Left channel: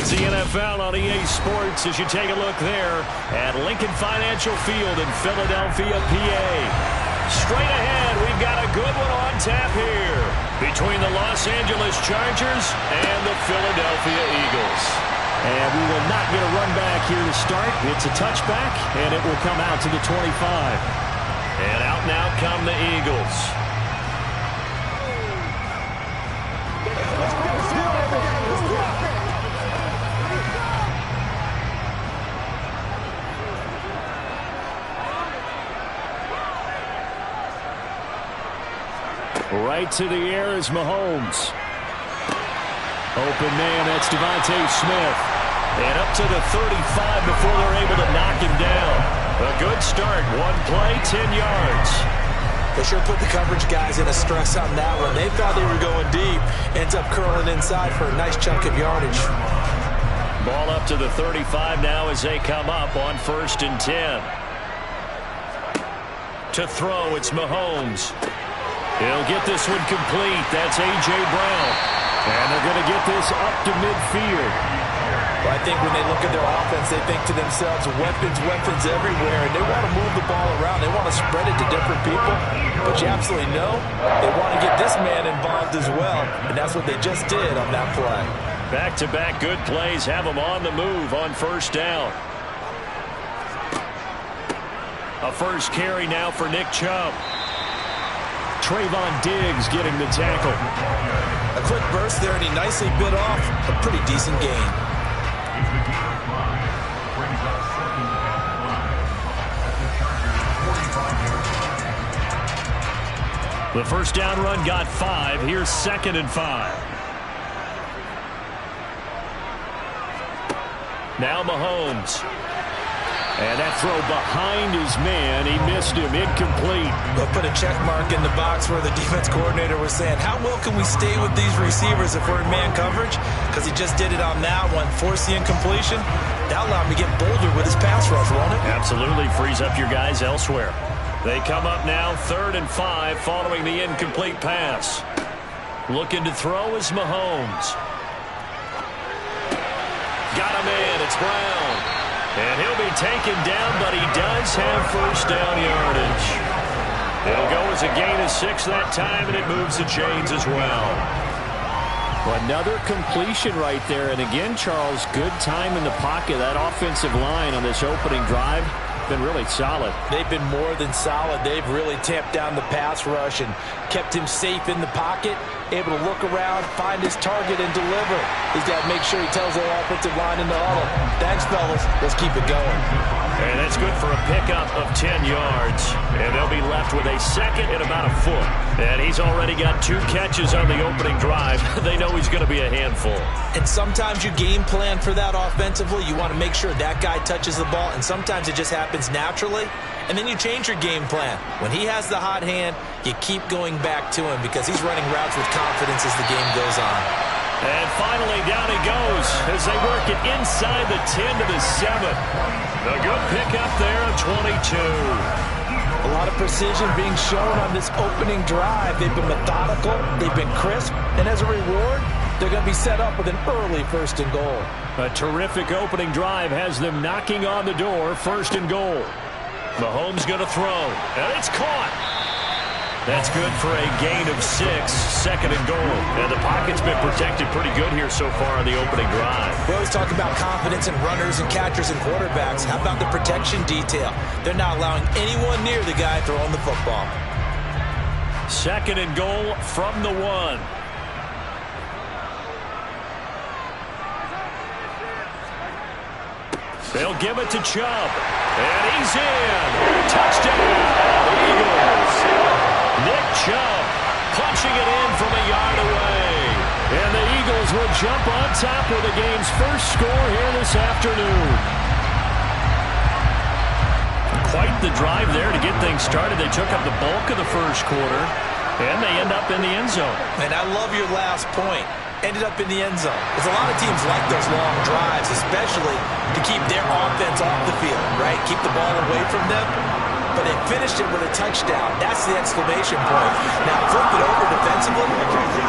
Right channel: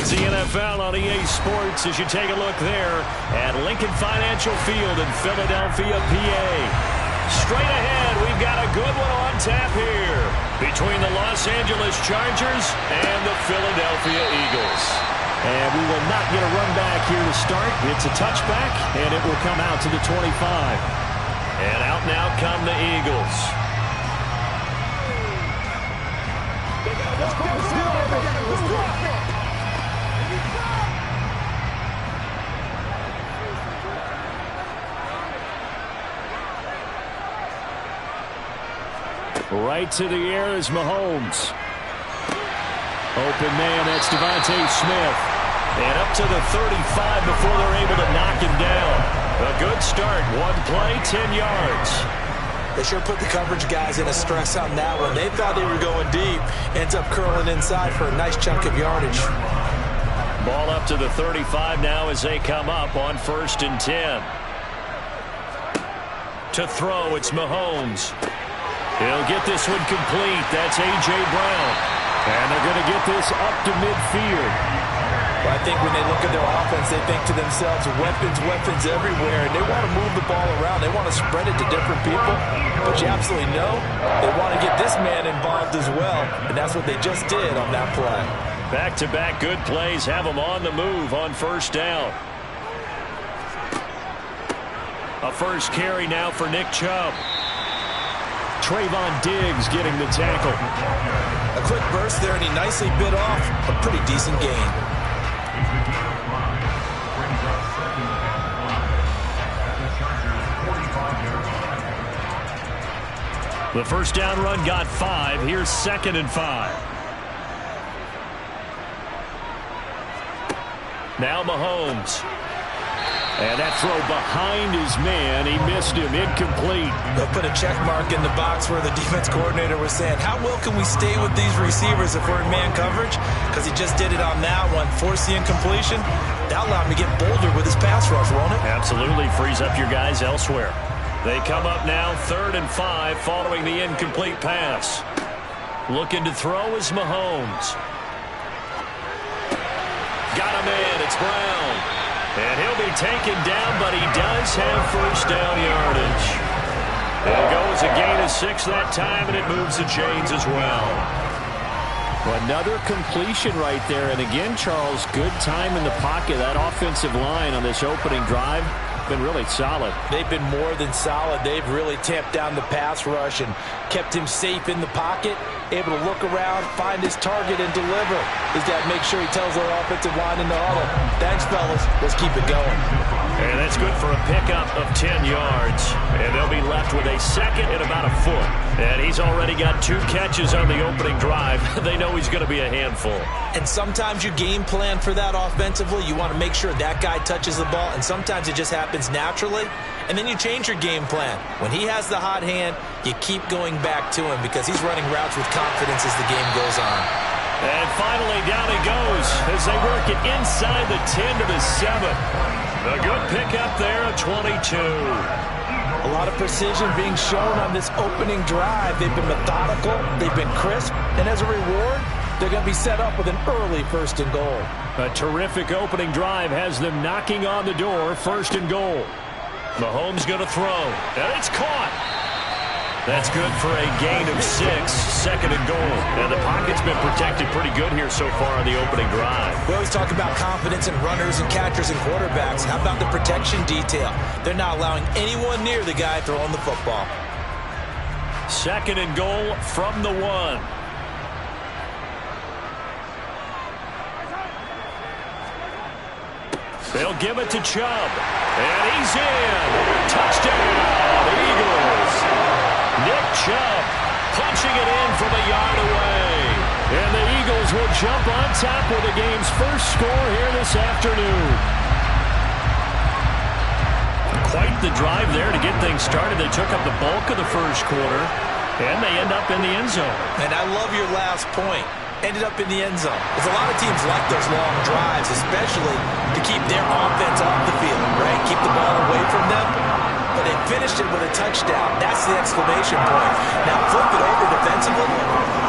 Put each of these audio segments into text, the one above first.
It's the NFL on EA Sports as you take a look there at Lincoln Financial Field in Philadelphia, PA. Straight ahead, we've got a good one on tap here between the Los Angeles Chargers and the Philadelphia Eagles. And we will not get a run back here to start. It's a touchback, and it will come out to the 25. And out now come the Eagles. Right to the air is Mahomes. Open man, that's Devontae Smith. And up to the 35 before they're able to knock him down. A good start. One play, 10 yards. They sure put the coverage guys in a stress on that one. They thought they were going deep. Ends up curling inside for a nice chunk of yardage. Ball up to the 35 now as they come up on 1st and 10. To throw, it's Mahomes. He'll get this one complete. That's A.J. Brown. And they're going to get this up to midfield. Well, I think when they look at their offense, they think to themselves, weapons everywhere. And they want to move the ball around. They want to spread it to different people. But you absolutely know they want to get this man involved as well. And that's what they just did on that play. Back-to-back good plays have them on the move on 1st down. A first carry now for Nick Chubb. Trayvon Diggs getting the tackle. A quick burst there, and he nicely bit off a pretty decent gain. The first down run got 5. Here's 2nd and 5. Now Mahomes. And that throw behind his man. He missed him. Incomplete. They'll put a check mark in the box where the defense coordinator was saying, how well can we stay with these receivers if we're in man coverage? Because he just did it on that one. Force the incompletion. That'll allow him to get bolder with his pass rush, won't it? Absolutely. Frees up your guys elsewhere. They come up now 3rd and 5 following the incomplete pass. Looking to throw is Mahomes. Got him in. It's Brown. And he'll be taken down, but he does have 1st down yardage. It'll go as a gain of 6 that time, and it moves the chains as well. Another completion right there. And again, Charles, good time in the pocket. That offensive line on this opening drive been really solid. They've been more than solid. They've really tamped down the pass rush and kept him safe in the pocket, able to look around, find his target, and deliver. He's got to make sure he tells the offensive line in the huddle, thanks, fellas. Let's keep it going. And that's good for a pickup of 10 yards. And they'll be left with a 2nd and about a foot. And he's already got 2 catches on the opening drive. They know he's going to be a handful. And sometimes you game plan for that offensively. You want to make sure that guy touches the ball. And sometimes it just happens naturally. And then you change your game plan. When he has the hot hand, you keep going back to him because he's running routes with confidence as the game goes on. And finally, down he goes as they work it inside the 10 to the 7. A good pickup there of 22. A lot of precision being shown on this opening drive. They've been methodical. They've been crisp. And as a reward, they're going to be set up with an early 1st and goal. A terrific opening drive has them knocking on the door. 1st and goal. Mahomes going to throw. And it's caught. That's good for a gain of 6, 2nd and goal. And the pocket's been protected pretty good here so far on the opening drive. We always talk about confidence in runners and catchers and quarterbacks. How about the protection detail? They're not allowing anyone near the guy throwing the football. 2nd and goal from the 1. They'll give it to Chubb. And he's in. Touchdown, Eagles. Nick Chubb punching it in from a yard away. And the Eagles will jump on top with the game's first score here this afternoon. Quite the drive there to get things started. They took up the bulk of the first quarter, and they end up in the end zone. And I love your last point. Ended up in the end zone. Because a lot of teams like those long drives, especially to keep their offense off the field, right? Keep the ball away from them. But they finished it with a touchdown. That's the exclamation point. Now flip it over defensively.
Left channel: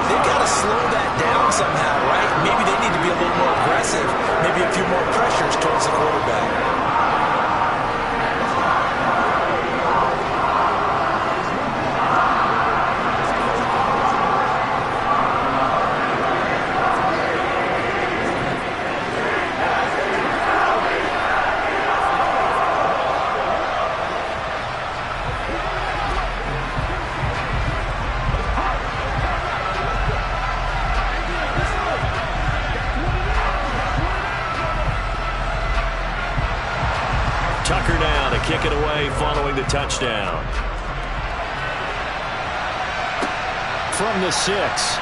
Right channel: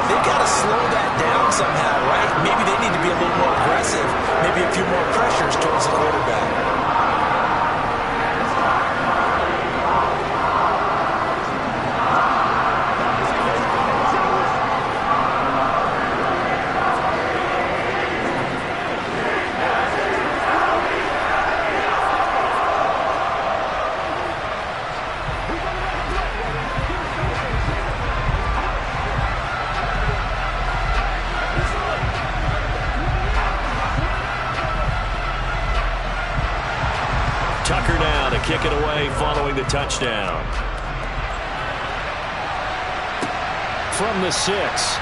They've got to slow that down somehow, right? Maybe they need to be a little more aggressive, maybe a few more pressures towards the quarterback. Tucker now to kick it away following the touchdown. From the 6.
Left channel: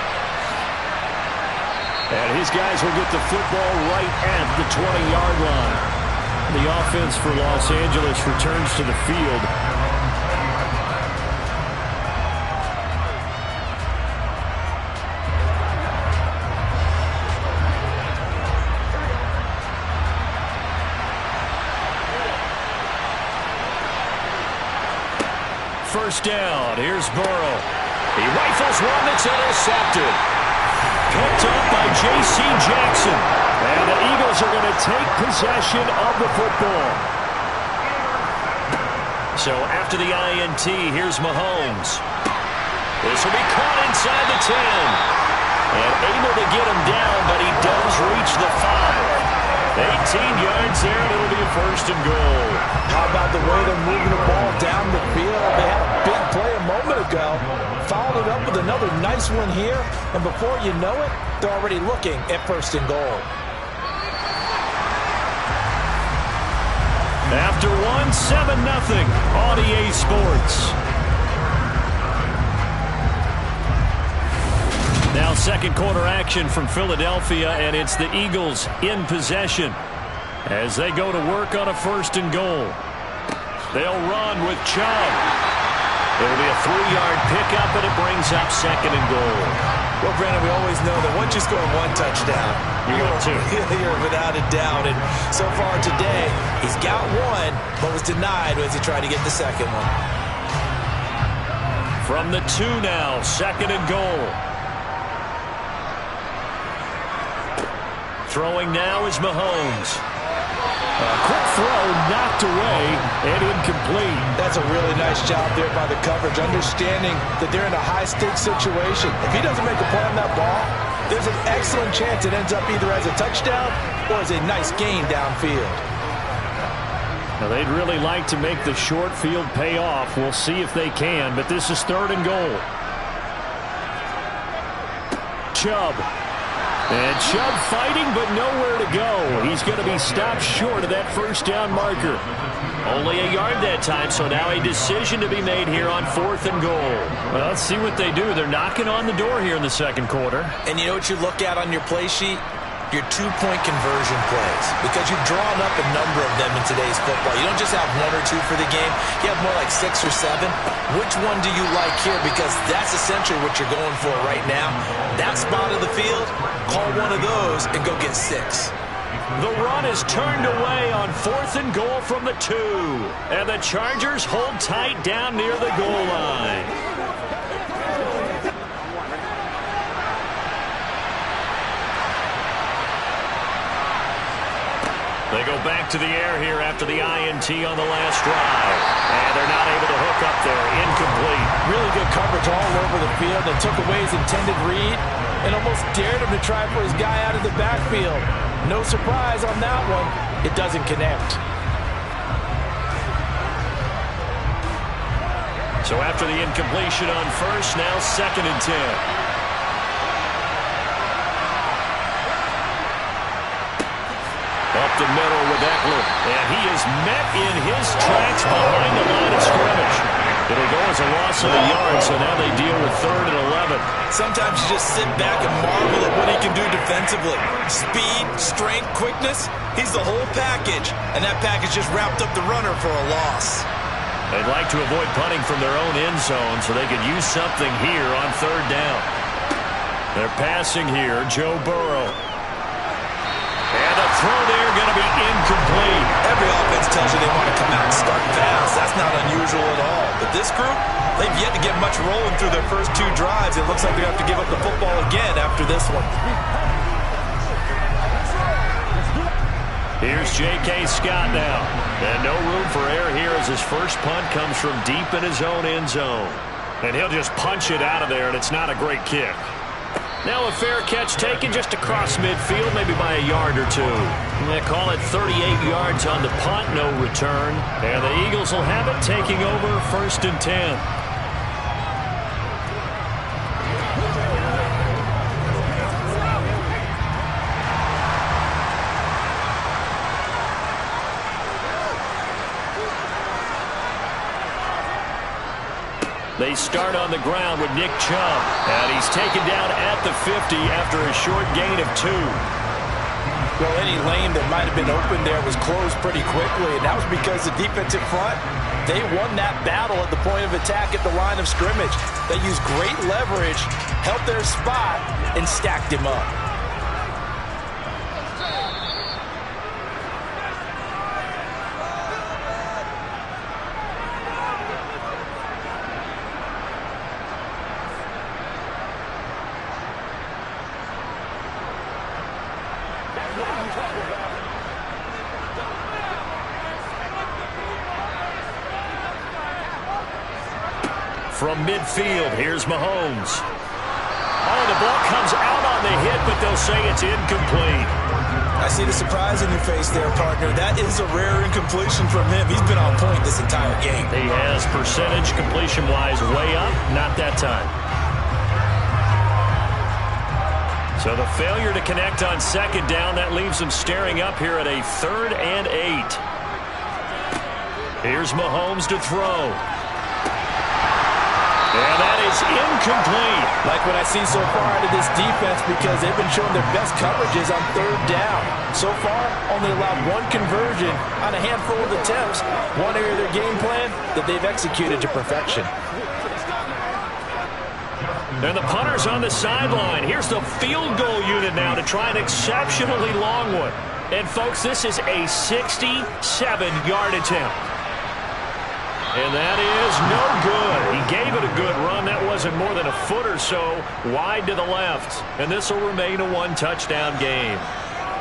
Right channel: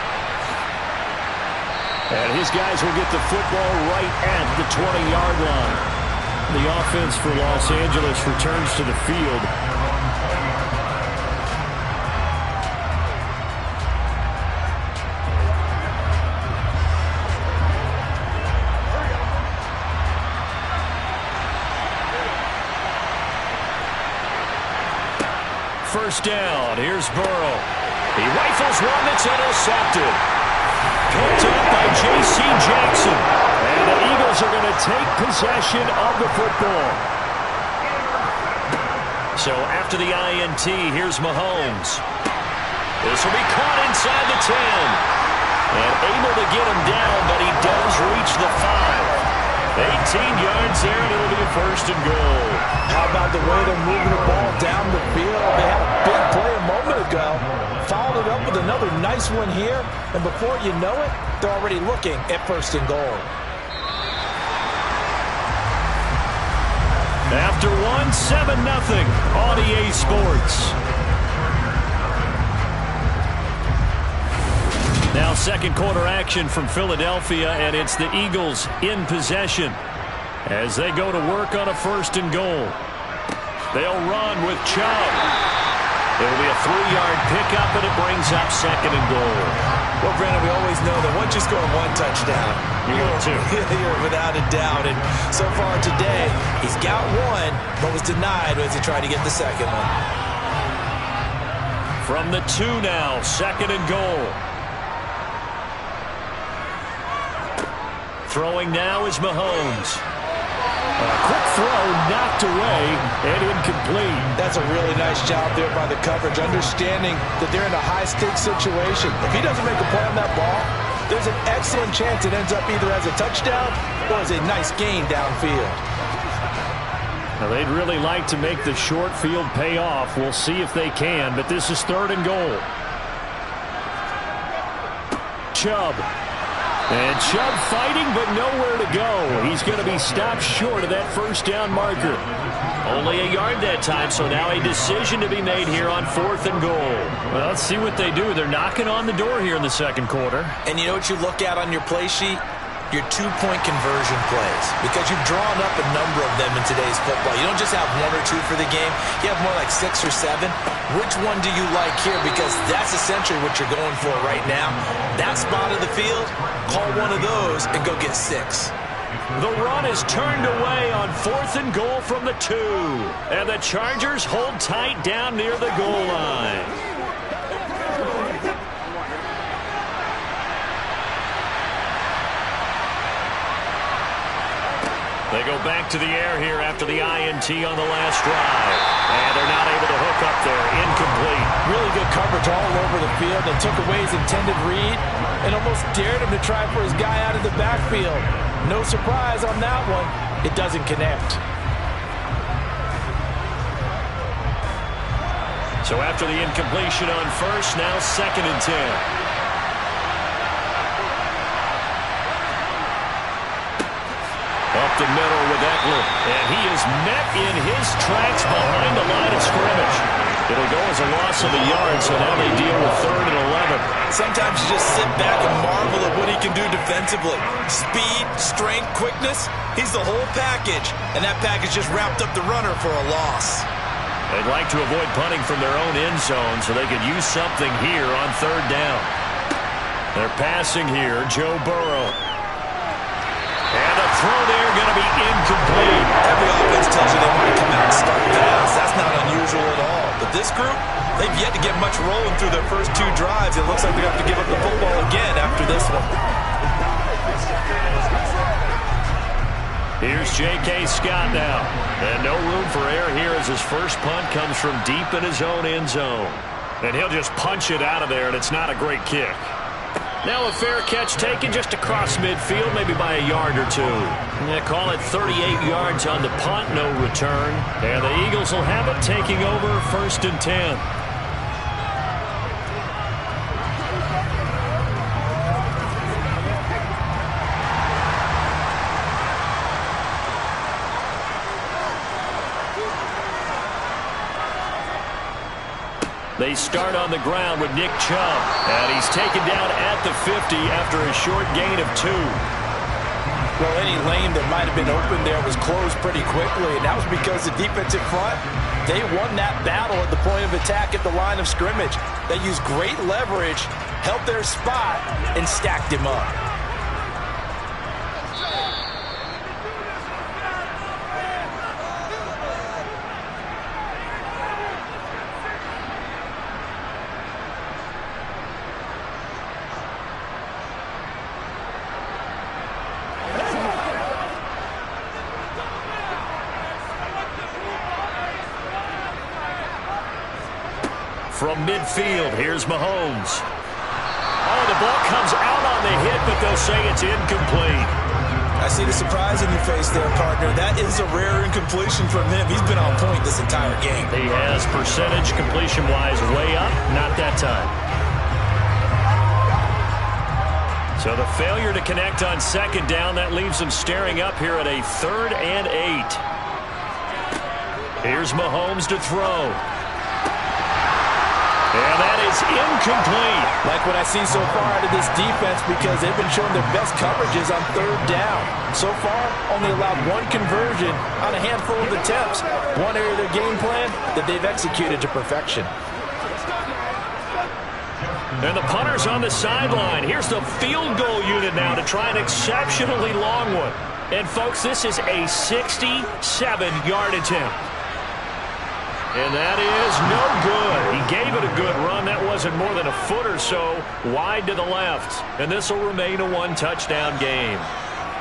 And his guys will get the football right at the 20-yard line. The offense for Los Angeles returns to the field. First down. Here's Burrow. He rifles one that's intercepted. Picked up by J.C. Jackson. And the Eagles are going to take possession of the football. So after the INT, here's Mahomes. This will be caught inside the 10. And able to get him down, but he does reach the 5. 18 yards there, and it'll be a first and goal. How about the way they're moving the ball down the field? They had a big play a moment ago. Followed it up with another nice one here. And before you know it, they're already looking at first and goal. After one, 7-0 on EA Sports. Now second quarter action from Philadelphia, and it's the Eagles in possession as they go to work on a first and goal. They'll run with Chubb. It'll be a 3-yard pickup, and it brings up second and goal. Well, Brandon, we always know that once you score one touchdown, you're without a doubt. And so far today, he's got one, but was denied as he tried to get the second one. From the 2 now, second and goal. Throwing now is Mahomes. A quick throw knocked away and incomplete. That's a really nice job there by the coverage, understanding that they're in a high-stakes situation. If he doesn't make a play on that ball, there's an excellent chance it ends up either as a touchdown or as a nice gain downfield. Now, they'd really like to make the short field pay off. We'll see if they can, but this is third and goal. Chubb. And Chubb fighting, but nowhere to go. He's going to be stopped short of that first down marker. Only a yard that time, so now a decision to be made here on fourth and goal. Well, let's see what they do. They're knocking on the door here in the second quarter. And you know what you look at on your play sheet? Your two-point conversion plays, because you've drawn up a number of them in today's football. You don't just have 1 or 2 for the game. You have more like 6 or 7. Which one do you like here? Because that's essentially what you're going for right now. That spot of the field, call one of those and go get 6. The run is turned away on fourth and goal from the 2. And the Chargers hold tight down near the goal line. They go back to the air here after the INT on the last drive. And they're not able to hook up there. Incomplete. Really good coverage all over the field. They took away his intended read and almost dared him to try for his guy out of the backfield. No surprise on that one. It doesn't connect. So after the incompletion on first, now second and 10. Up the middle with Eckler, and he is met in his tracks behind the line of scrimmage. It'll go as a loss of a yard, so now they deal with third and 11. Sometimes you just sit back and marvel at what he can do defensively. Speed, strength, quickness, he's the whole package, and that package just wrapped up the runner for a loss. They'd like to avoid punting from their own end zone so they could use something here on third down. They're passing here, Joe Burrow. And the throw there going to be incomplete. Every offense tells you they want to come out and start fast. That's not unusual at all. But this group, they've yet to get much rolling through their first 2 drives. It looks like they have to give up the football again after this one. Here's J.K. Scott now. And no room for error here as his first punt comes from deep in his own end zone. And he'll just punch it out of there, and it's not a great kick. Now a fair catch taken just across midfield, maybe by a yard or two. They call it 38 yards on the punt, no return. And the Eagles will have it, taking over 1st and 10. They start on the ground with Nick Chubb. And he's taken down at the 50 after a short gain of 2. Well, any lane that might have been open there was closed pretty quickly, and that was because the defensive front, they won that battle at the point of attack at the line of scrimmage. They used great leverage, held their spot, and stacked him up. From midfield, here's Mahomes. Oh, the ball comes out on the hit, but they'll say it's incomplete. I see the surprise in your face there, partner. That is a rare incompletion from him. He's been on point this entire game. He has percentage completion-wise way up, not that time. So the failure to connect on 2nd down, that leaves them staring up here at a 3rd and 8. Here's Mahomes to throw. And that is incomplete. Like what I see so far out of this defense, because they've been showing their best coverages on 3rd down. So far, only allowed 1 conversion on a handful of attempts. One area of their game plan that they've executed to perfection. And the punter's on the sideline. Here's the field goal unit now to try an exceptionally long one. And, folks, this is a 67-yard attempt. And that is no good. He gave it a good run. That wasn't more than a foot or so wide to the left. And this will remain a 1-touchdown game.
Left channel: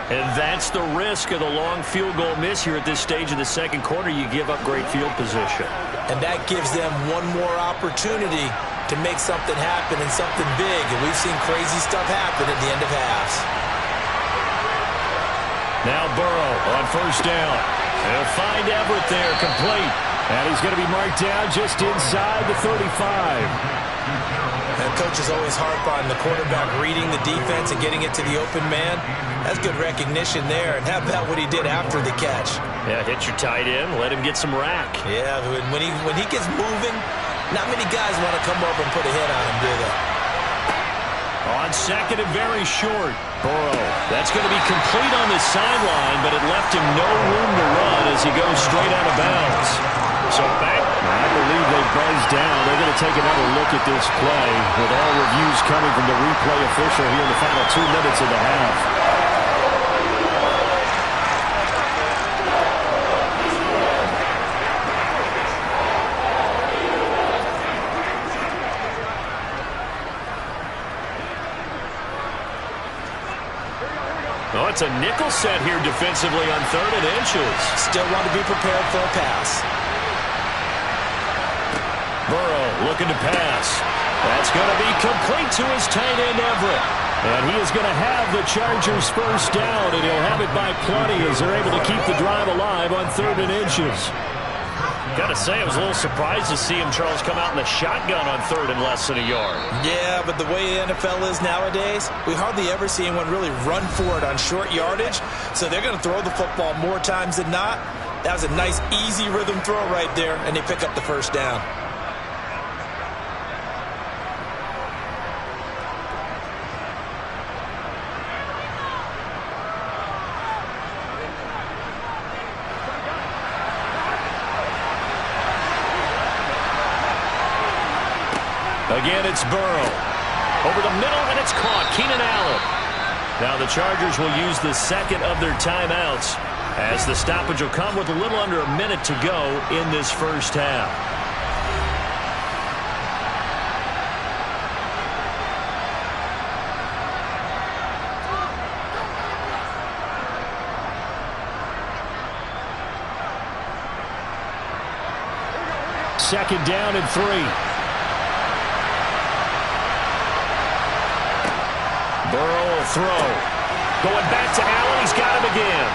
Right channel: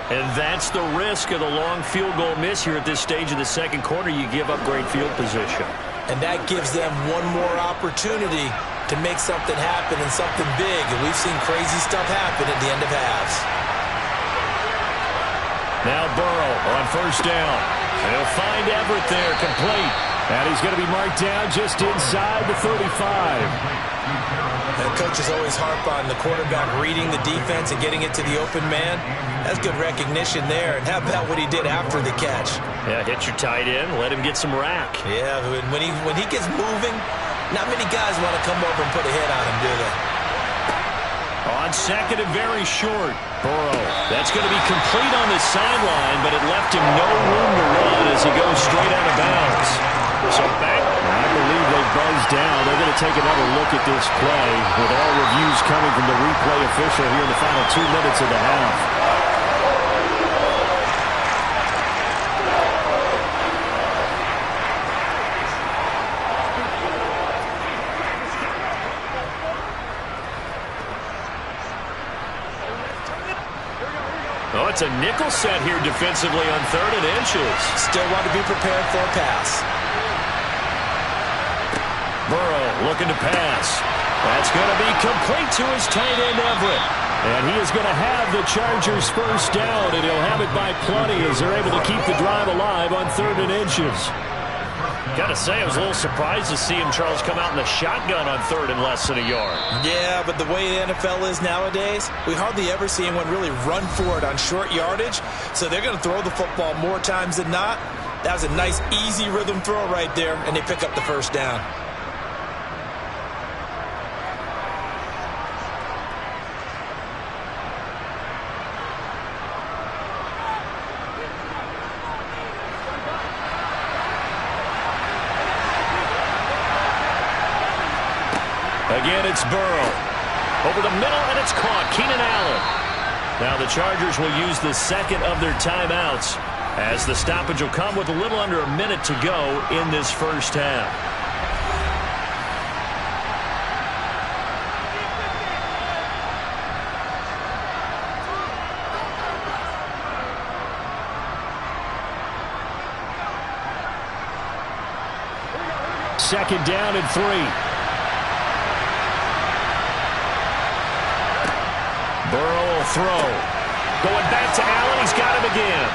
And that's the risk of the long field goal miss here at this stage of the 2nd quarter. You give up great field position. And that gives them one more opportunity to make something happen and something big. And we've seen crazy stuff happen at the end of halves. Now Burrow on 1st down. He'll find Everett there, complete. And he's going to be marked down just inside the 35. And coaches always harp on the quarterback reading the defense and getting it to the open man. That's good recognition there. And how about what he did after the catch? Yeah, hit your tight end, let him get some rack. Yeah, when he gets moving, not many guys want to come over and put a hit on him, do they? On 2nd and very short, Burrow. That's going to be complete on the sideline, but it left him no room to run as he goes straight out of bounds. So back. I believe they've buzzed down. They're going to take another look at this play with all reviews coming from the replay official here in the final 2 minutes of the half. Oh, it's a nickel set here defensively on 3rd and inches. Still want to be prepared for a pass. Burrow looking to pass. That's going to be complete to his tight end, Everett. And he is going to have the Chargers 1st down, and he'll have it by plenty as they're able to keep the drive alive on 3rd and inches. Got to say, I was a little surprised to see him, Charles, come out in the shotgun on 3rd and less than a yard. Yeah, but the way the NFL is nowadays, we hardly ever see anyone really run for it on short yardage. So they're going to throw the football more times than not. That was a nice, easy rhythm throw right there, and they pick up the 1st down. Again, it's Burrow. Over the middle, and it's caught. Keenan Allen. Now the Chargers will use the 2nd of their timeouts as the stoppage will come with a little under a minute to go in this 1st half. second down and 3. Burrow will throw. Going back to Allen. He's got him again.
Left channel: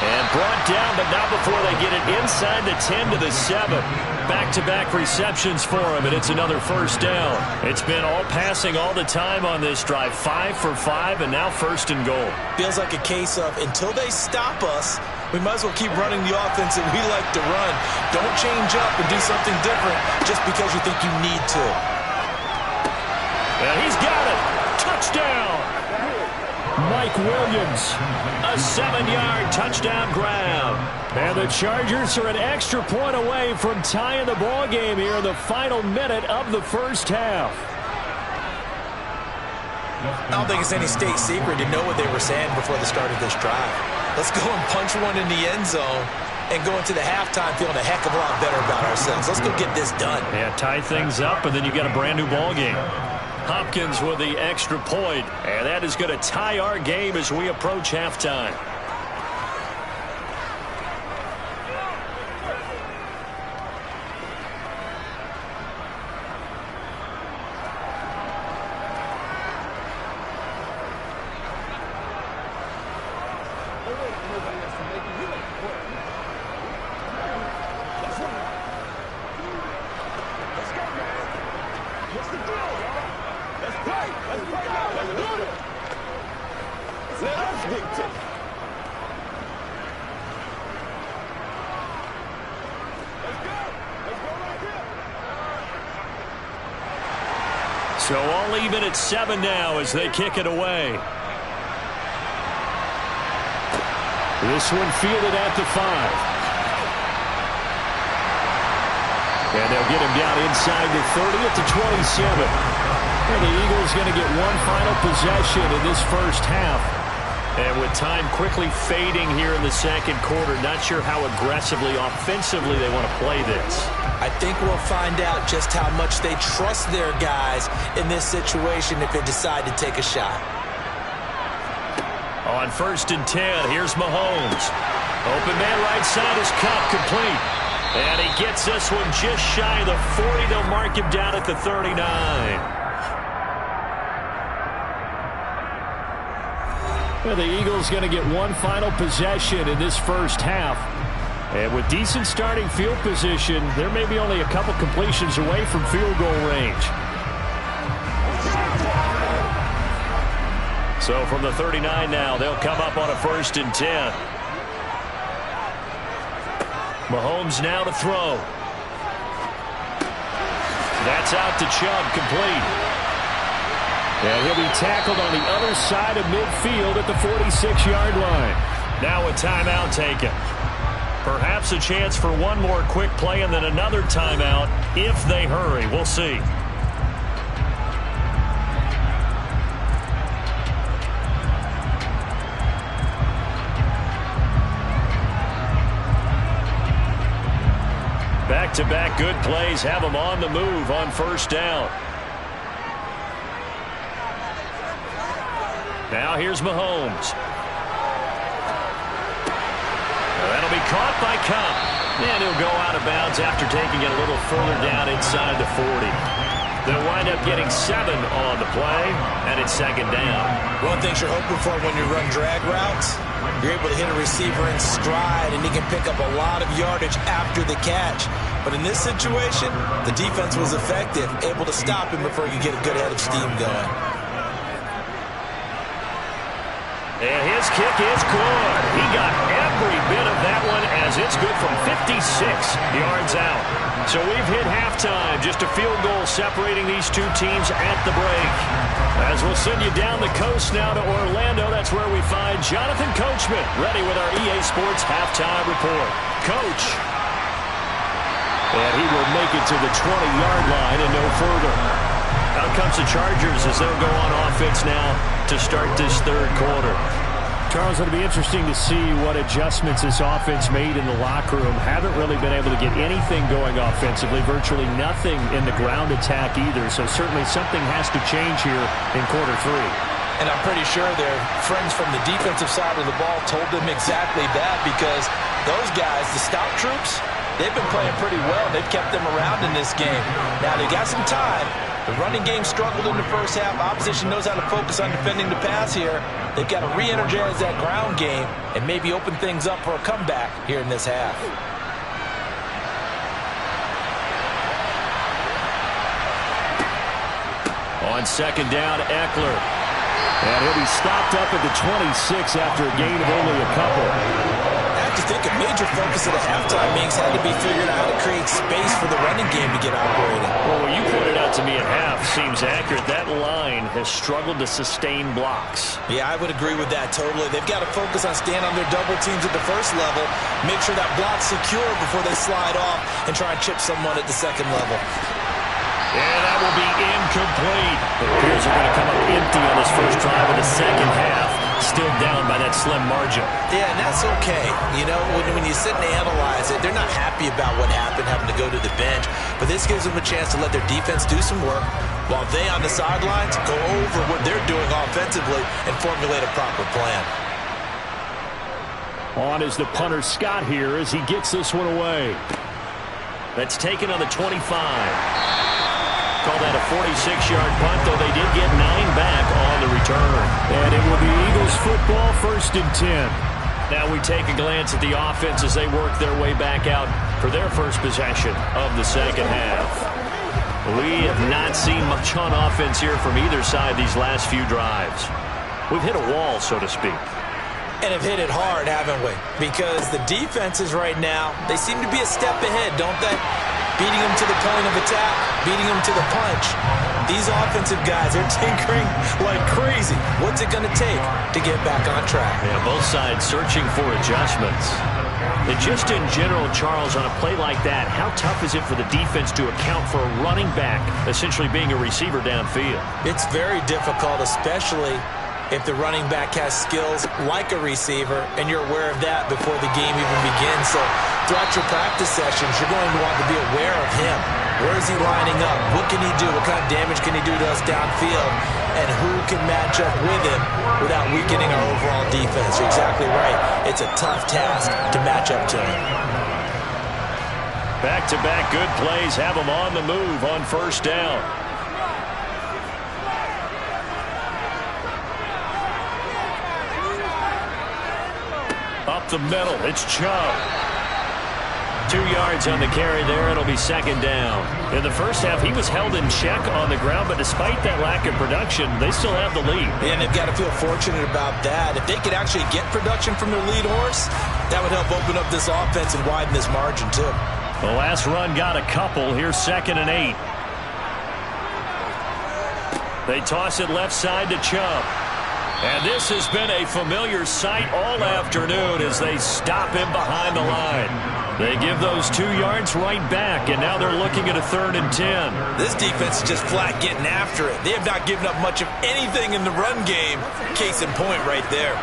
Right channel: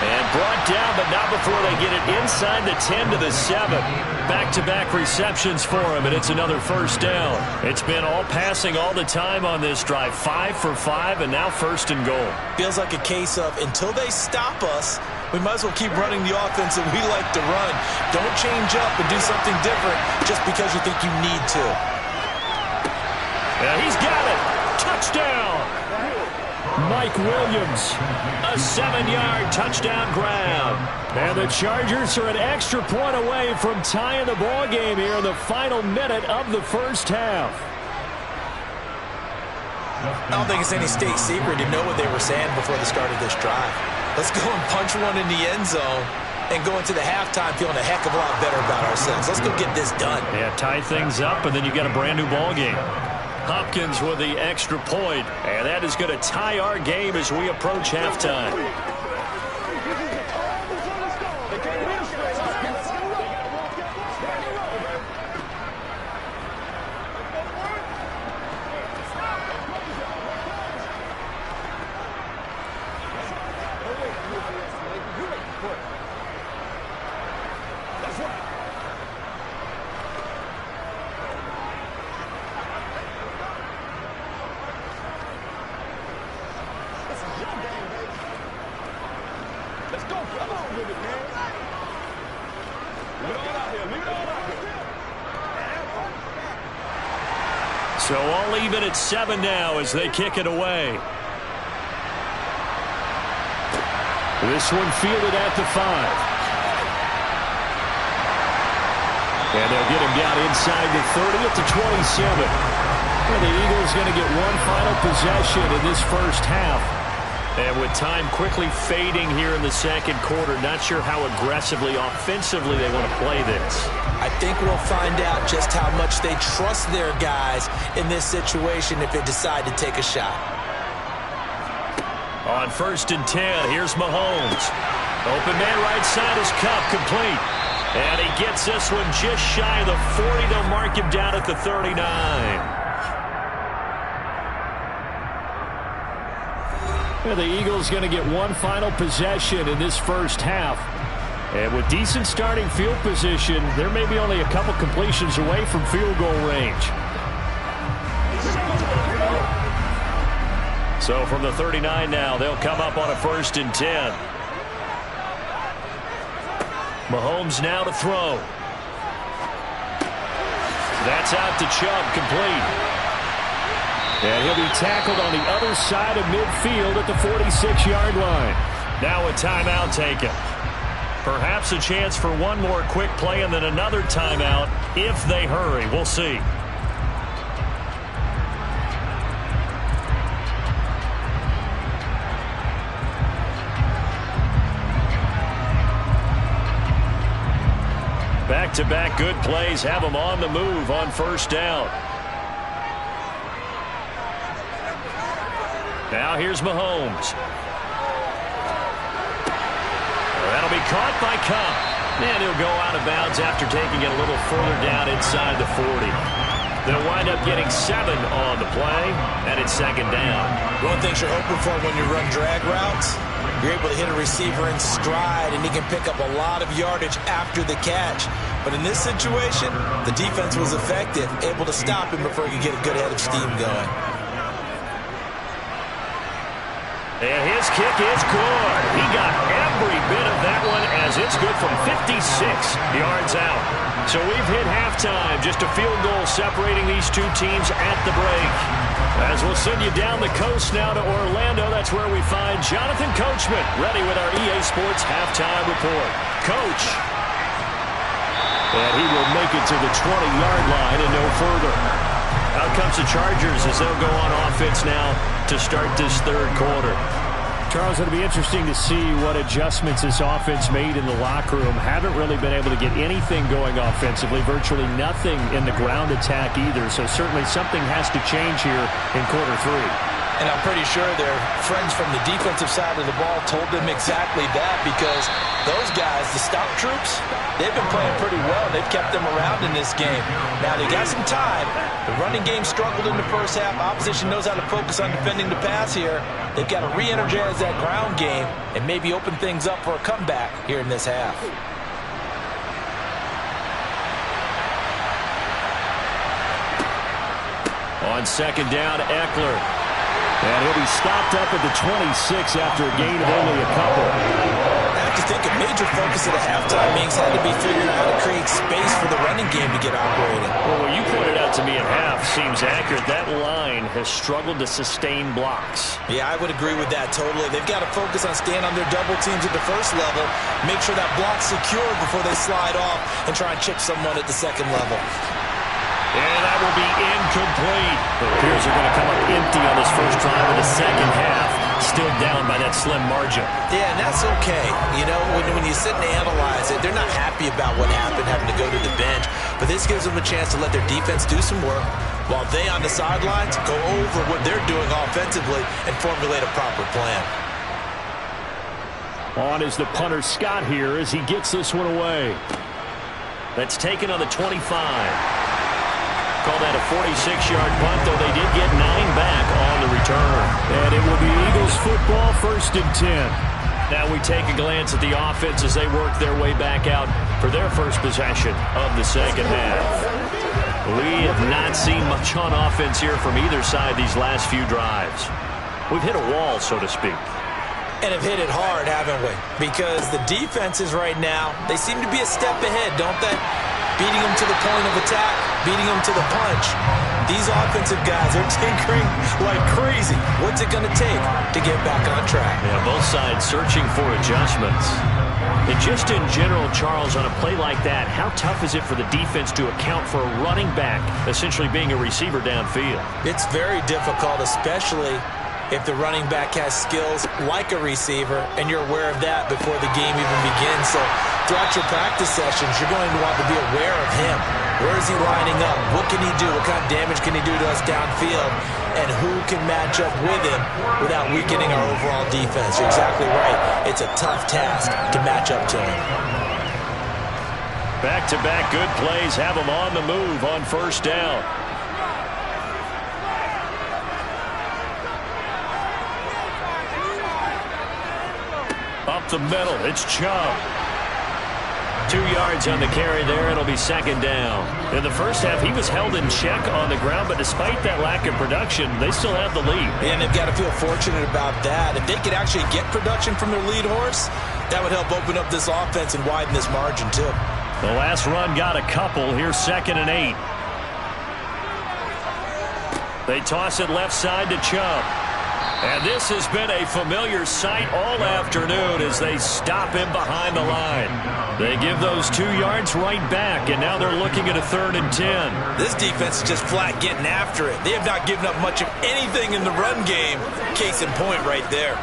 And brought down, but not before they get it inside the 10 to the 7. Back-to-back receptions for him, and it's another first down. It's been all passing all the time on this drive. 5 for 5, and now first and goal. Feels like a case of until they stop us, we might as well keep running the offense that we like to run. Don't change up and do something different just because you think you need to. And he's got it. Touchdown. Mike Williams, a 7-yard touchdown grab. And the Chargers are an extra point away from tying the ball game here in the final minute of the first half. I don't think it's any state secret to know what they were saying before the start of this drive. Let's go and punch one in the end zone and go into the halftime feeling a heck of a lot better about ourselves. Let's go get this done. Yeah, tie things up, and then you get a brand new ball game. Hopkins with the extra point, and that is going to tie our game as we approach halftime. So all even at 7 now as they kick it away. This one fielded at the 5. And they'll get him down inside the 30 at the 27. And the Eagles going to get one final possession in this first half. And with time quickly fading here in the second quarter, not sure how aggressively, offensively they want to play this. I think we'll find out just how much they trust their guys in this situation if they decide to take a shot. On 1st and 10, here's Mahomes. Open man right side is Kupp, complete. And he gets this one just shy of the 40. They'll mark him down at the 39. The Eagles going to get one final possession in this first half. And with decent starting field position, there may be only a couple completions away from field goal range. So from the 39 now, they'll come up on a 1st and 10. Mahomes now to throw. That's out to Chubb, complete. And he'll be tackled on the other side of midfield at the 46-yard line. Now a timeout taken. Perhaps a chance for one more quick play and then another timeout if they hurry. We'll see. Back-to-back good plays have them on the move on 1st down. Now here's Mahomes. That'll be caught by Kupp. And he'll go out of bounds after taking it a little further down inside the 40. They'll wind up getting 7 on the play, and it's 2nd down. One thing you're hoping for when you run drag routes, you're able to hit a receiver in stride, and he can pick up a lot of yardage after the catch. But in this situation, the defense was effective, able to stop him before he could get a good head of steam going. And his kick is good. He got every bit of that one as it's good from 56 yards out. So we've hit halftime. Just a field goal separating these two teams at the break. As we'll send you down the coast now to Orlando, that's where we find Jonathan Coachman ready with our EA Sports halftime report. Coach. And he will make it to the 20-yard line and no further. Out comes the Chargers as they'll go on offense now to start this third quarter. Charles, it'll be interesting to see what adjustments this offense made in the locker room. Haven't really been able to get anything going offensively, virtually nothing in the ground attack either. So certainly something has to change here in quarter 3. And I'm pretty sure their friends from the defensive side of the ball told them exactly that, because those guys, the stop troops, they've been playing pretty well. They've kept them around in this game. Now, they got some time. The running game struggled in the first half. Opposition knows how to focus on defending the pass here. They've got to re-energize that ground game and maybe open things up for a comeback here in this half. On second down, Eckler. And he'll be stopped up at the 26 after a gain of only a couple. I have to think a major focus of the halftime meetings had to be figuring out how to create space for the running game to get operating. Well, what you pointed out to me at half seems accurate. That line has struggled to sustain blocks. Yeah, I would agree with that totally. They've got to focus on staying on their double teams at the first level, make sure that block's secure before they slide off and try and chip someone at the second level. And that will be incomplete. It appears they're going to come up empty on this first drive of the second half. Still down by that slim margin. Yeah, and that's okay. You know, when you sit and analyze it, they're not happy about what happened, having to go to the bench. But this gives them a chance to let their defense do some work while they on the sidelines go over what they're doing offensively and formulate a proper plan. On is the punter Scott here as he gets this one away. That's taken on the 25. Call that a 46-yard punt, though they did get 9 back on the return. And it will be Eagles football, 1st and 10. Now we take a glance at the offense as they work their way back out for their first possession of the second half. We have not seen much on offense here from either side these last few drives. We've hit a wall, so to speak. And have hit it hard, haven't we? Because the defenses right now, they seem to be a step ahead, don't they? Beating them to the point of attack, beating them to the punch. These offensive guys are tinkering like crazy. What's it going to take to get back on track? Yeah, both sides searching for adjustments. And just in general, Charles, on a play like that, how tough is it for the defense to account for a running back essentially being a receiver downfield? It's very difficult, especially if the running back has skills like a receiver, and you're aware of that before the game even begins. So throughout your practice sessions, you're going to want to be aware of him. Where is he lining up? What can he do? What kind of damage can he do to us downfield? And who can match up with him without weakening our overall defense? You're exactly right. It's a tough task to match up to him. Back-to-back good plays have them on the move on first down. Up the middle, it's Chubb. 2 yards on the carry there. It'll be second down. In the first half, he was held in check on the ground, but despite that lack of production, they still have the lead. And they've got to feel fortunate about that. If they could actually get production from their lead horse, that would help open up this offense and widen this margin too. The last run got a couple. Here's 2nd and 8. They toss it left side to Chubb. And this has been a familiar sight all afternoon as they stop him behind the line. They give those 2 yards right back, and now they're looking at a 3rd and 10. This defense is just flat getting after it. They have not given up much of anything in the run game. Case in point right there.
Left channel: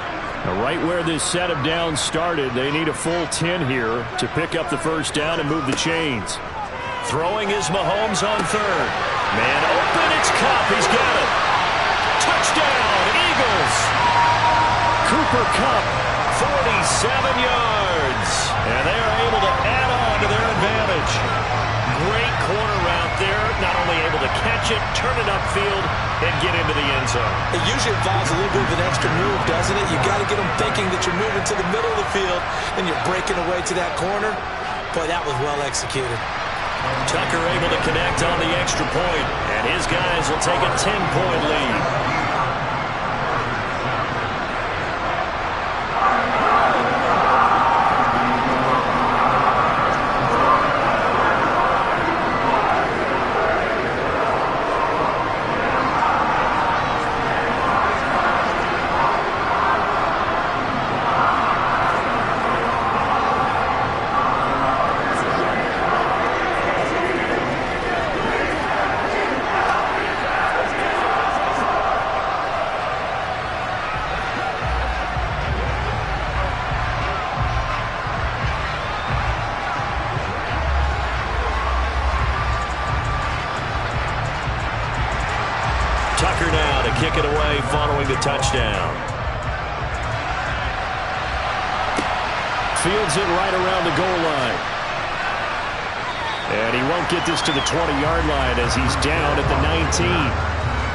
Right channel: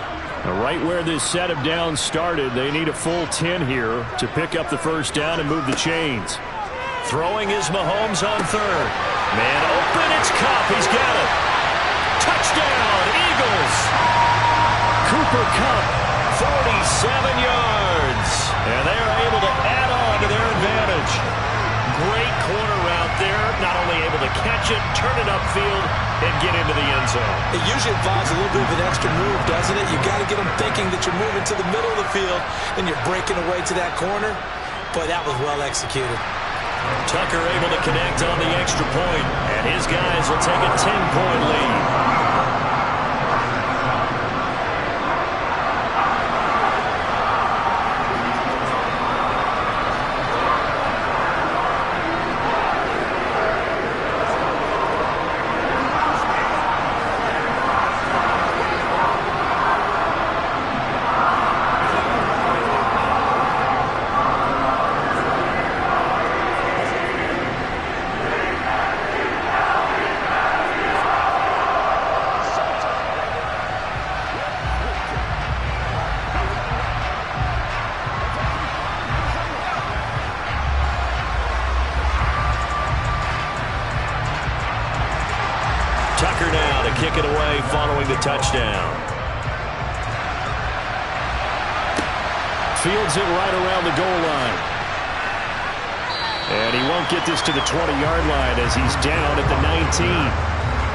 Now, right where this set of downs started, they need a full 10 here to pick up the first down and move the chains. Throwing is Mahomes on 3rd. Man open, it's Kupp. He's got it. Touchdown, Eagles. Cooper Kupp, 47 yards. And they are able to add on to their advantage. Great corner route there. Not only able to catch it, turn it upfield, and get into the end zone. It usually involves a little bit of an extra move, doesn't it? You got to get them thinking that you're moving to the middle of the field and you're breaking away to that corner. Boy, that was well executed. Tucker able to connect on the extra point, and his guys will take a 10-point lead. kick it away following the touchdown. Fields it right around the goal line. And he won't get this to the 20-yard line as he's down at the 19.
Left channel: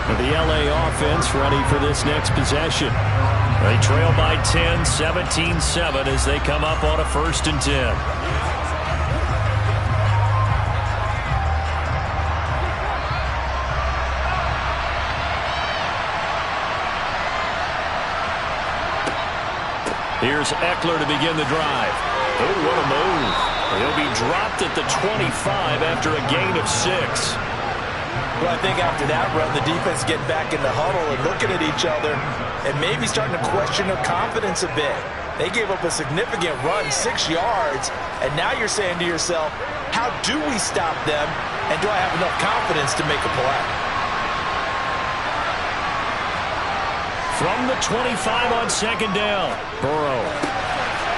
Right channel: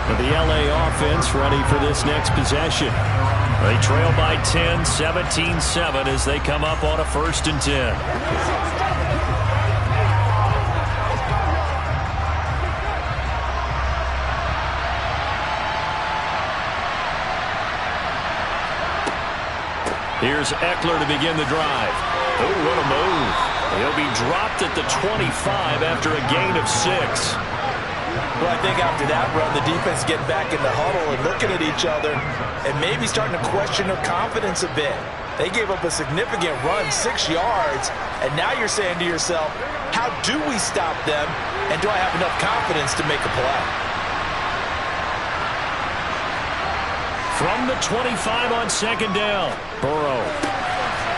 And the LA offense ready for this next possession. They trail by 10, 17-7 as they come up on a 1st and 10. Here's Eckler to begin the drive. Oh, what a move. He'll be dropped at the 25 after a gain of 6. Well, I think after that run, the defense getting back in the huddle and looking at each other and maybe starting to question their confidence a bit. They gave up a significant run, 6 yards, and now you're saying to yourself, how do we stop them, and do I have enough confidence to make a play? From the 25 on 2nd down, Burrow.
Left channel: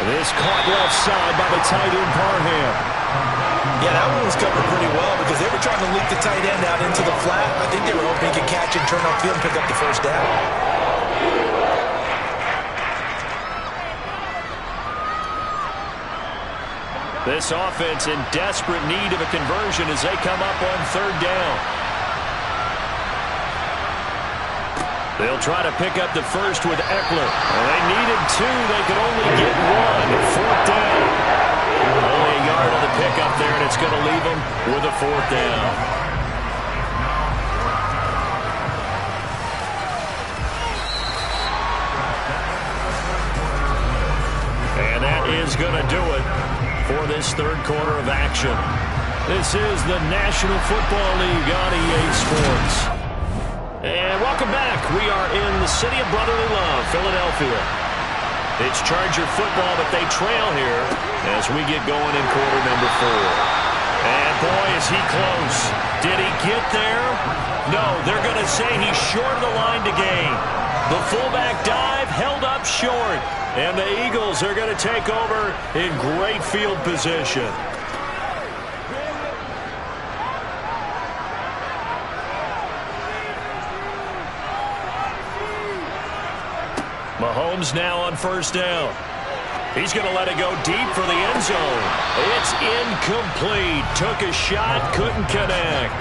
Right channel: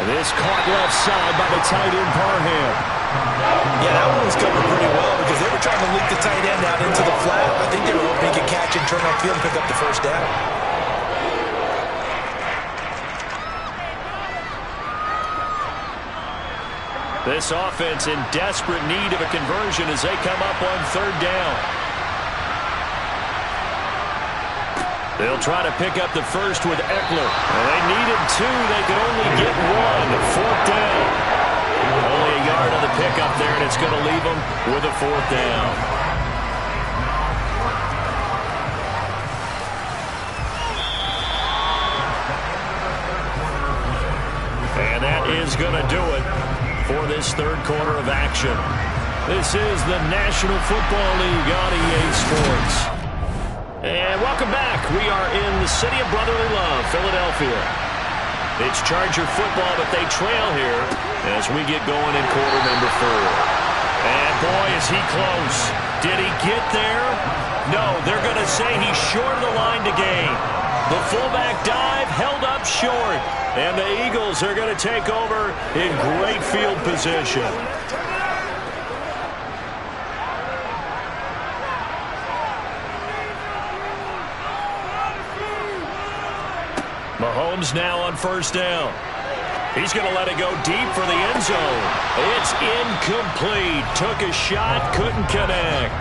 This caught left side by the tight end, Parham. Yeah, that one was covered pretty well because they were trying to leak the tight end out into the flat. I think they were hoping he could catch and turn upfield and pick up the 1st down. This offense in desperate need of a conversion as they come up on 3rd down. They'll try to pick up the 1st with Eckler. And they needed 2. They could only get 1. 4th down. Only a yard on the pickup there, and it's going to leave them with a 4th down. And that is going to do it for this 3rd quarter of action. This is the National Football League on EA Sports. And welcome back. We are in the city of brotherly love, Philadelphia. It's Charger football, but they trail here as we get going in quarter number 4. And boy, is he close. Did he get there? No, they're going to say he's short of the line to gain. The fullback dive held up short. And the Eagles are going to take over in great field position. Mahomes now on 1st down. He's going to let it go deep for the end zone. It's incomplete. Took a shot, couldn't connect.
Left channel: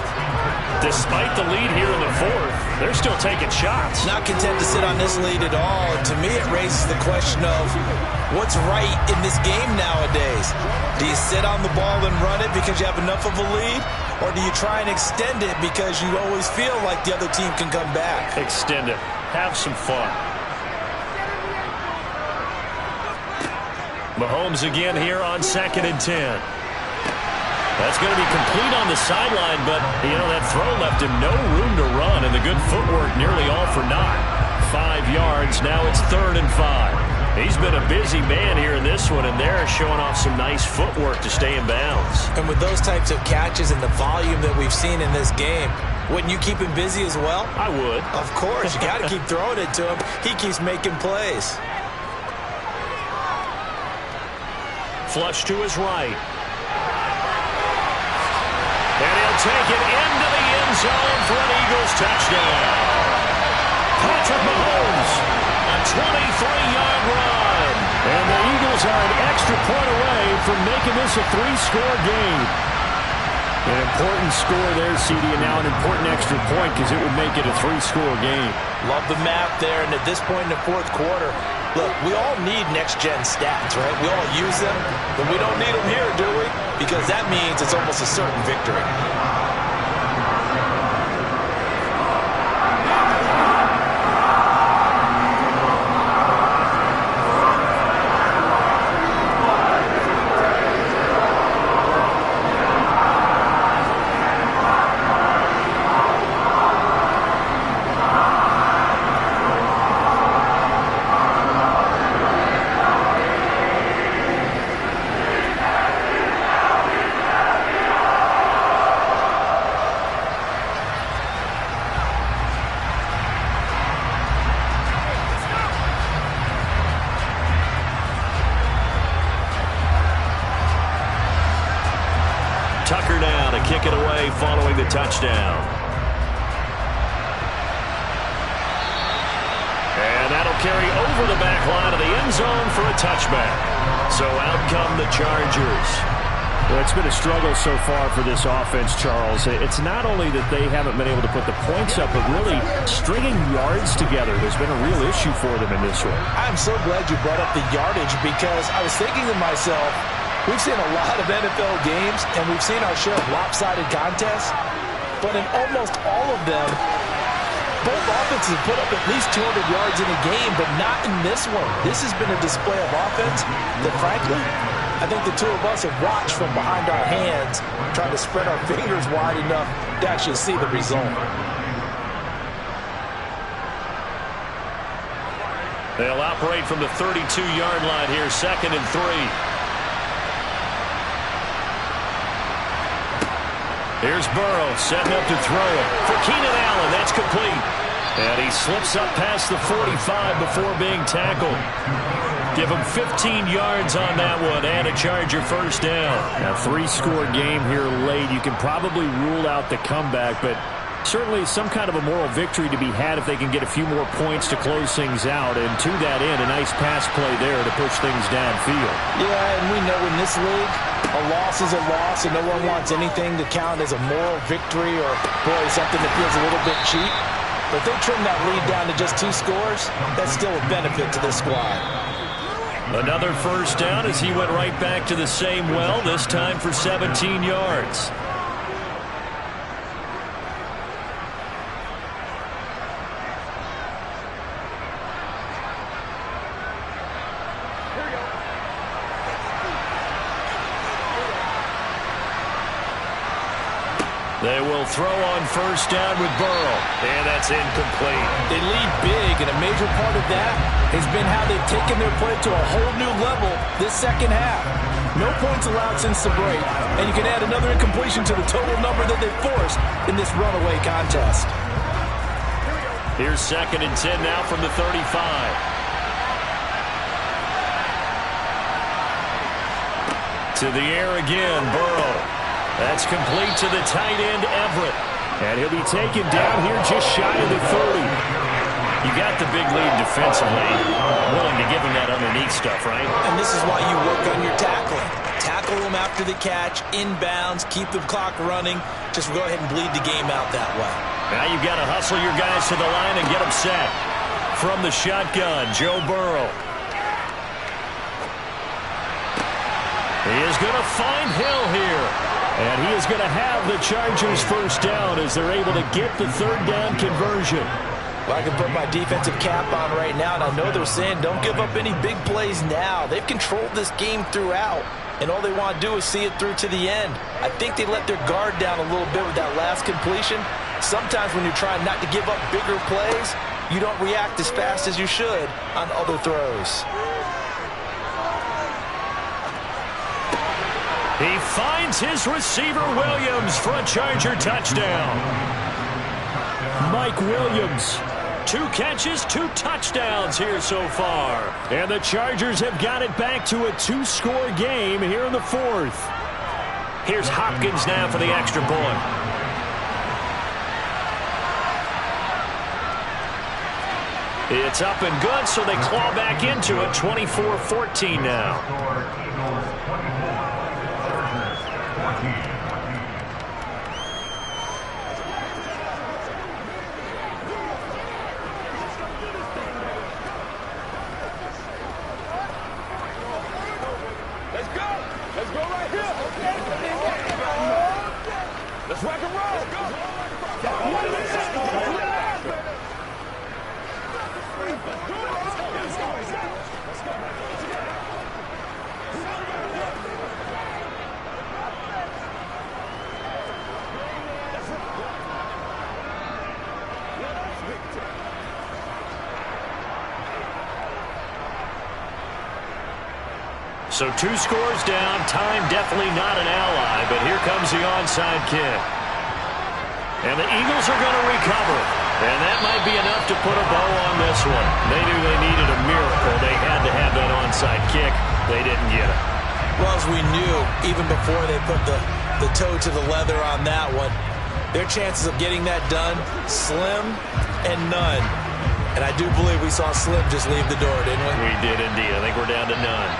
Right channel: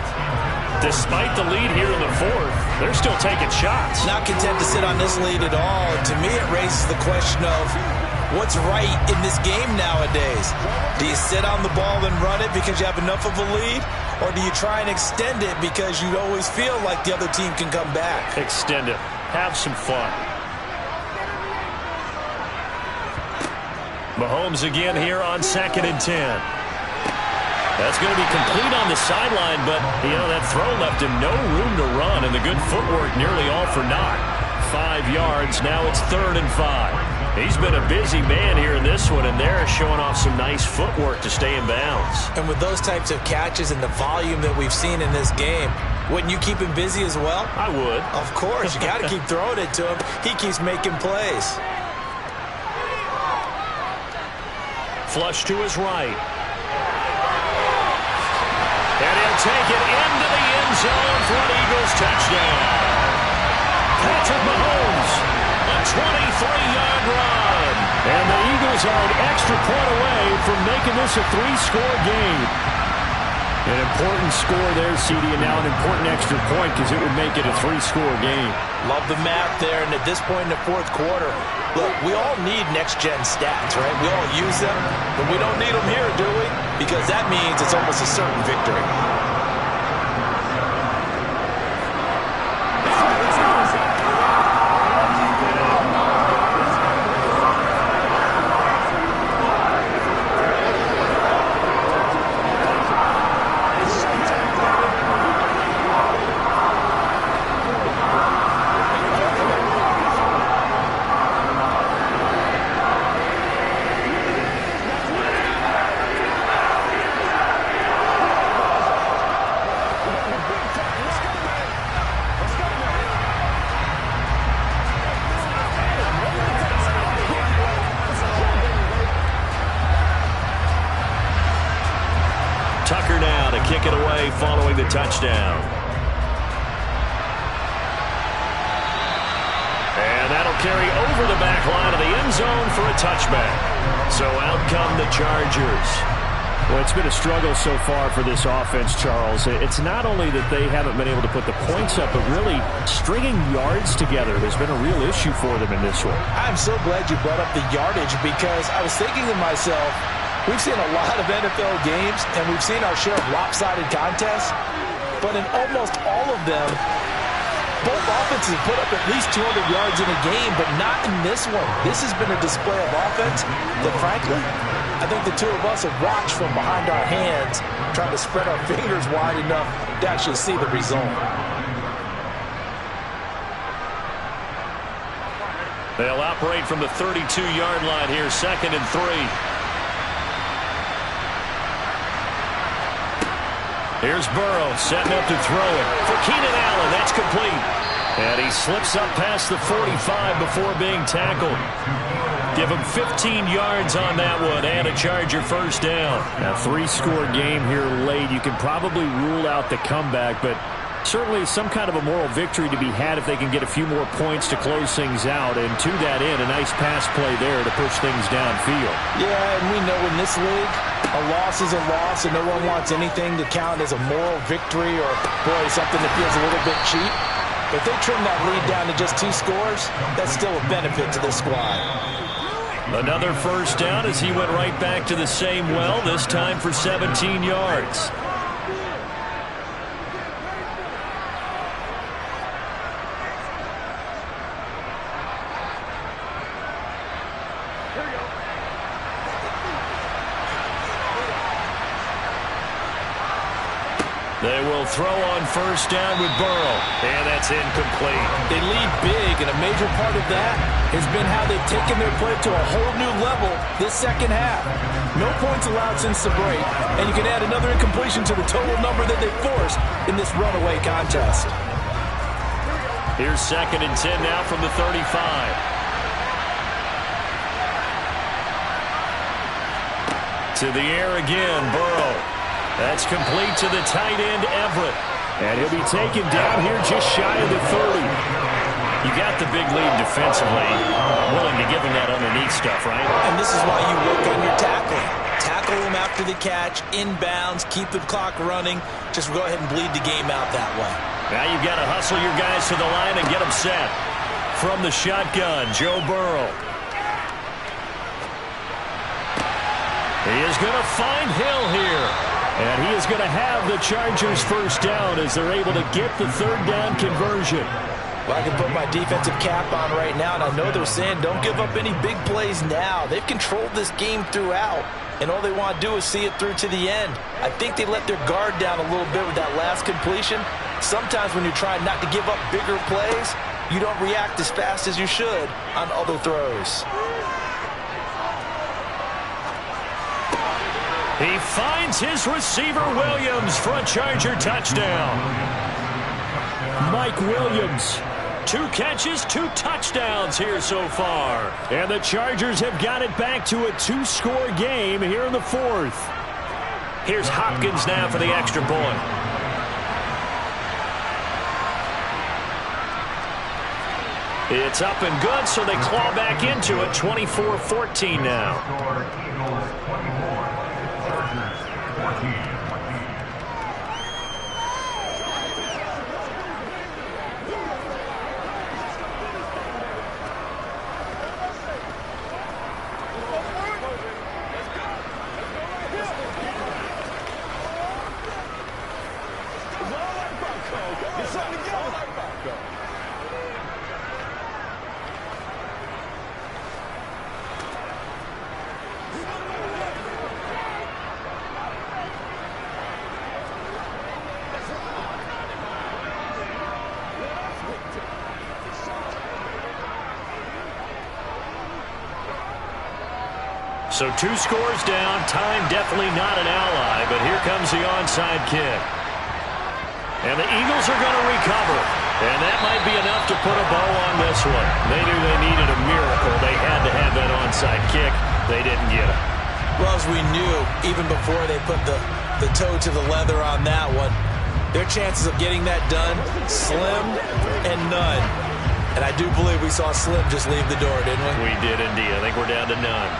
Despite the lead here in the 4th, they're still taking shots. Not content to sit on this lead at all. To me, it raises the question of what's right in this game nowadays. Do you sit on the ball and run it because you have enough of a lead? Or do you try and extend it because you always feel like the other team can come back? Extend it. Have some fun. Mahomes again here on 2nd and 10. That's going to be complete on the sideline, but, you know, that throw left him no room to run, and the good footwork nearly all for naught. 5 yards, now it's 3rd and 5. He's been a busy man here in this one, and they're showing off some nice footwork to stay in bounds. And with those types of catches and the volume that we've seen in this game, wouldn't you keep him busy as well? I would. Of course, you got to keep throwing it to him. He keeps making plays. Flush to his right. And he'll take it into the end zone for an Eagles touchdown. Patrick Mahomes, a 23-yard run. And the Eagles are an extra point away from making this a 3-score game. An important score there, CD, and now an important extra point because it would make it a 3-score game. Love the math there, and at this point in the 4th quarter, look, we all need next-gen stats, right? We all use them, but we don't need them here, do we? Because that means it's almost a certain victory. Tucker now to kick it away following the touchdown. And that'll carry over the back line of the end zone for a touchback. So out come the Chargers. Well, it's been a struggle so far for this offense, Charles. It's not only that they haven't been able to put the points up, but really stringing yards together has been a real issue for them in this one. I'm so glad you brought up the yardage, because I was thinking to myself, we've seen a lot of NFL games, and we've seen our share of lopsided contests, but in almost all of them, both offenses put up at least 200 yards in a game, but not in this one. This has been a display of offense that, frankly, I think the two of us have watched from behind our hands, trying to spread our fingers wide enough to actually see the result. They'll operate from the 32-yard line here, 2nd and 3. Here's Burrow setting up to throw it for Keenan Allen. That's complete. And he slips up past the 45 before being tackled. Give him 15 yards on that one and a Charger first down. A 3-score game here late. You can probably rule out the comeback, but certainly some kind of a moral victory to be had if they can get a few more points to close things out. And to that end, a nice pass play there to push things downfield. Yeah, and we know in this league, a loss is a loss, and no one wants anything to count as a moral victory or, boy, something that feels a little bit cheap. But if they trim that lead down to just 2 scores, that's still a benefit to this squad. Another first down as he went right back to the same well, this time for 17 yards. Here we go. They will throw on first down with Burrow, and that's incomplete. They lead big, and a major part of that has been how they've taken their play to a whole new level this second half. No points allowed since the break, and you can add another incompletion to the total number that they've forced in this runaway contest. Here's 2nd and 10 now from the 35. To the air again, Burrow. That's complete to the tight end, Everett. And he'll be taken down here just shy of the 30. You got the big lead defensively. Willing to give him that underneath stuff, right? And this is why you work on your tackling. Tackle him after the catch, inbounds, keep the clock running. Just go ahead and bleed the game out that way. Now you've got to hustle your guys to the line and get them set. From the shotgun, Joe Burrow. He is going to find Hill here. And he is going to have the Chargers first down as they're able to get the 3rd down conversion. Well, I can put my defensive cap on right now, and I know they're saying don't give up any big plays now. They've controlled this game throughout, and all they want to do is see it through to the end. I think they let their guard down a little bit with that last completion. Sometimes when you're trying not to give up bigger plays, you don't react as fast as you should on other throws. He finds his receiver, Williams, for a Charger touchdown. Mike Williams. 2 catches, 2 touchdowns here so far. And the Chargers have got it back to a 2-score game here in the 4th. Here's Hopkins now for the extra point. It's up and good, so they claw back into it. 24-14 now. So 2 scores down. Time definitely not an ally, but here comes the onside kick. And the Eagles are going to recover. And that might be enough to put a bow on this one. They knew they needed a miracle. They had to have that onside kick. They didn't get it. Well, as we knew, even before they put the toe to the leather on that one, their chances of getting that done, slim and none. And I do believe we saw Slim just leave the door, didn't we? We did indeed. I think we're down to none.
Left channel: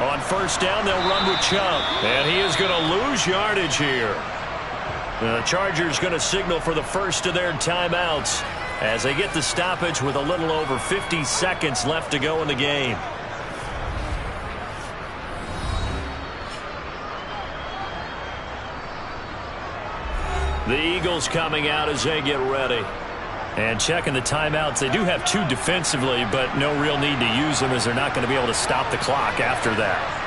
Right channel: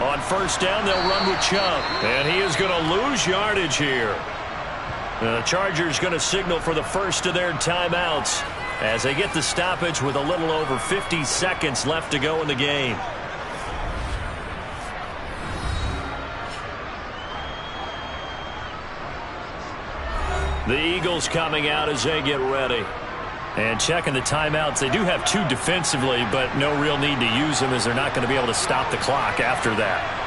On first down, they'll run with Chubb. And he is going to lose yardage here. The Chargers going to signal for the first of their timeouts as they get the stoppage with a little over 50 seconds left to go in the game. The Eagles coming out as they get ready. And checking the timeouts. They do have 2 defensively, but no real need to use them as they're not going to be able to stop the clock after that.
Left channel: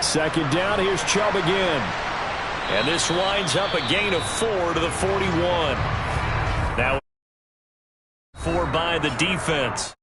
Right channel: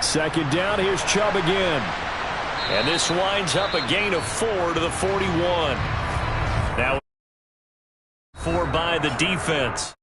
Second down, here's Chubb again. And this winds up a gain of 4 to the 41. Now 4 by the defense.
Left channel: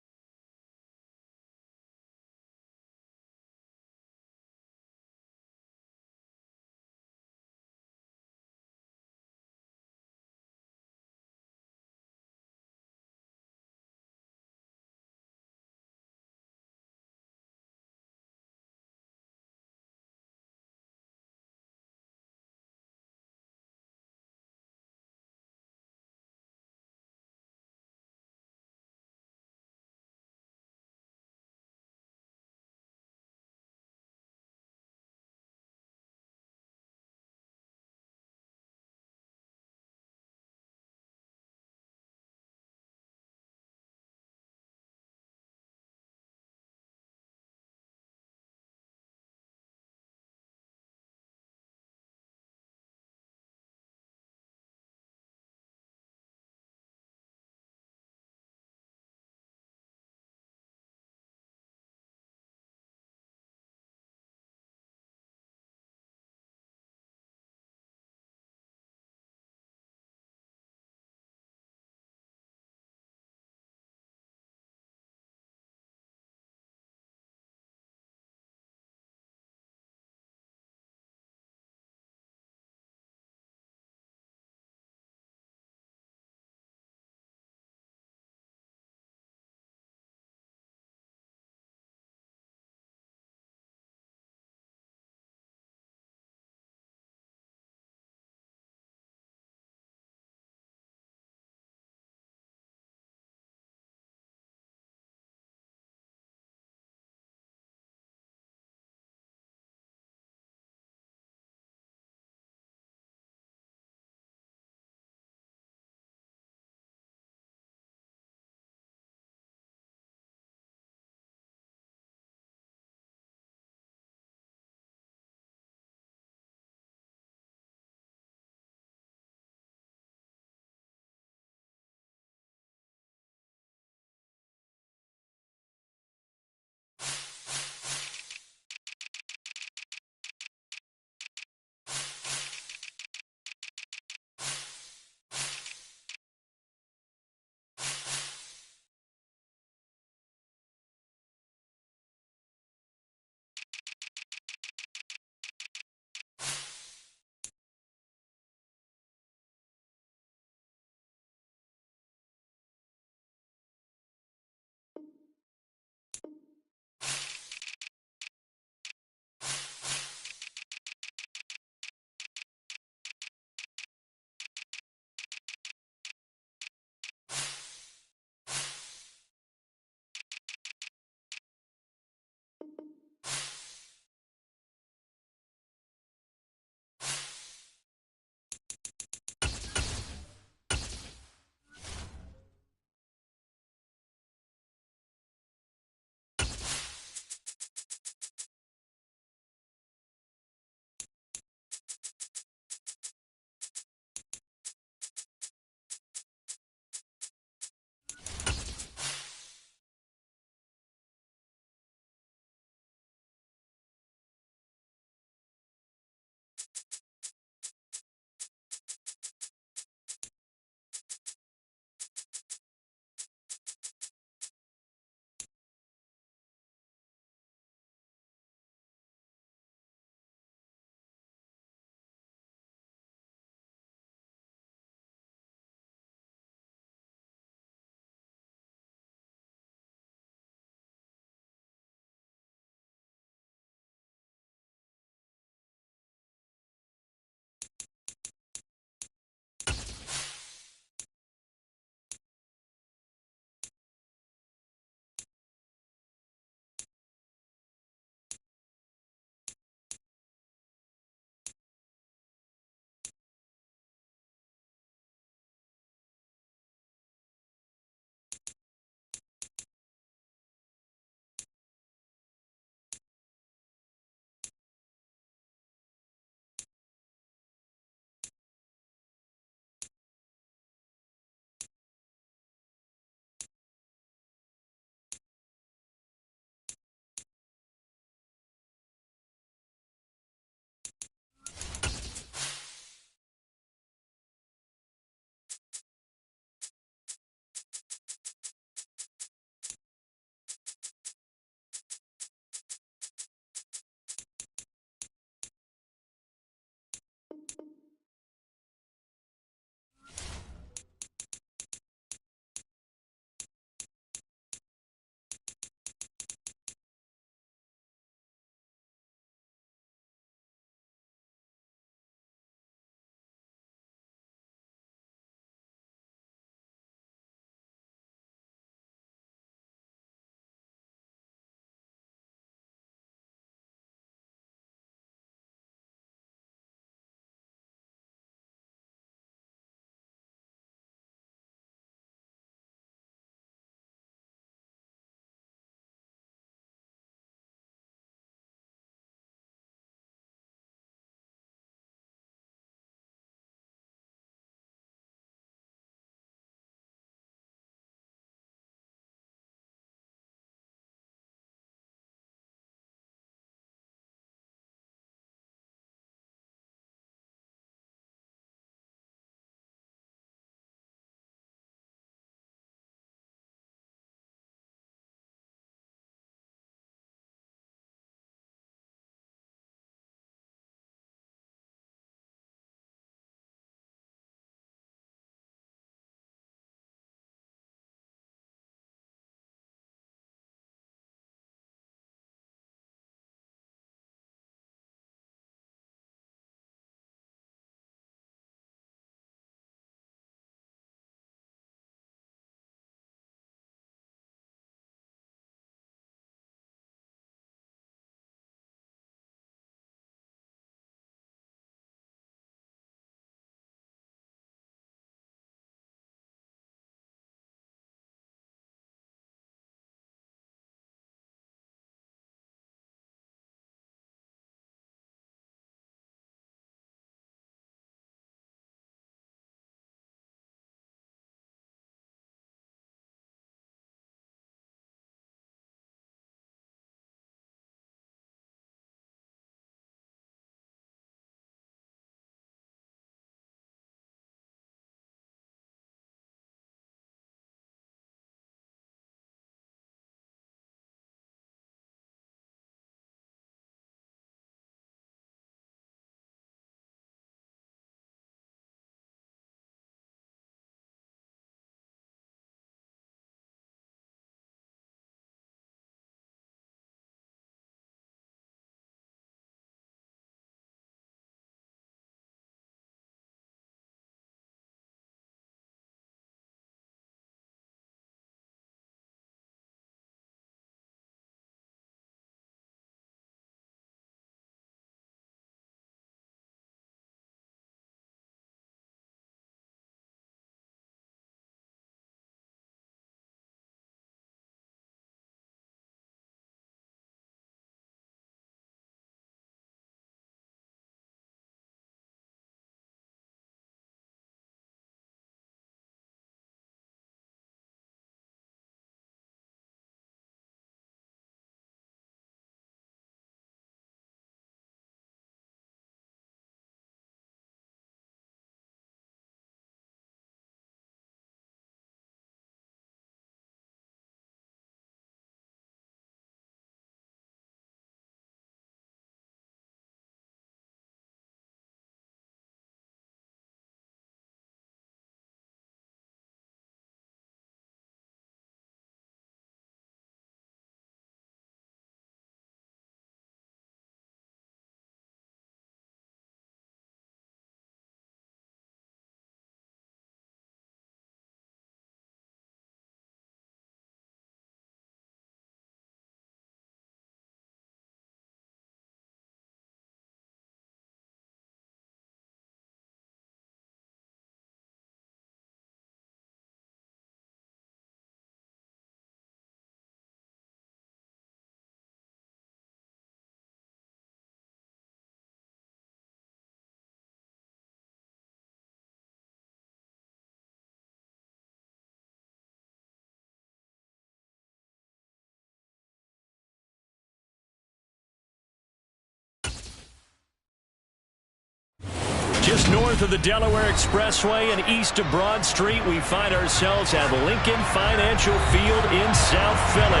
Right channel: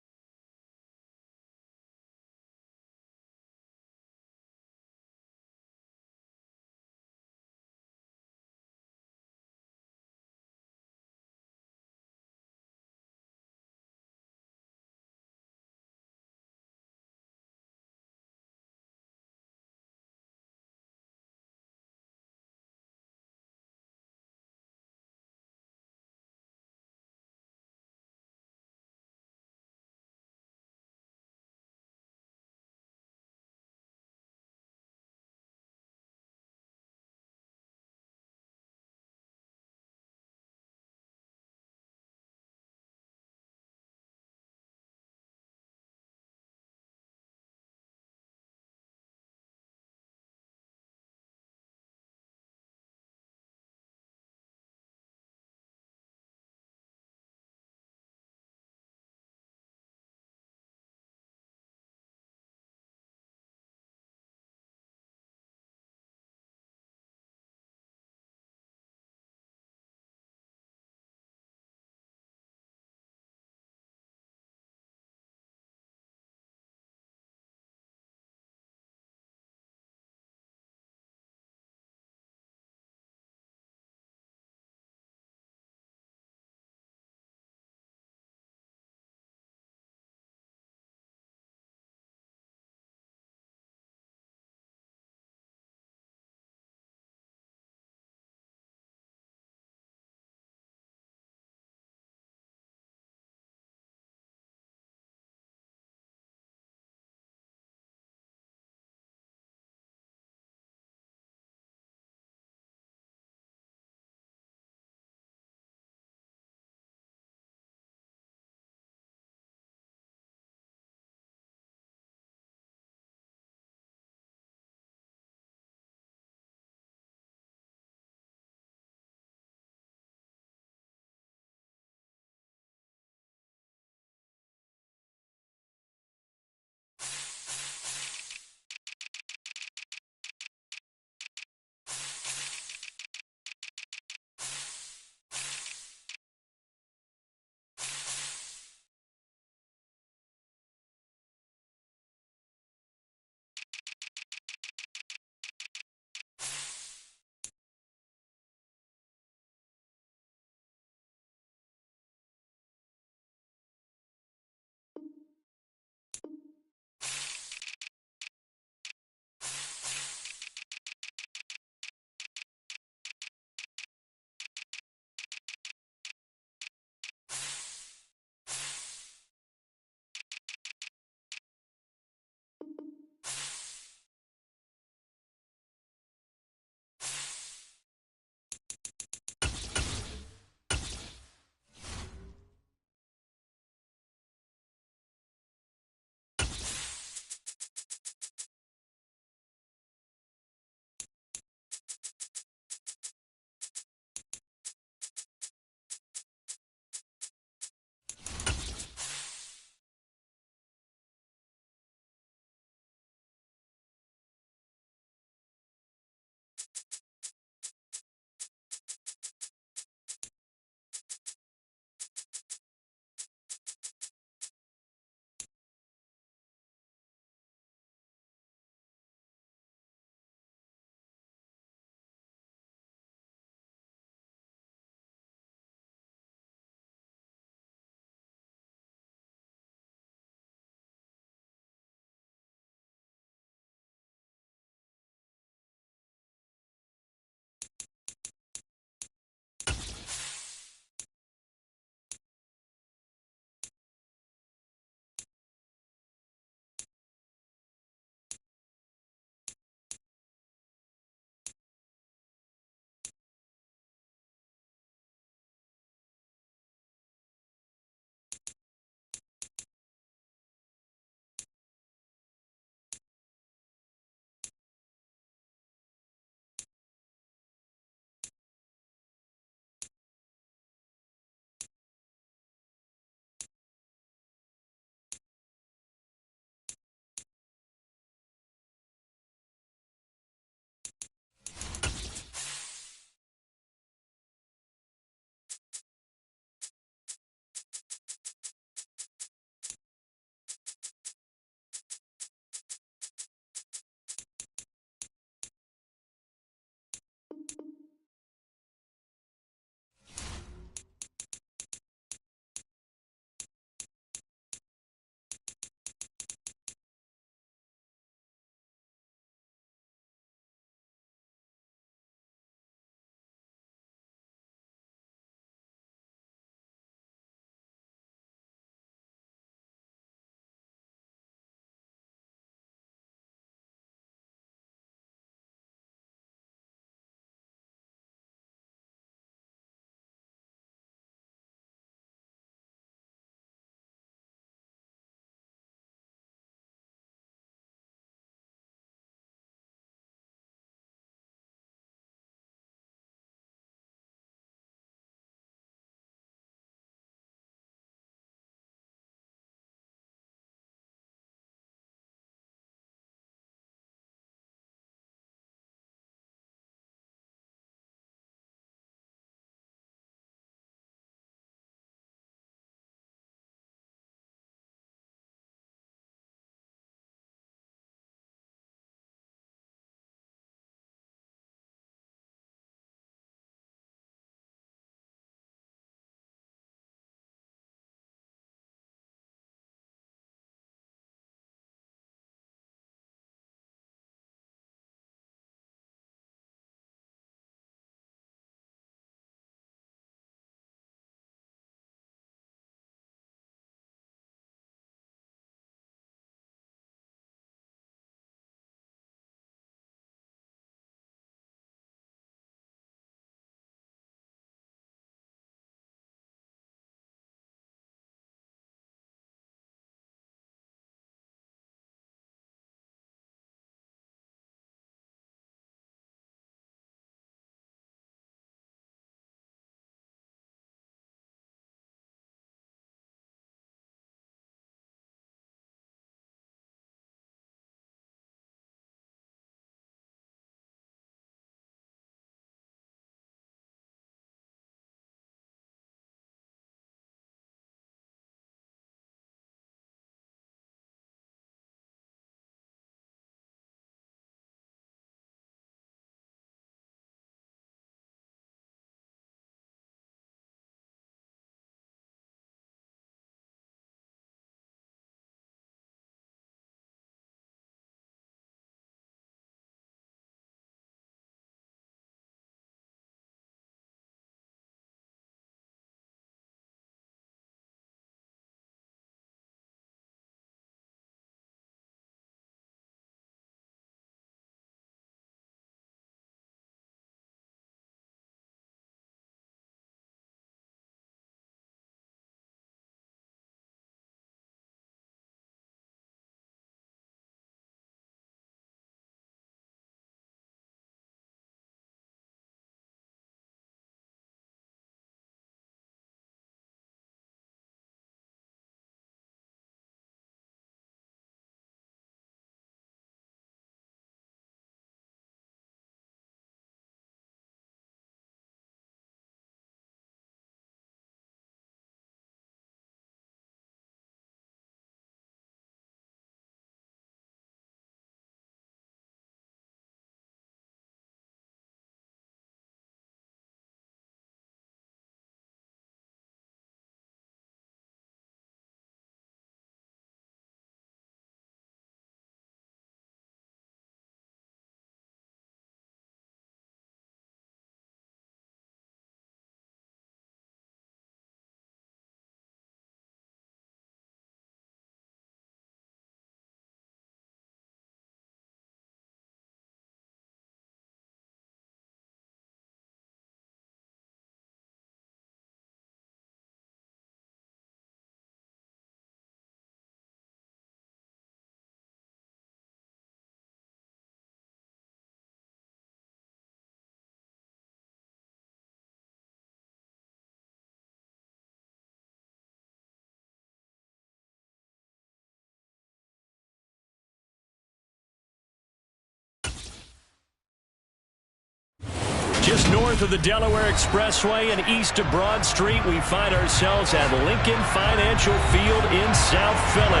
Just north of the Delaware Expressway and east of Broad Street, we find ourselves at Lincoln Financial Field in South Philly.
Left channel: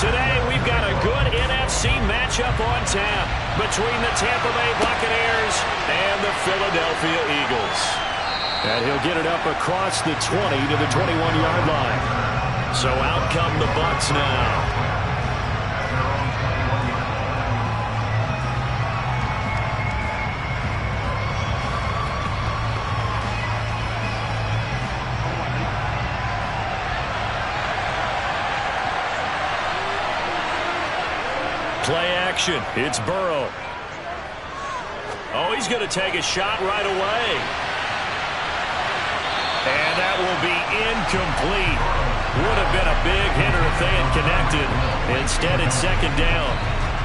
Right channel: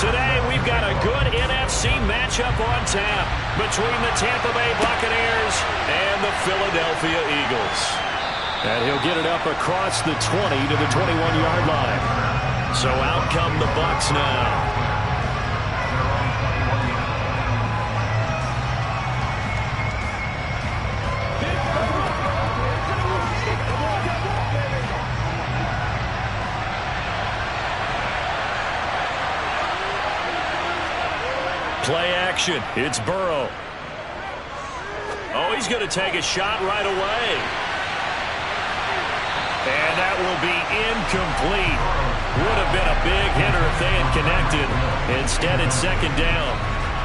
Today, we've got a good NFC matchup on tap between the Tampa Bay Buccaneers and the Philadelphia Eagles. And he'll get it up across the 20 to the 21-yard line. So out come the Bucs now. Play action. It's Burrow. Oh, he's going to take a shot right away. And that will be incomplete. Would have been a big hitter if they had connected. Instead, it's second down.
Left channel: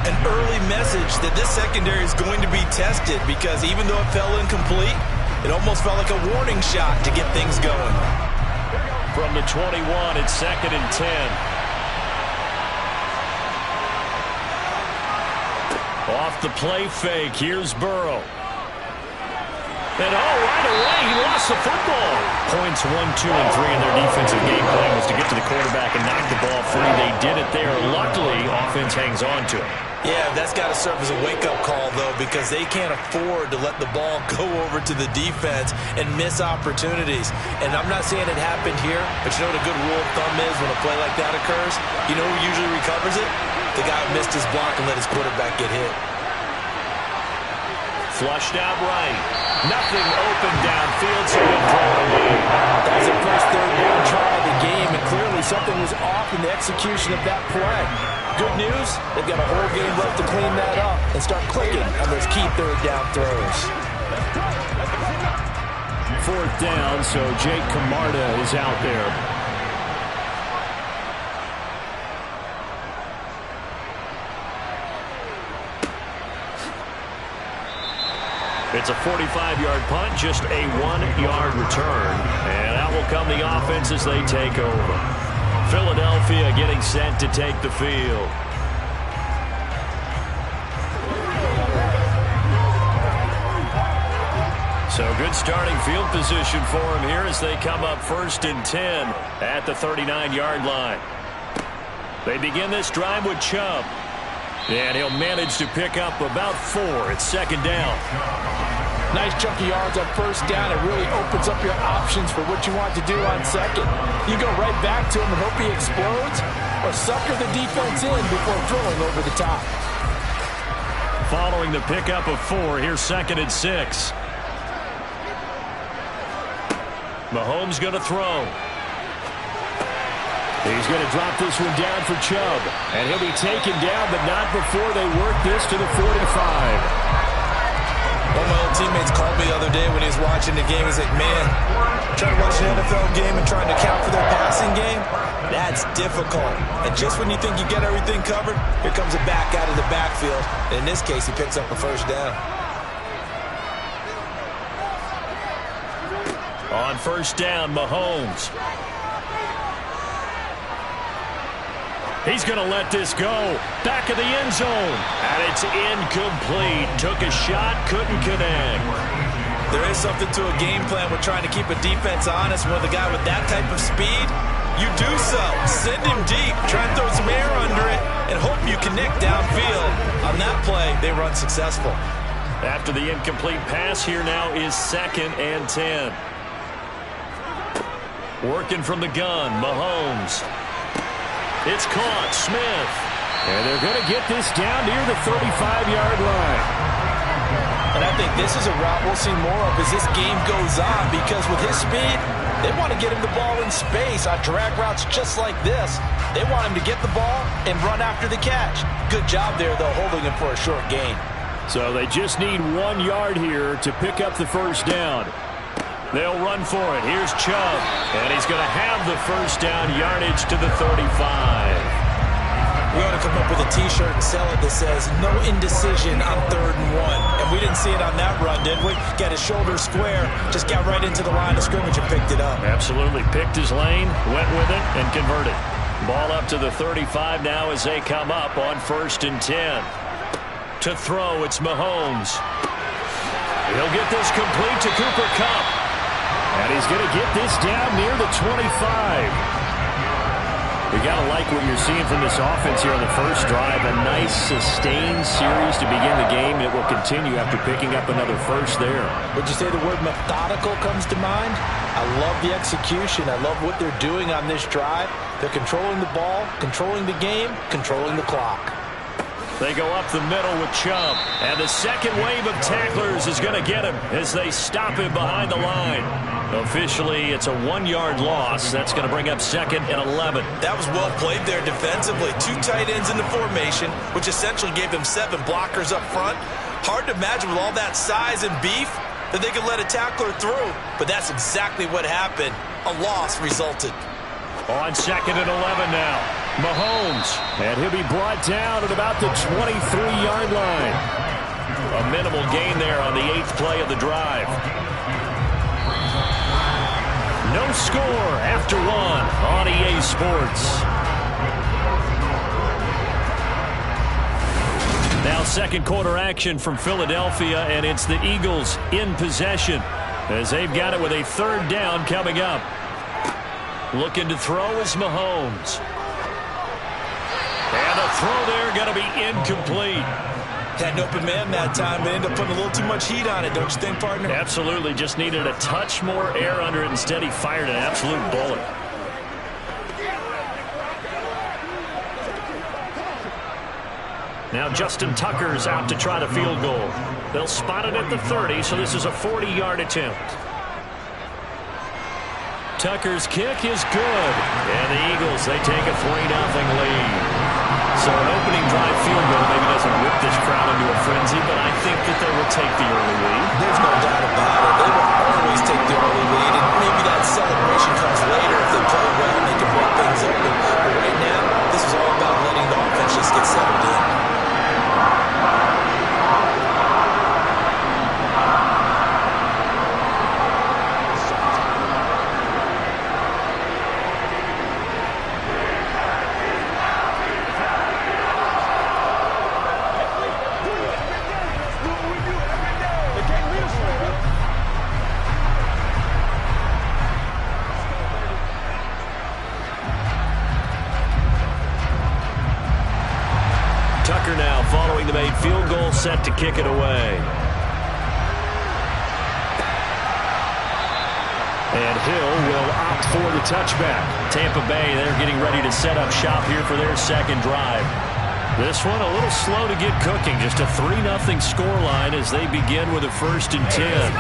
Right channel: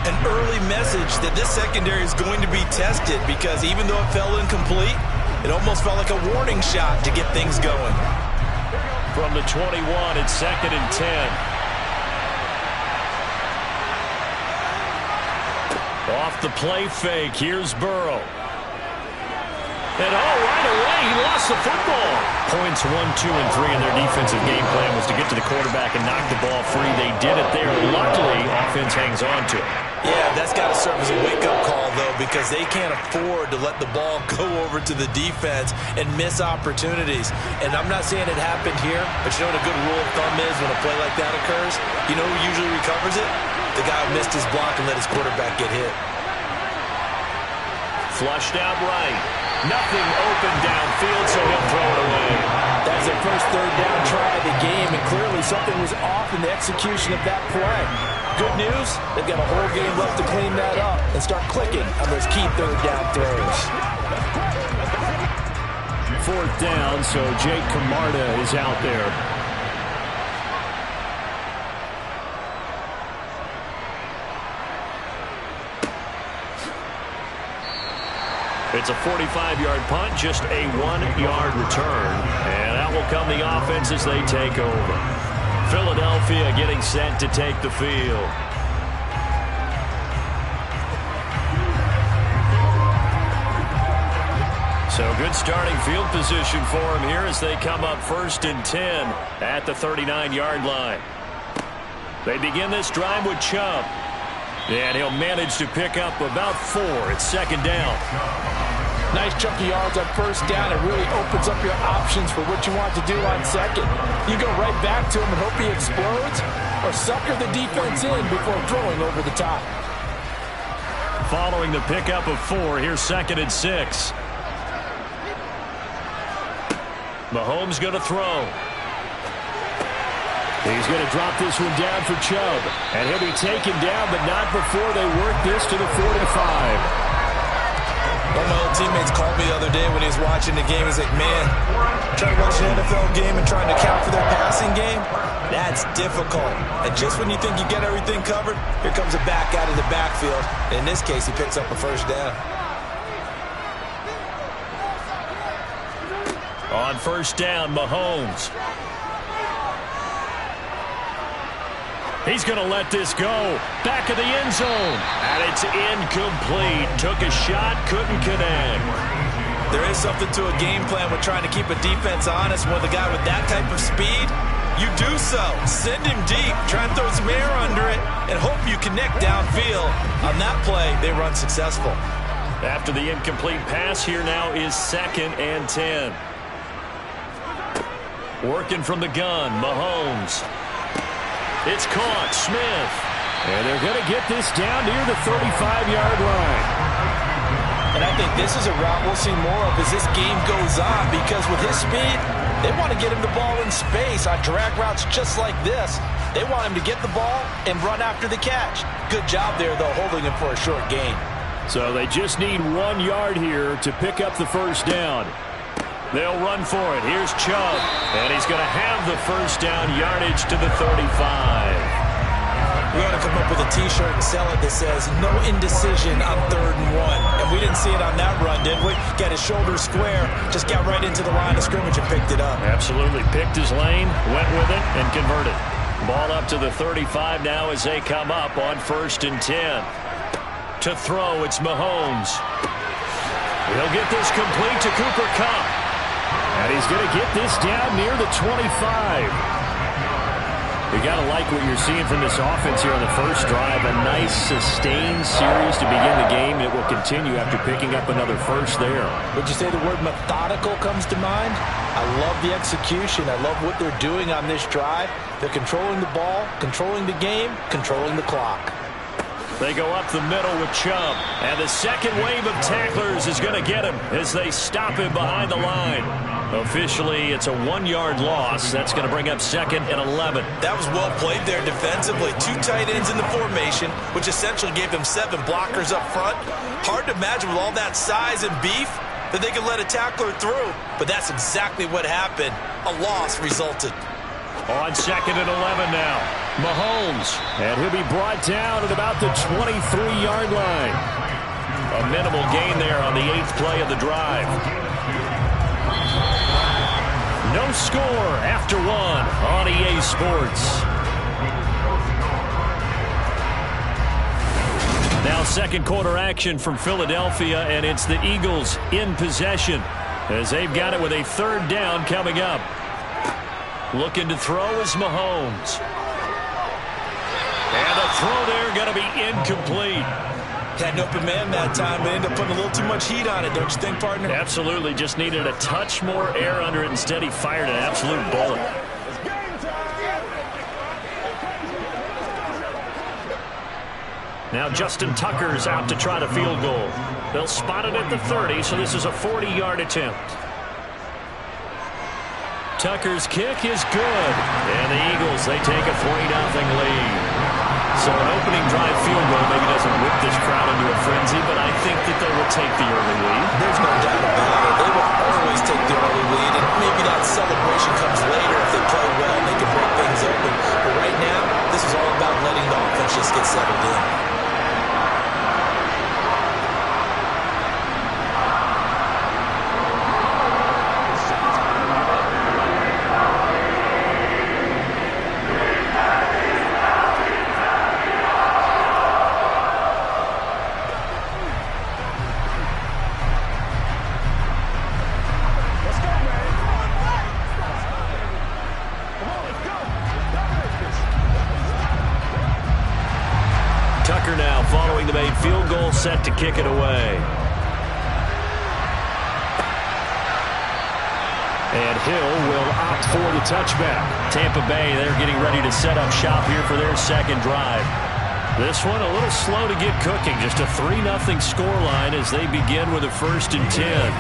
An early message that this secondary is going to be tested because even though it fell incomplete, it almost felt like a warning shot to get things going. From the 21, it's second and 10. Off the play fake, here's Burrow. And right away, he lost the football. Points 1, 2, and 3 in their defensive game plan was to get to the quarterback and knock the ball free. They did it there. Luckily, offense hangs on to it. Yeah, that's got to serve as a wake-up call, though, because they can't afford to let the ball go over to the defense and miss opportunities. And I'm not saying it happened here, but you know what a good rule of thumb is when a play like that occurs? You know who usually recovers it? The guy who missed his block and let his quarterback get hit. Flushed out right. Nothing open downfield, so he'll throw it away. That's their first third down try of the game, and clearly something was off in the execution of that play. Good news, they've got a whole game left to clean that up and start clicking on those key third down throws. Fourth down, so Jake Camarda is out there. It's a 45-yard punt, just a 1-yard return. And out will come the offense as they take over. Philadelphia getting set to take the field. So good starting field position for him here as they come up first and 10 at the 39-yard line. They begin this drive with Chubb. And he'll manage to pick up about 4. It's second down. Nice chunky yards on first down. It really opens up your options for what you want to do on second. You go right back to him and hope he explodes, or sucker the defense in before throwing over the top. Following the pickup of 4, here's second and 6. Mahomes going to throw. He's going to drop this one down for Chubb. And he'll be taken down, but not before they work this to the 45. One of my old teammates called me the other day when he was watching the game. He's like, man, trying to watch an NFL game and trying to account for their passing game, that's difficult. And just when you think you get everything covered, here comes a back out of the backfield. And in this case, he picks up a first down. On first down, Mahomes. He's going to let this go. Back of the end zone. And it's incomplete. Took a shot, couldn't connect. There is something to a game plan with trying to keep a defense honest. With a guy with that type of speed, you do so. Send him deep. Try and throw some air under it and hope you connect downfield. On that play, they run successful. After the incomplete pass, here now is second and 10. Working from the gun, Mahomes. It's caught, Smith. And they're going to get this down near the 35-yard line. And I think this is a route we'll see more of as this game goes on, because with his speed, they want to get him the ball in space on drag routes just like this. They want him to get the ball and run after the catch. Good job there, though, holding him for a short gain. So they just need 1 yard here to pick up the first down. They'll run for it. Here's Chubb. And he's going to have the first down, yardage to the 35. We ought to come up with a T-shirt and sell it that says, no indecision on 3rd and 1. And we didn't see it on that run, did we? Got his shoulders square, just got right into the line of scrimmage and picked it up. Absolutely. Picked his lane, went with it, and converted. Ball up to the 35 now as they come up on first and 10. To throw, it's Mahomes. He'll get this complete to Cooper Kupp. And he's going to get this down near the 25. You got to like what you're seeing from this offense here on the first drive. A nice, sustained series to begin the game. It will continue after picking up another first there. Would you say the word methodical comes to mind? I love the execution. I love what they're doing on this drive. They're controlling the ball, controlling the game, controlling the clock. They go up the middle with Chubb. And the second wave of tacklers is going to get him as they stop him behind the line. Officially, it's a 1-yard loss. That's going to bring up 2nd and 11. That was well played there defensively. 2 tight ends in the formation, which essentially gave them 7 blockers up front. Hard to imagine with all that size and beef that they could let a tackler through. But that's exactly what happened. A loss resulted. On 2nd and 11 now. Mahomes. And he'll be brought down at about the 23-yard line. A minimal gain there on the 8th play of the drive. No score after 1 on EA Sports. Now second quarter action from Philadelphia, and it's the Eagles in possession as they've got it with a 3rd down coming up. Looking to throw is Mahomes. And the throw there going to be incomplete. Had an open man that time, but ended up putting a little too much heat on it, don't you think, partner? Absolutely. Just needed a touch more air under it. Instead, he fired an absolute bullet. Now Justin Tucker's out to try the field goal. They'll spot it at the 30, so this is a 40-yard attempt. Tucker's kick is good. And the Eagles, they take a 3-0 lead. So an opening drive field goal maybe doesn't whip this crowd into a frenzy, but I think that they will take the early lead. There's no doubt about it. They will always take the early lead, and maybe that celebration comes later if they play well and they can break things open. But right now, this is all about letting the offense just get settled in. Tucker now following the made field goal, set to kick it away. And Hill will opt for the touchback. Tampa Bay, they're getting ready to set up shop here for their second drive. This one a little slow to get cooking. Just a 3-0 scoreline as they begin with a 1st and 10.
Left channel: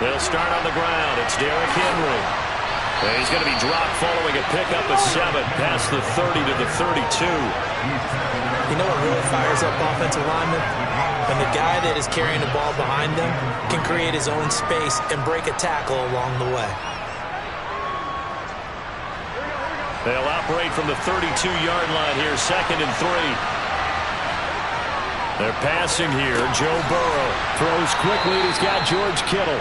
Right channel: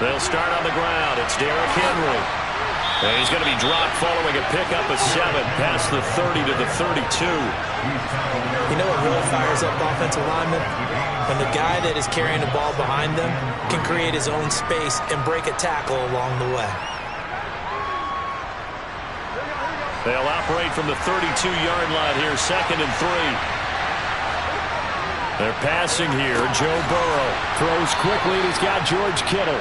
They'll start on the ground. It's Derrick Henry. And he's going to be dropped following a pickup of 7 past the 30 to the 32. You know what really fires up offensive linemen? When the guy that is carrying the ball behind them can create his own space and break a tackle along the way. They'll operate from the 32-yard line here, 2nd and 3. They're passing here. Joe Burrow throws quickly, and he's got George Kittle.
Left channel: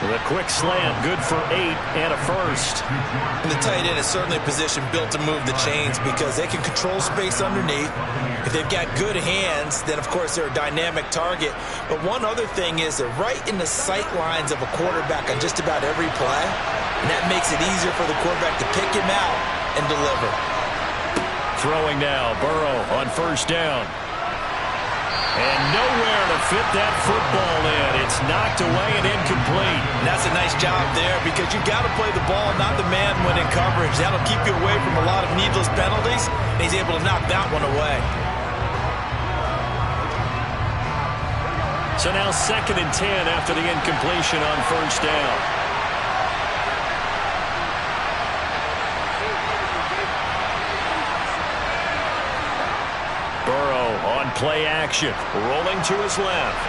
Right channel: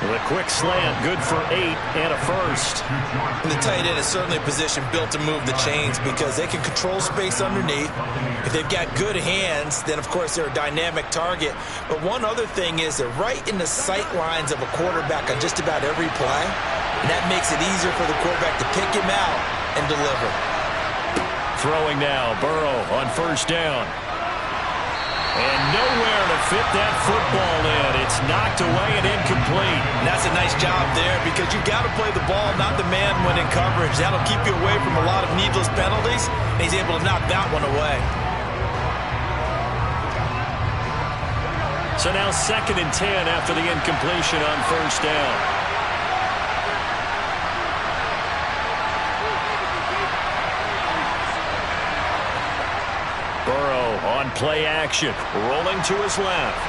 With a quick slant, good for 8 and a 1st. And the tight end is certainly a position built to move the chains because they can control space underneath. If they've got good hands, then, of course, they're a dynamic target. But one other thing is they're right in the sight lines of a quarterback on just about every play. And that makes it easier for the quarterback to pick him out and deliver. Throwing now, Burrow on 1st down. And nowhere to fit that football in. It's knocked away and incomplete. And that's a nice job there because you've got to play the ball, not the man when in coverage. That'll keep you away from a lot of needless penalties. And he's able to knock that one away. So now 2nd and 10 after the incompletion on 1st down. Burrow on play action, rolling to his left.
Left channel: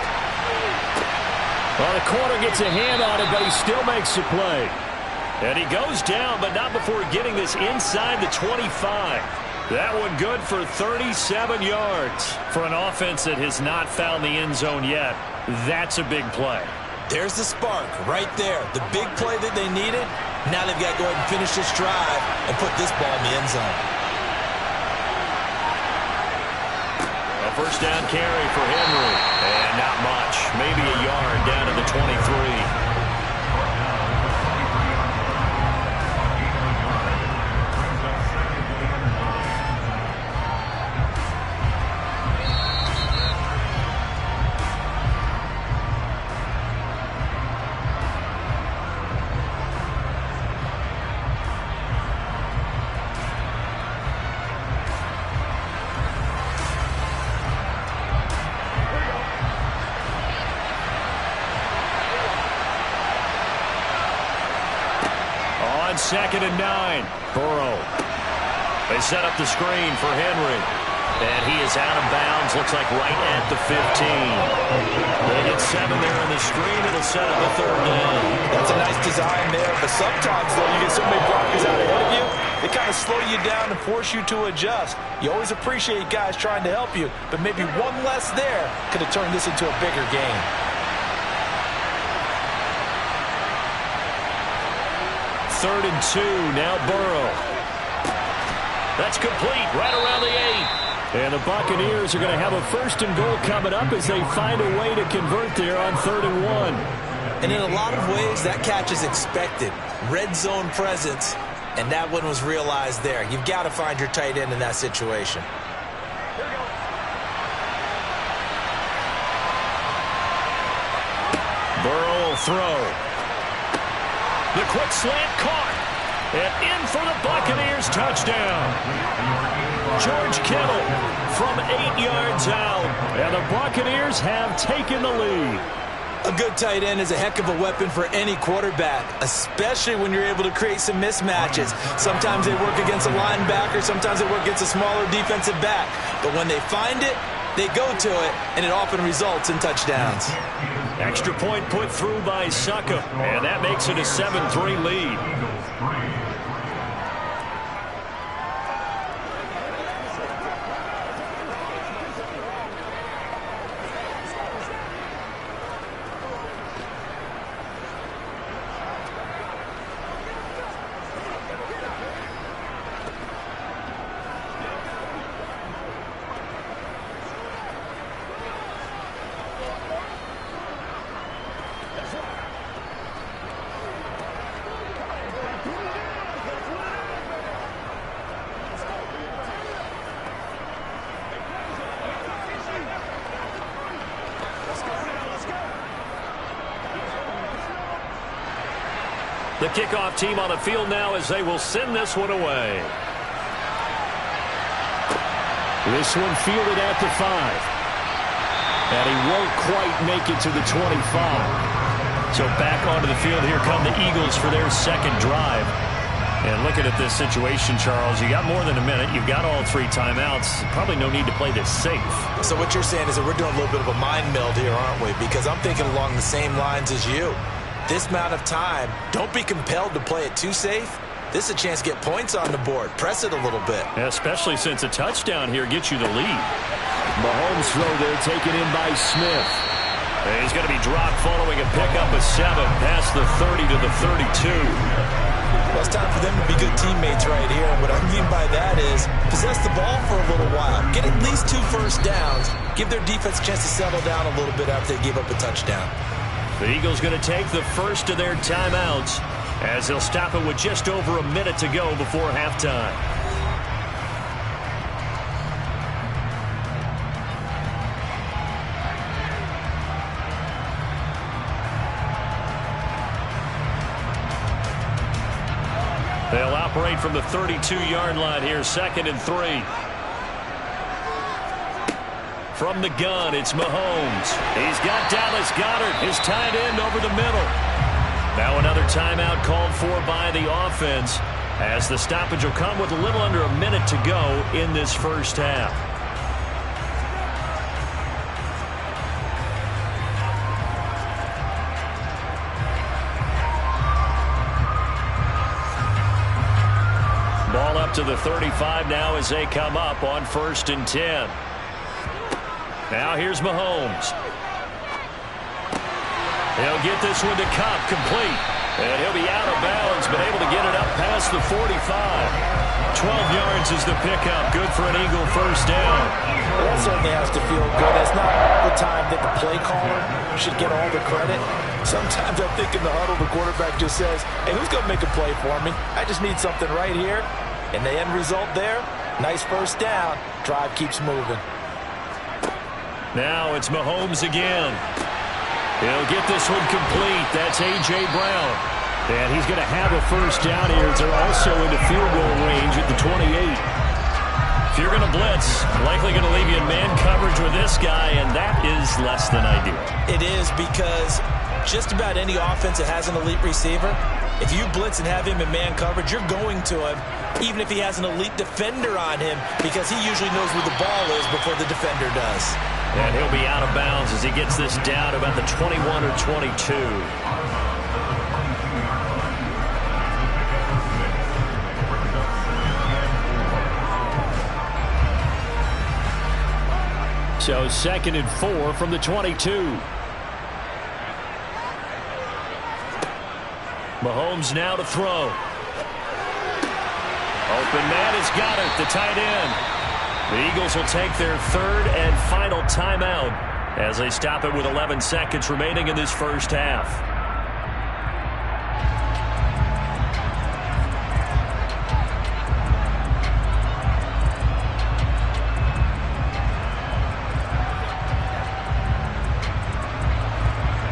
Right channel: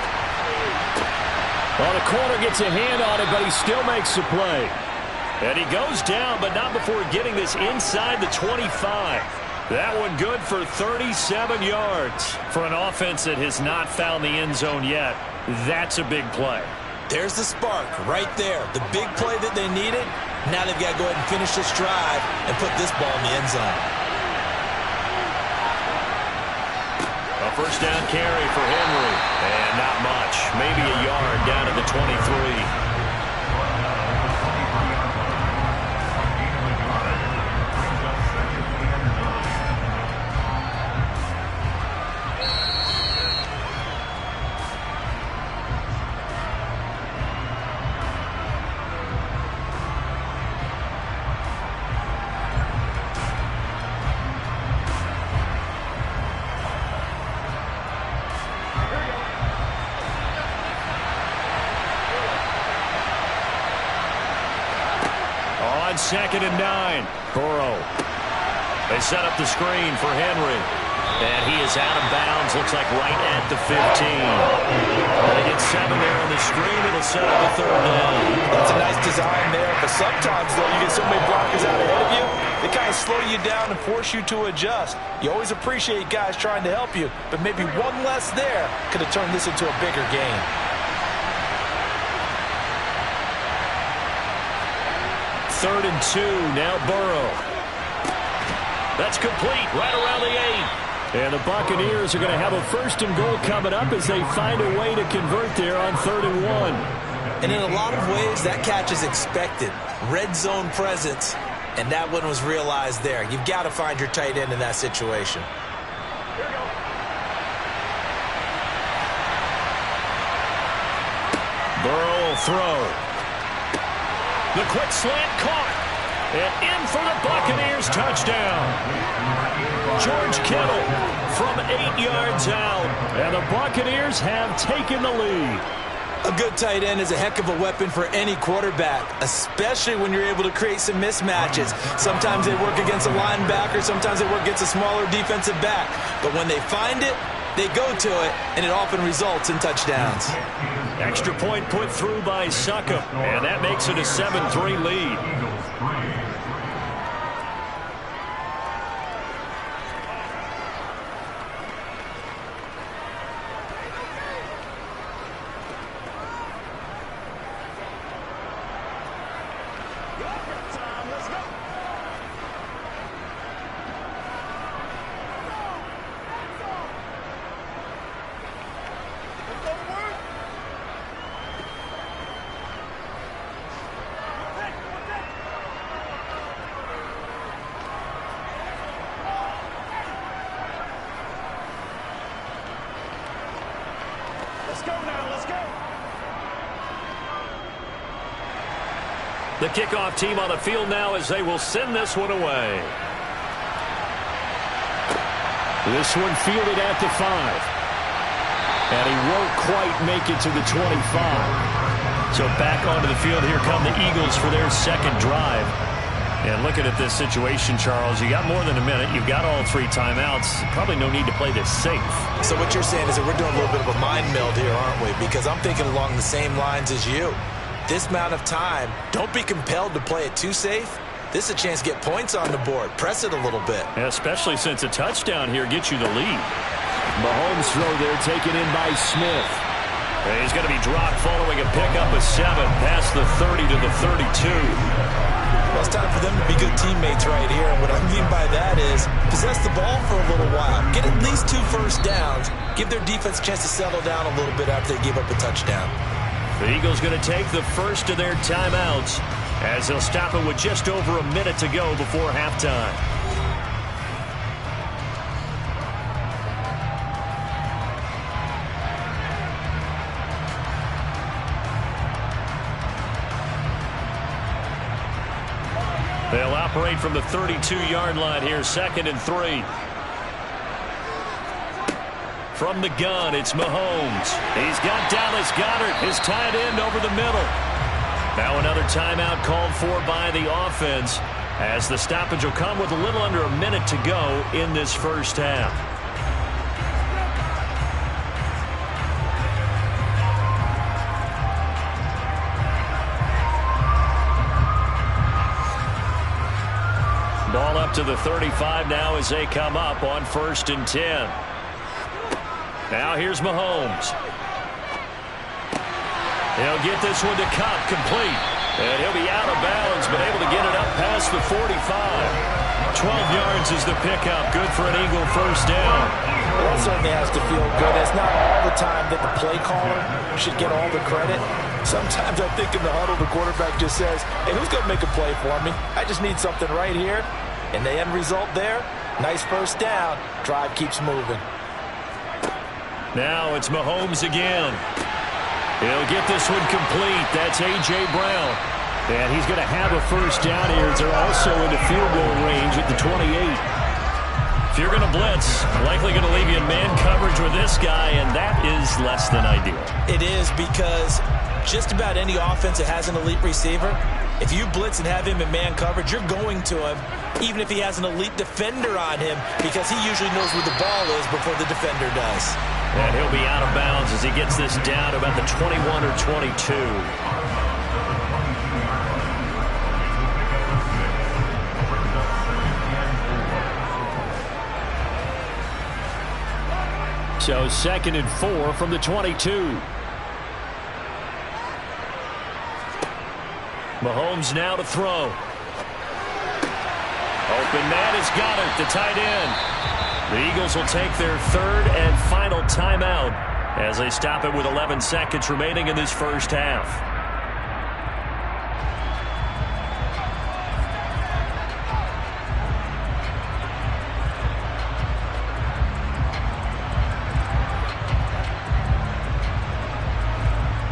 Well, the corner gets a hand on it, but he still makes the play. And he goes down, but not before getting this inside the 25. That one good for 37 yards. For an offense that has not found the end zone yet, that's a big play. There's the spark right there. The big play that they needed, Now they've got to go ahead and finish this drive and put this ball in the end zone. A first down carry for Henry. And not much. Maybe a yard down to the 23. On 2nd and 9, Burrow. They set up the screen for Henry. And he is out of bounds, looks like right at the 15. They get 7 there on the screen. It'll set up a 3rd down. That's a nice design there, but sometimes, though, you get so many blockers out ahead of you, they kind of slow you down and force you to adjust. You always appreciate guys trying to help you, but maybe one less there could have turned this into a bigger game. 3rd and 2, now Burrow. That's complete, right around the 8. And the Buccaneers are going to have a 1st and goal coming up as they find a way to convert there on 3rd and 1. And in a lot of ways, that catch is expected. Red zone presence, and that one was realized there. You've got to find your tight end in that situation. Here we go. Burrow will throw. The quick slant caught. And in for the Buccaneers touchdown. George Kittle from 8 yards out. And the Buccaneers have taken the lead. A good tight end is a heck of a weapon for any quarterback, especially when you're able to create some mismatches. Sometimes they work against a linebacker, sometimes they work against a smaller defensive back. But when they find it, they go to it, and it often results in touchdowns. Extra point put through by Succop, and that makes it a 7-3 lead. The kickoff team on the field now as they will send this one away. This one fielded at the 5. And he won't quite make it to the 25. So back onto the field, here come the Eagles for their 2nd drive. And looking at this situation, Charles, you got more than a minute. You've got all 3 timeouts. Probably no need to play this safe. So what you're saying is that we're doing a little bit of a mind meld here, aren't we? Because I'm thinking along the same lines as you. This amount of time, don't be compelled to play it too safe. This is a chance to get points on the board. Press it a little bit. Yeah, especially since a touchdown here gets you the lead. Mahomes throw there taken in by Smith. And he's going to be dropped following a pickup of 7 past the 30 to the 32. Well, it's time for them to be good teammates right here. And what I mean by that is possess the ball for a little while. Get at least 2 first downs. Give their defense a chance to settle down a little bit after they give up a touchdown. The Eagles going to take the first of their timeouts as they'll stop it with just over a minute to go before halftime. They'll operate from the 32-yard line here, 2nd and 3. From the gun, it's Mahomes. He's got Dallas Goedert, his tight end, over the middle. Now another timeout called for by the offense as the stoppage will come with a little under a minute to go in this first half. Ball up to the 35 now as they come up on 1st and 10. Now here's Mahomes. He'll get this one to Kupp, complete. And he'll be out of bounds, but able to get it up past the 45. 12 yards is the pickup. Good for an Eagle first down. Well, that certainly has to feel good. It's not all the time that the play caller should get all the credit. Sometimes I think in the huddle, the quarterback just says, hey, who's going to make a play for me? I just need something right here. And the end result there, nice first down. Drive keeps moving. Now it's Mahomes again. He'll get this one complete. That's A.J. Brown. And he's going to have a first down here. They're also into field goal range at the 28. If you're going to blitz, likely going to leave you in man coverage with this guy, and that is less than ideal. It is, because just about any offense that has an elite receiver, if you blitz and have him in man coverage, you're going to him, even if he has an elite defender on him, because he usually knows where the ball is before the defender does. And he'll be out of bounds as he gets this down to about the 21 or 22. So 2nd and 4 from the 22. Mahomes now to throw. Open man has got it, the tight end. The Eagles will take their 3rd and final timeout as they stop it with 11 seconds remaining in this first half.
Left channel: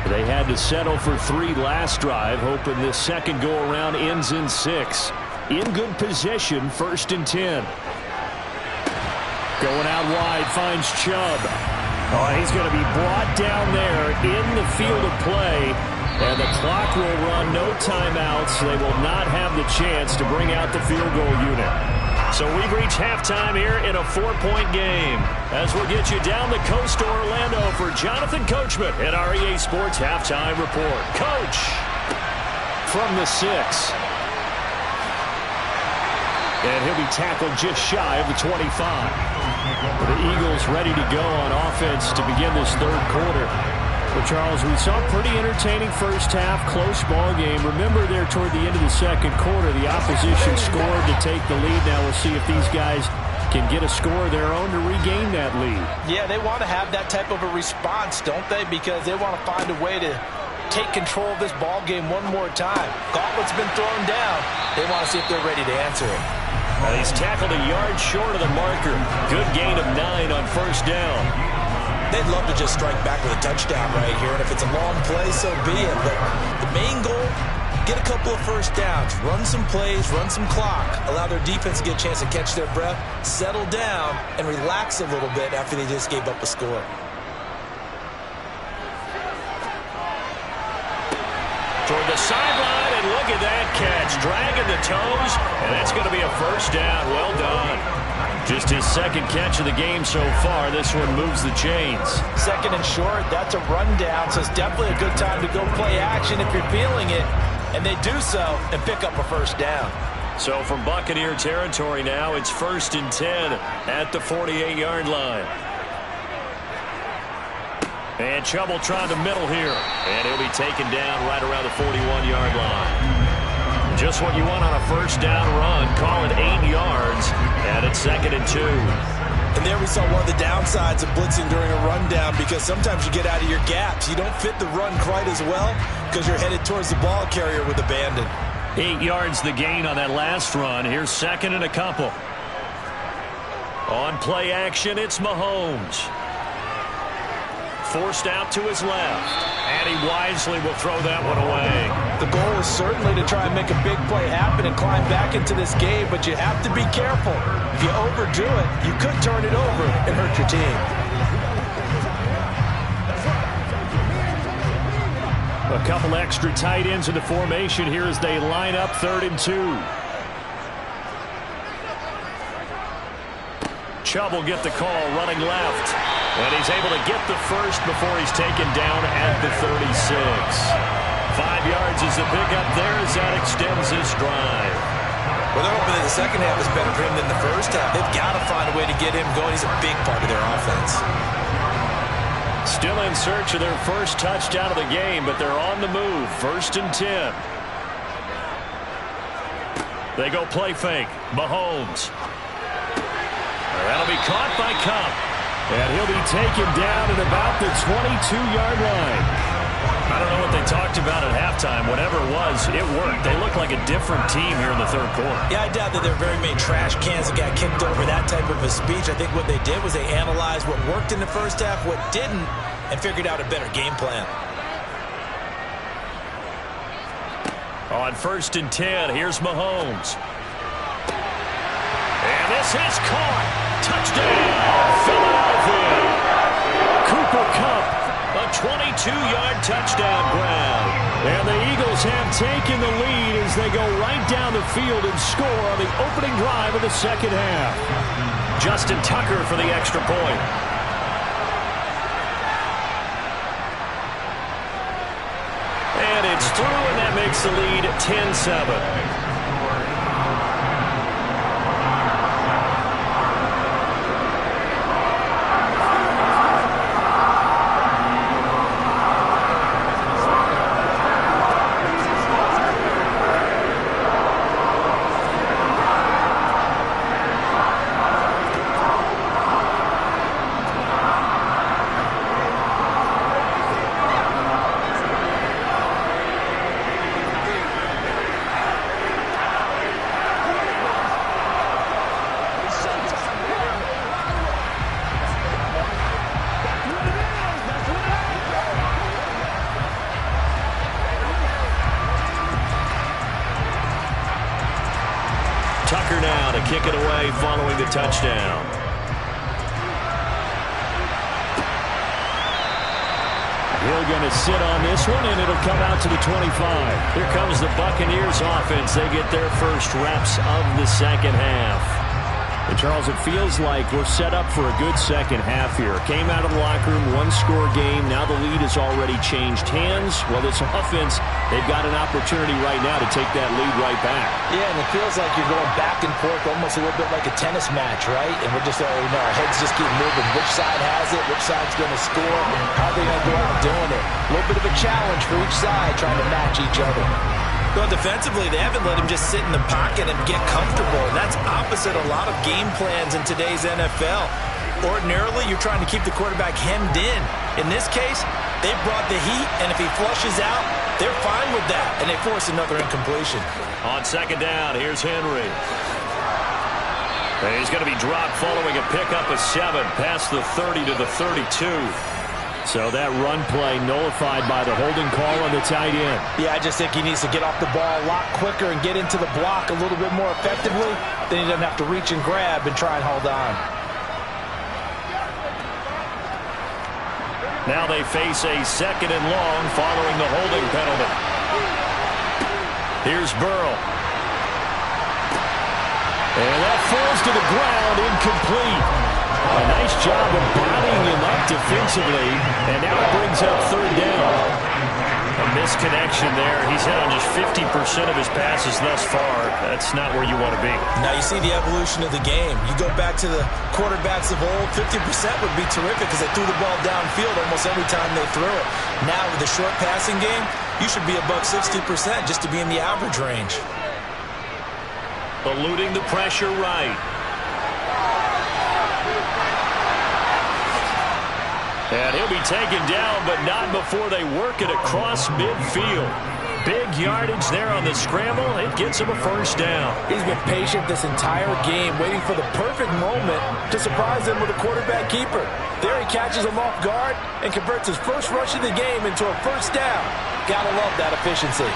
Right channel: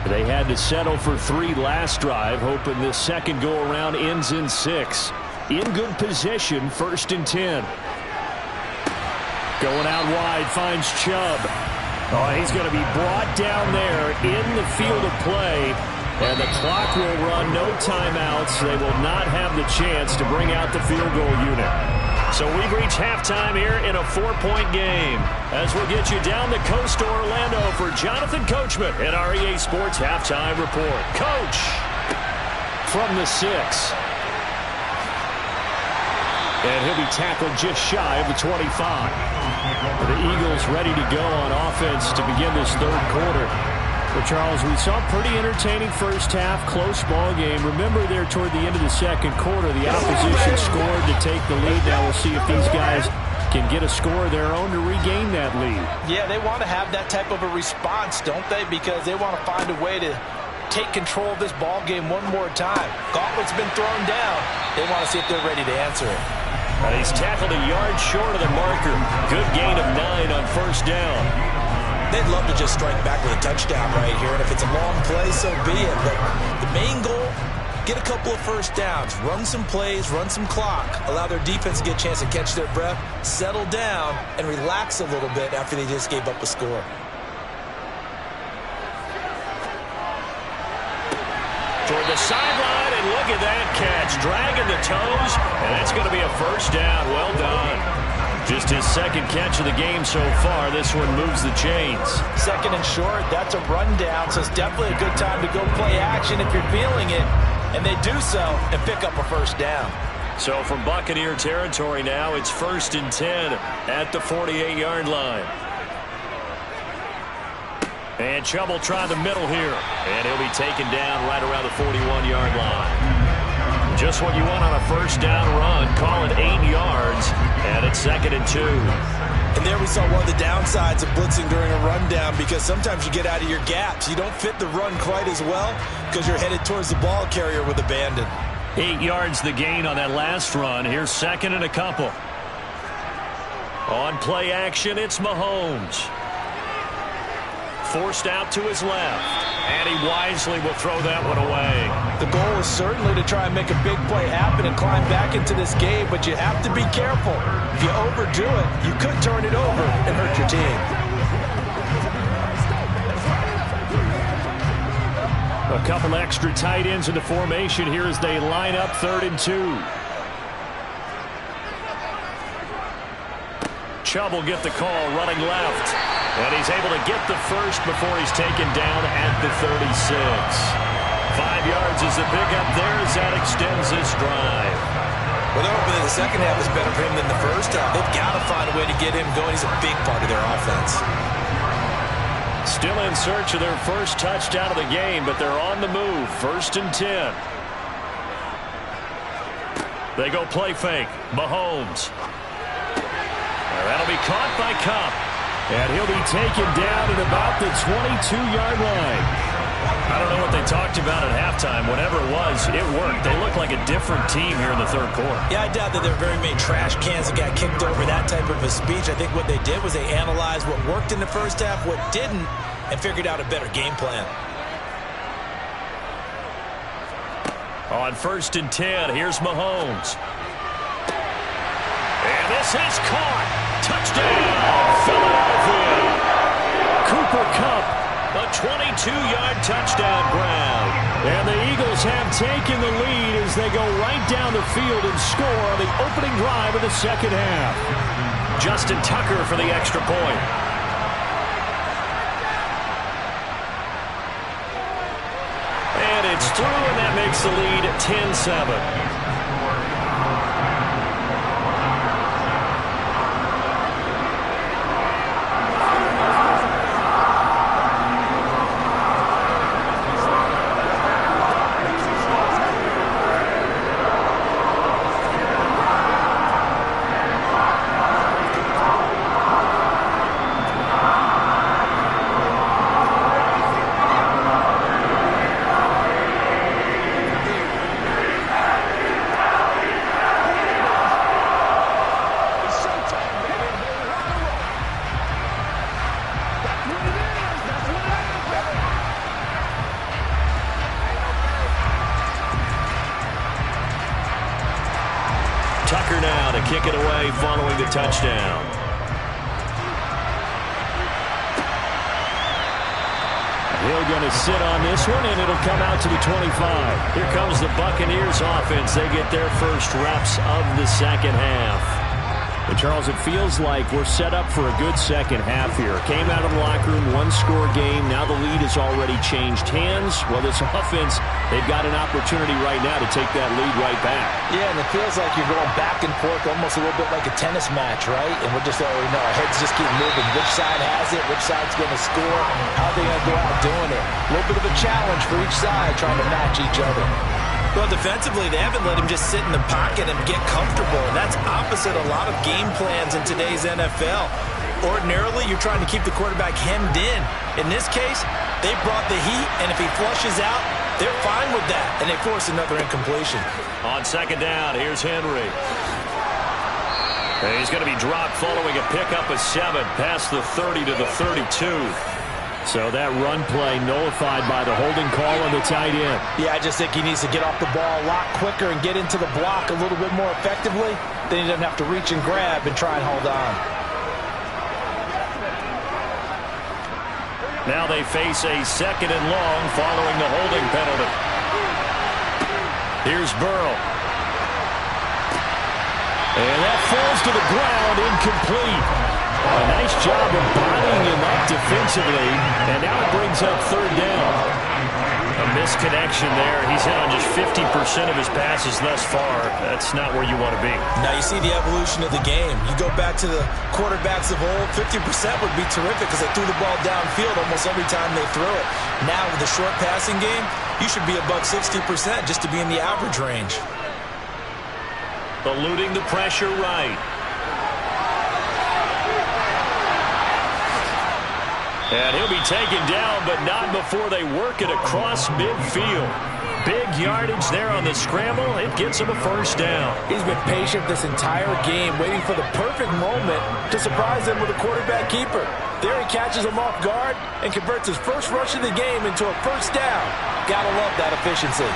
They had to settle for 3 last drive, hoping this second go-around ends in 6. In good position, 1st and 10. Going out wide, finds Chubb. Oh, he's going to be brought down there in the field of play. And the clock will run, no timeouts. They will not have the chance to bring out the field goal unit. So we've reached halftime here in a 4-point game. As we'll get you down the coast to Orlando for Jonathan Coachman at our EA Sports Halftime Report. Coach, from the 6. And he'll be tackled just shy of the 25. The Eagles ready to go on offense to begin this 3rd quarter. Well, Charles, we saw a pretty entertaining first half, close ball game. Remember there toward the end of the 2nd quarter, the opposition scored to take the lead. Now we'll see if these guys can get a score of their own to regain that lead. Yeah, they want to have that type of a response, don't they? Because they want to find a way to take control of this ball game one more time. Gauntlet's been thrown down. They want to see if they're ready to answer it. And he's tackled a yard short of the marker. Good gain of 9 on first down. They'd love to just strike back with a touchdown right here, and if it's a long play, so be it. But the main goal, get a couple of first downs, run some plays, run some clock, allow their defense to get a chance to catch their breath, settle down, and relax a little bit after they just gave up a score. Toward the sideline, and look at that catch. Dragging the toes, and that's going to be a first down. Well done. Just his 2nd catch of the game so far. This one moves the chains. 2nd and short, that's a rundown, so it's definitely a good time to go play action if you're feeling it. And they do so and pick up a first down. So from Buccaneer territory now, it's 1st and 10 at the 48-yard line. And Chubb will try the middle here. And he'll be taken down right around the 41-yard line. Just what you want on a first down run. Call it 8 yards. And it's 2nd and 2. And there we saw one of the downsides of blitzing during a rundown, because sometimes you get out of your gaps. You don't fit the run quite as well because you're headed towards the ball carrier with abandon. 8 yards the gain on that last run. Here's 2nd and a couple. On play action, it's Mahomes. Forced out to his left. And he wisely will throw that one away. The goal is certainly to try and make a big play happen and climb back into this game, but you have to be careful. If you overdo it, you could turn it over and hurt your team. A couple extra tight ends in the formation here as they line up 3rd and 2. Chubb will get the call running left. And he's able to get the first before he's taken down at the 36. 5 yards is the pickup there as that extends this drive. Well, they're hoping that the second half is better for him than the first half. They've got to find a way to get him going. He's a big part of their offense. Still in search of their first touchdown of the game, but they're on the move. 1st and 10. They go play fake. Mahomes. That'll be caught by Kupp. And he'll be taken down at about the 22-yard line. I don't know what they talked about at halftime. Whatever it was, it worked. They look like a different team here in the third quarter. Yeah, I doubt that there are very many trash cans that got kicked over that type of a speech. I think what they did was they analyzed what worked in the first half, what didn't, and figured out a better game plan. On 1st and 10, here's Mahomes. And this is caught. Touchdown, Philadelphia. Cooper Kupp. A 22-yard touchdown grab. And the Eagles have taken the lead as they go right down the field and score on the opening drive of the second half. Justin Tucker for the extra point. And it's through, and that makes the lead 10-7. Tucker now to kick it away following the touchdown. Hill going to sit on this one, and it'll come out to the 25. Here comes the Buccaneers offense. They get their first reps of the second half. And Charles, it feels like we're set up for a good second half here. Came out of the locker room, one-score game. Now the lead has already changed hands. Well, this offense, they've got an opportunity right now to take that lead right back. Yeah, and it feels like you're going back and forth almost a little bit like a tennis match, right? And we're just already know our heads just keep moving. Which side has it? Which side's going to score? How are they going to go out doing it? A little bit of a challenge for each side trying to match each other. Well, defensively, they haven't let him just sit in the pocket and get comfortable. And that's opposite a lot of game plans in today's NFL. Ordinarily, you're trying to keep the quarterback hemmed in. In this case, they brought the heat, and if he flushes out, they're fine with that, and they force another incompletion. On second down, here's Henry. He's going to be dropped following a pickup of 7 past the 30 to the 32. So that run play nullified by the holding call on the tight end. Yeah, I just think he needs to get off the ball a lot quicker and get into the block a little bit more effectively. Then he doesn't have to reach and grab and try and hold on. Now they face a 2nd and long following the holding penalty. Here's Burrow. And that falls to the ground, incomplete. A nice job of bodying him up defensively, and now it brings up 3rd down. A misconnection there. He's hit on just 50% of his passes thus far. That's not where you want to be. Now you see the evolution of the game. You go back to the quarterbacks of old, 50% would be terrific because they threw the ball downfield almost every time they threw it. Now with the short passing game, you should be above 60% just to be in the average range. Eluding the pressure right. And he'll be taken down, but not before they work it across midfield. Big yardage there on the scramble. It gets him a 1st down. He's been patient this entire game, waiting for the perfect moment to surprise them with a quarterback keeper. There he catches him off guard and converts his first rush of the game into a 1st down. Gotta love that efficiency.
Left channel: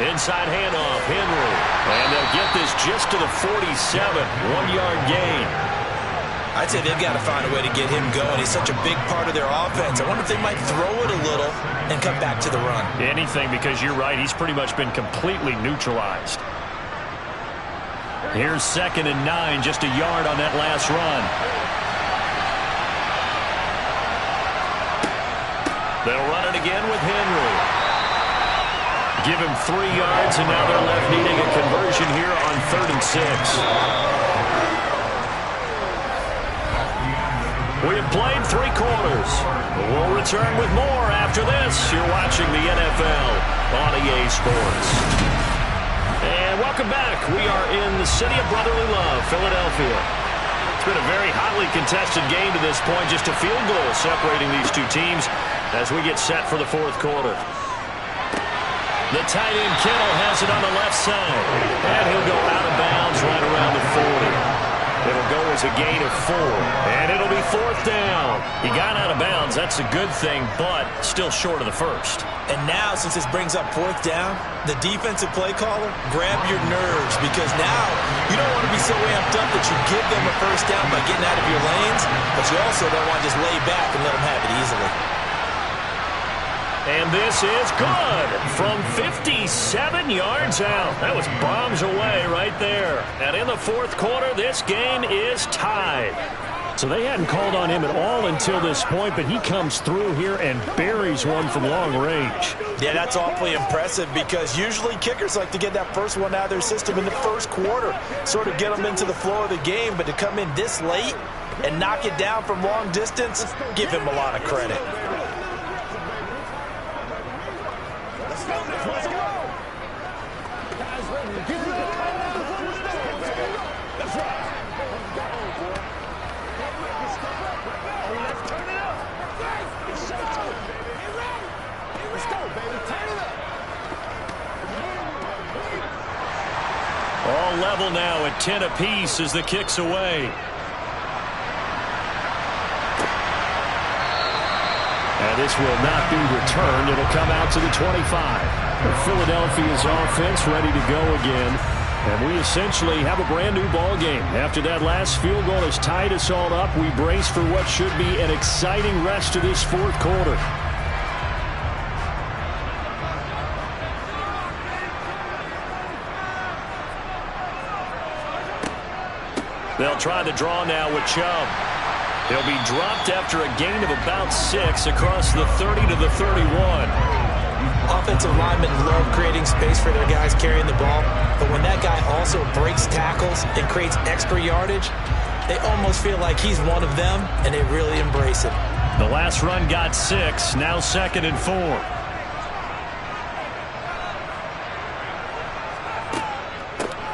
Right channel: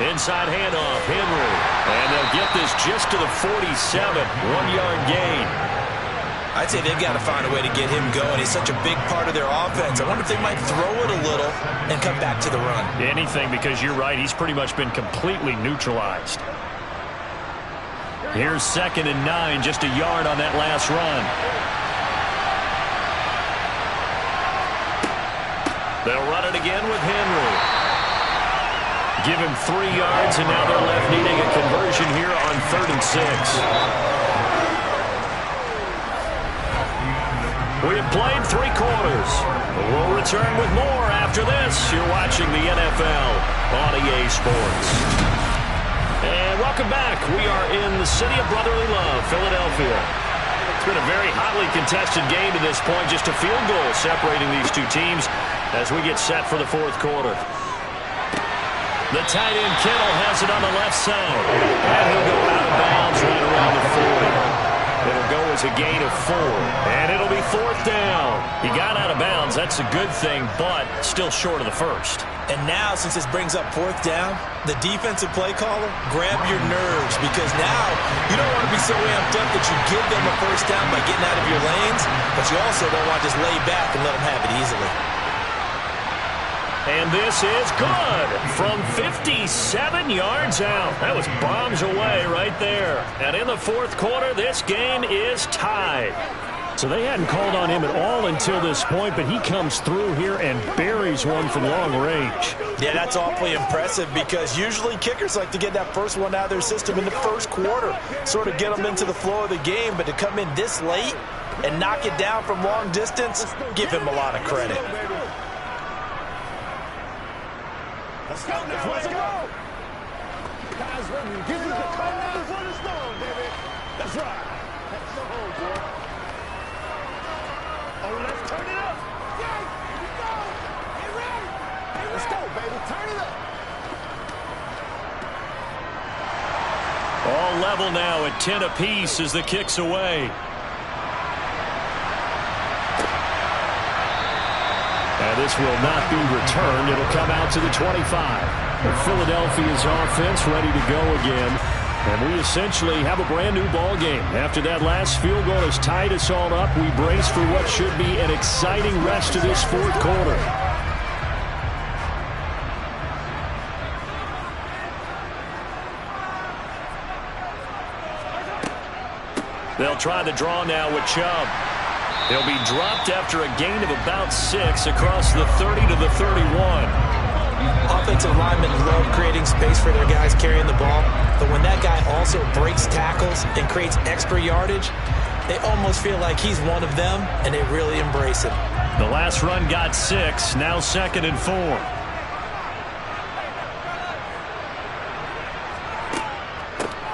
Inside handoff, Henry. And they'll get this just to the 47, 1-yard gain. I'd say they've got to find a way to get him going. He's such a big part of their offense. I wonder if they might throw it a little and come back to the run. Anything, because you're right. He's pretty much been completely neutralized. Here's 2nd and 9, just a yard on that last run. They'll run it again with Henry. Give him 3 yards, and now they're left needing a conversion here on 3rd and 6. We have played 3 quarters. We'll return with more after this. You're watching the NFL on EA Sports. And welcome back. We are in the city of brotherly love, Philadelphia. It's been a very hotly contested game to this point. Just a field goal separating these two teams as we get set for the fourth quarter. The tight end Kittle has it on the left side. And he'll go out of bounds right around the 40. It'll go as a gain of 4. And it'll be fourth down. He got out of bounds. That's a good thing, but still short of the first. And now, since this brings up fourth down, the defensive play caller, grab your nerves, because now you don't want to be so amped up that you give them a first down by getting out of your lanes, but you also don't want to just lay back and let them have it easily. And this is good from 57 yards out. That was bombs away right there. And in the fourth quarter, this game is tied. So they hadn't called on him at all until this point, but he comes through here and buries one from long range. Yeah, that's awfully impressive because usually kickers like to get that first one out of their system in the first quarter, sort of get them into the flow of the game, but to come in this late and knock it down from long distance, give him a lot of credit. Let's go now, let's go. Guys ready to get it up. Come now for the storm, baby. That's right. Let's go home, boy. Oh, let's turn it up. Yes, let's go. Get ready. Get ready. Let's go, baby. Turn it up. All level now at 10 apiece as the kick's away. And this will not be returned. It'll come out to the 25. Philadelphia's offense ready to go again. And we essentially have a brand new ball game. After that last field goal has tied us all up, we brace for what should be an exciting rest of this fourth quarter. They'll try the draw now with Chubb. He'll be dropped after a gain of about 6 across the 30 to the 31. Offensive linemen love creating space for their guys carrying the ball, but when that guy also breaks tackles and creates extra yardage, they almost feel like he's one of them, and they really embrace him. The last run got 6, now 2nd and 4.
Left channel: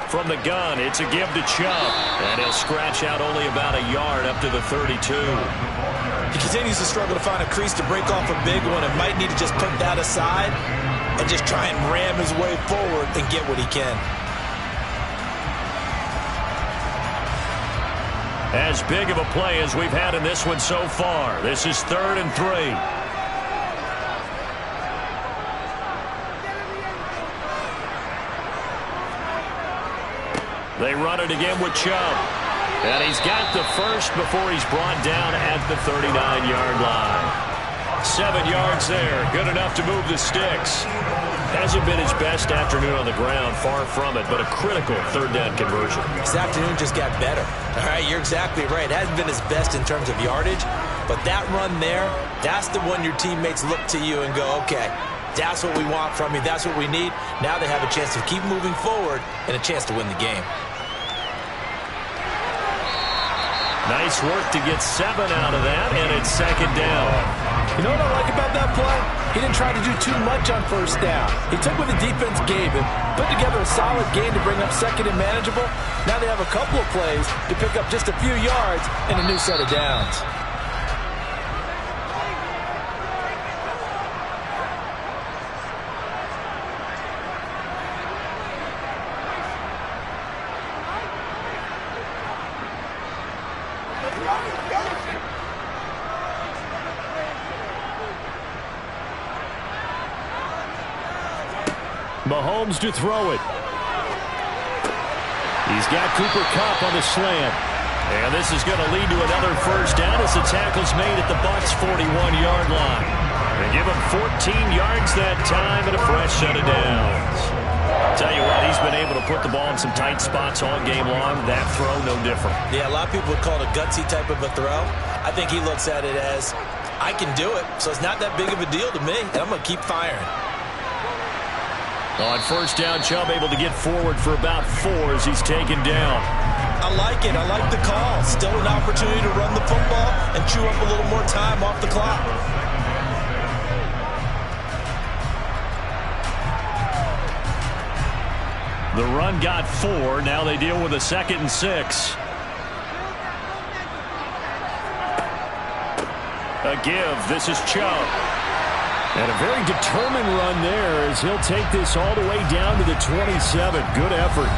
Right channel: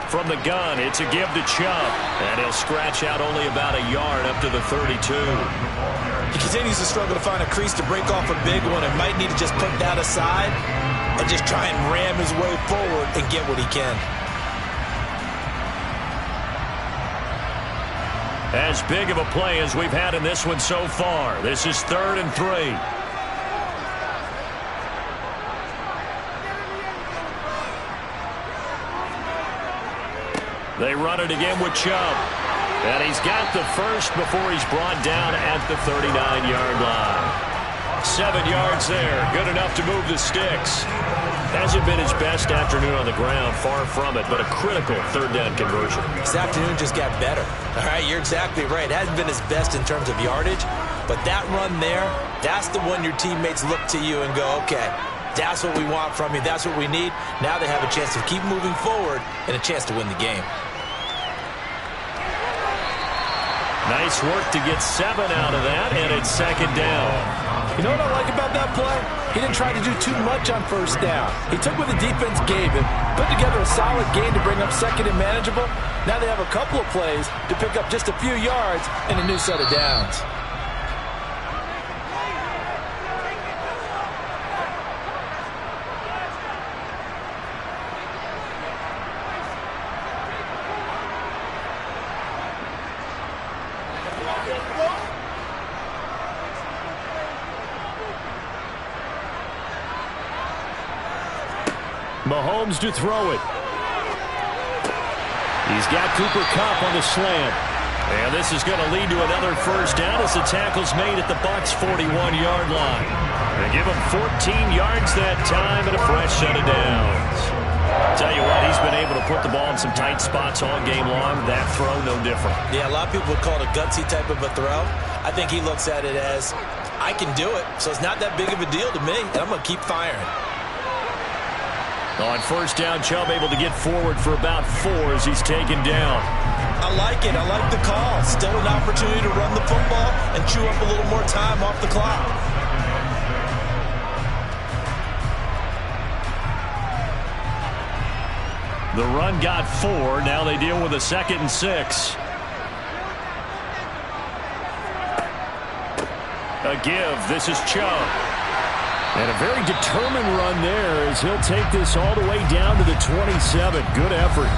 From the gun, it's a give to Chubb, and he'll scratch out only about a yard up to the 32. He continues to struggle to find a crease to break off a big one and might need to just put that aside and just try and ram his way forward and get what he can. As big of a play as we've had in this one so far. This is 3rd and 3. They run it again with Chubb. And he's got the first before he's brought down at the 39-yard line. 7 yards there. Good enough to move the sticks. Hasn't been his best afternoon on the ground. Far from it, but a critical 3rd down conversion. This afternoon just got better. All right, you're exactly right. It hasn't been his best in terms of yardage, but that run there, that's the one your teammates look to you and go, okay, that's what we want from you. That's what we need. Now they have a chance to keep moving forward and a chance to win the game. Nice work to get 7 out of that, and it's 2nd down. You know what I like about that play? He didn't try to do too much on first down. He took what the defense gave him, put together a solid game to bring up 2nd and manageable. Now they have a couple of plays to pick up just a few yards and a new set of downs. Mahomes to throw it. He's got Cooper Kupp on the slant. And this is going to lead to another first down as the tackle's made at the Bucs' 41-yard line. They give him 14 yards that time and a fresh set of downs. Tell you what, he's been able to put the ball in some tight spots all game long. That throw, no different. Yeah, a lot of people would call it a gutsy type of a throw. I think he looks at it as, I can do it, so it's not that big of a deal to me, and I'm going to keep firing. On first down, Chubb able to get forward for about 4 as he's taken down. I like it. I like the call. Still an opportunity to run the football and chew up a little more time off the clock. The run got 4. Now they deal with a 2nd and 6. A give. This is Chubb. And a very determined run there as he'll take this all the way down to the 27. Good effort.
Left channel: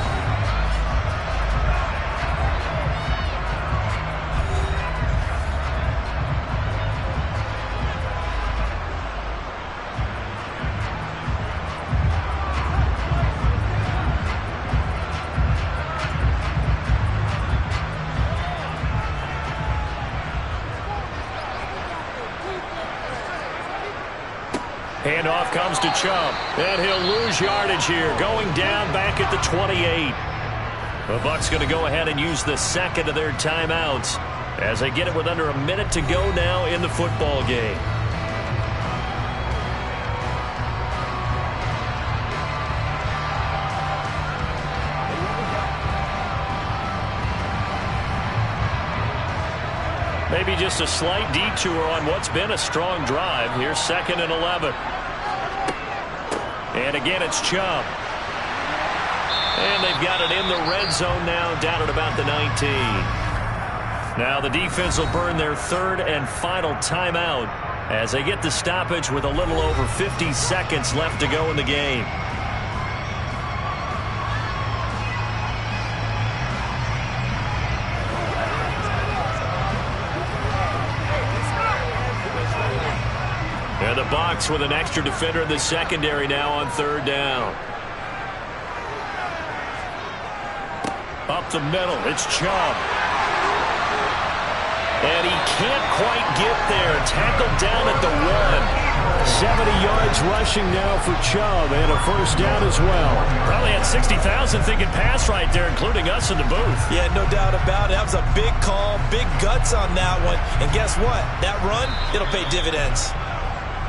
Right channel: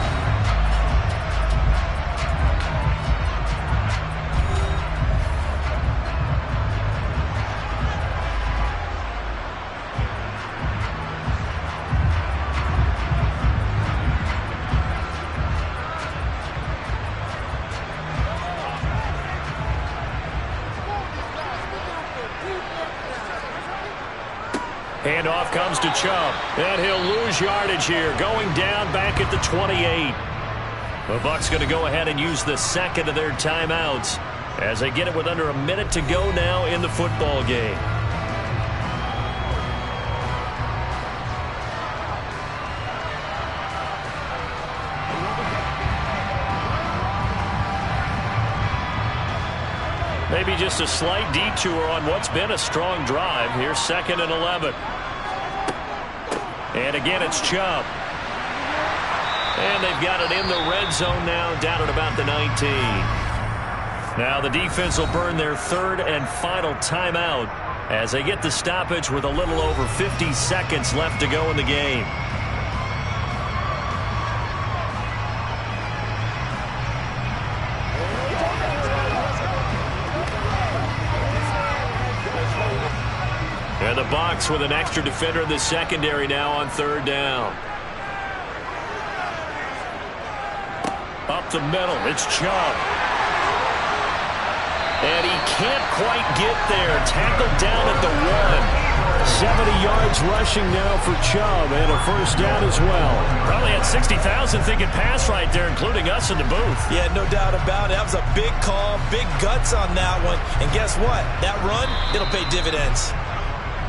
Handoff comes to Chubb, and he'll lose yardage here, going down back at the 28. The Bucs going to go ahead and use the 2nd of their timeouts as they get it with under a minute to go now in the football game. Maybe just a slight detour on what's been a strong drive. Here's 2nd and 11. And again, it's Chubb. And they've got it in the red zone now, down at about the 19. Now the defense will burn their 3rd and final timeout as they get the stoppage with a little over 50 seconds left to go in the game. And the Bucs with an extra defender in the secondary now on 3rd down. Up the middle, it's Chubb. And he can't quite get there. Tackled down at the 1. 70 yards rushing now for Chubb, and a 1st down as well. Probably had 60,000 thinking pass right there, including us in the booth. Yeah, no doubt about it. That was a big call, big guts on that one. And guess what? That run, it'll pay dividends.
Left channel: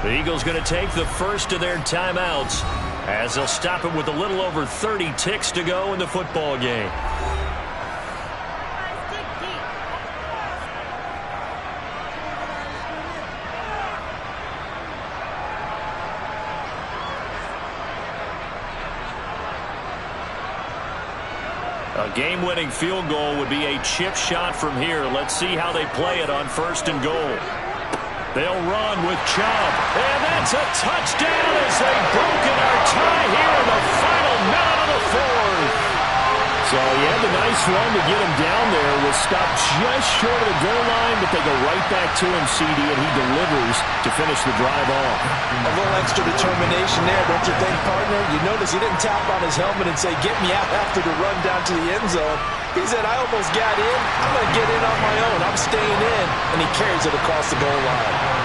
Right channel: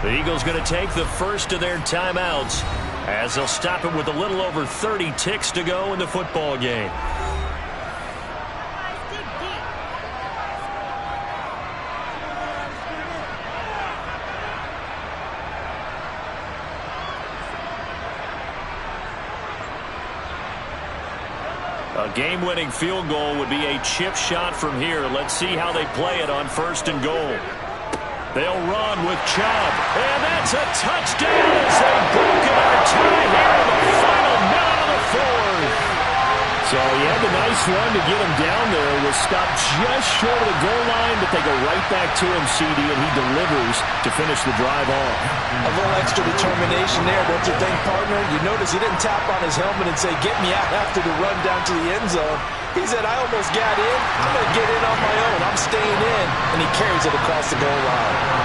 The Eagles going to take the 1st of their timeouts as they'll stop it with a little over 30 ticks to go in the football game. A game-winning field goal would be a chip shot from here. Let's see how they play it on 1st and goal. They'll run with Chubb. And that's a touchdown as they've broken our tie here in the final minute of the 4th. So he had the nice run to get him down there. Was stopped just short of the goal line, but they go right back to him, CD, and he delivers to finish the drive off. A little extra determination there, don't you think, partner? You notice he didn't tap on his helmet and say, get me out after the run down to the end zone. He said, I almost got in. I'm going to get in on my own. I'm staying in. And he carries it across the goal line.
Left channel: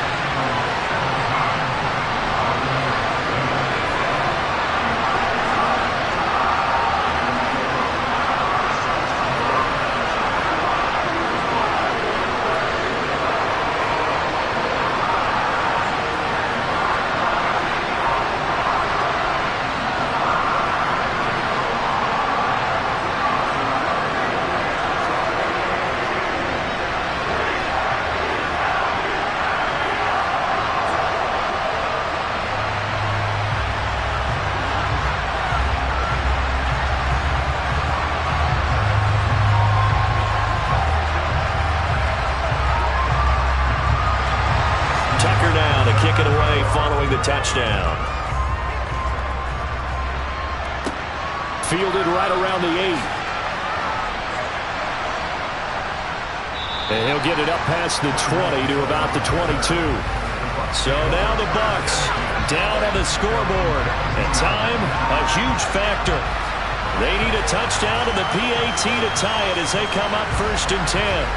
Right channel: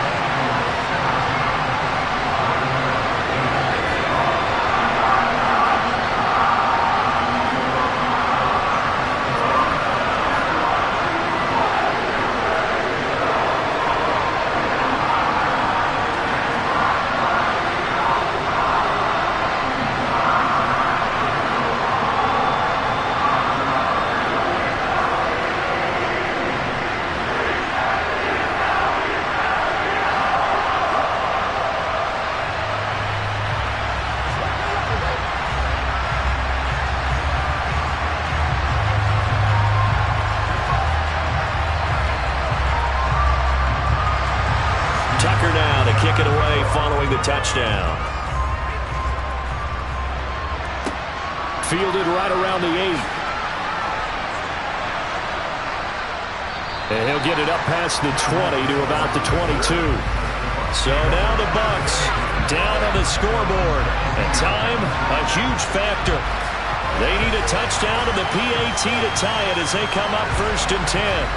Kick it away following the touchdown. Fielded right around the 8. And he'll get it up past the 20 to about the 22. So now the Bucs down on the scoreboard. And time, a huge factor. They need a touchdown to the PAT to tie it as they come up 1st and 10.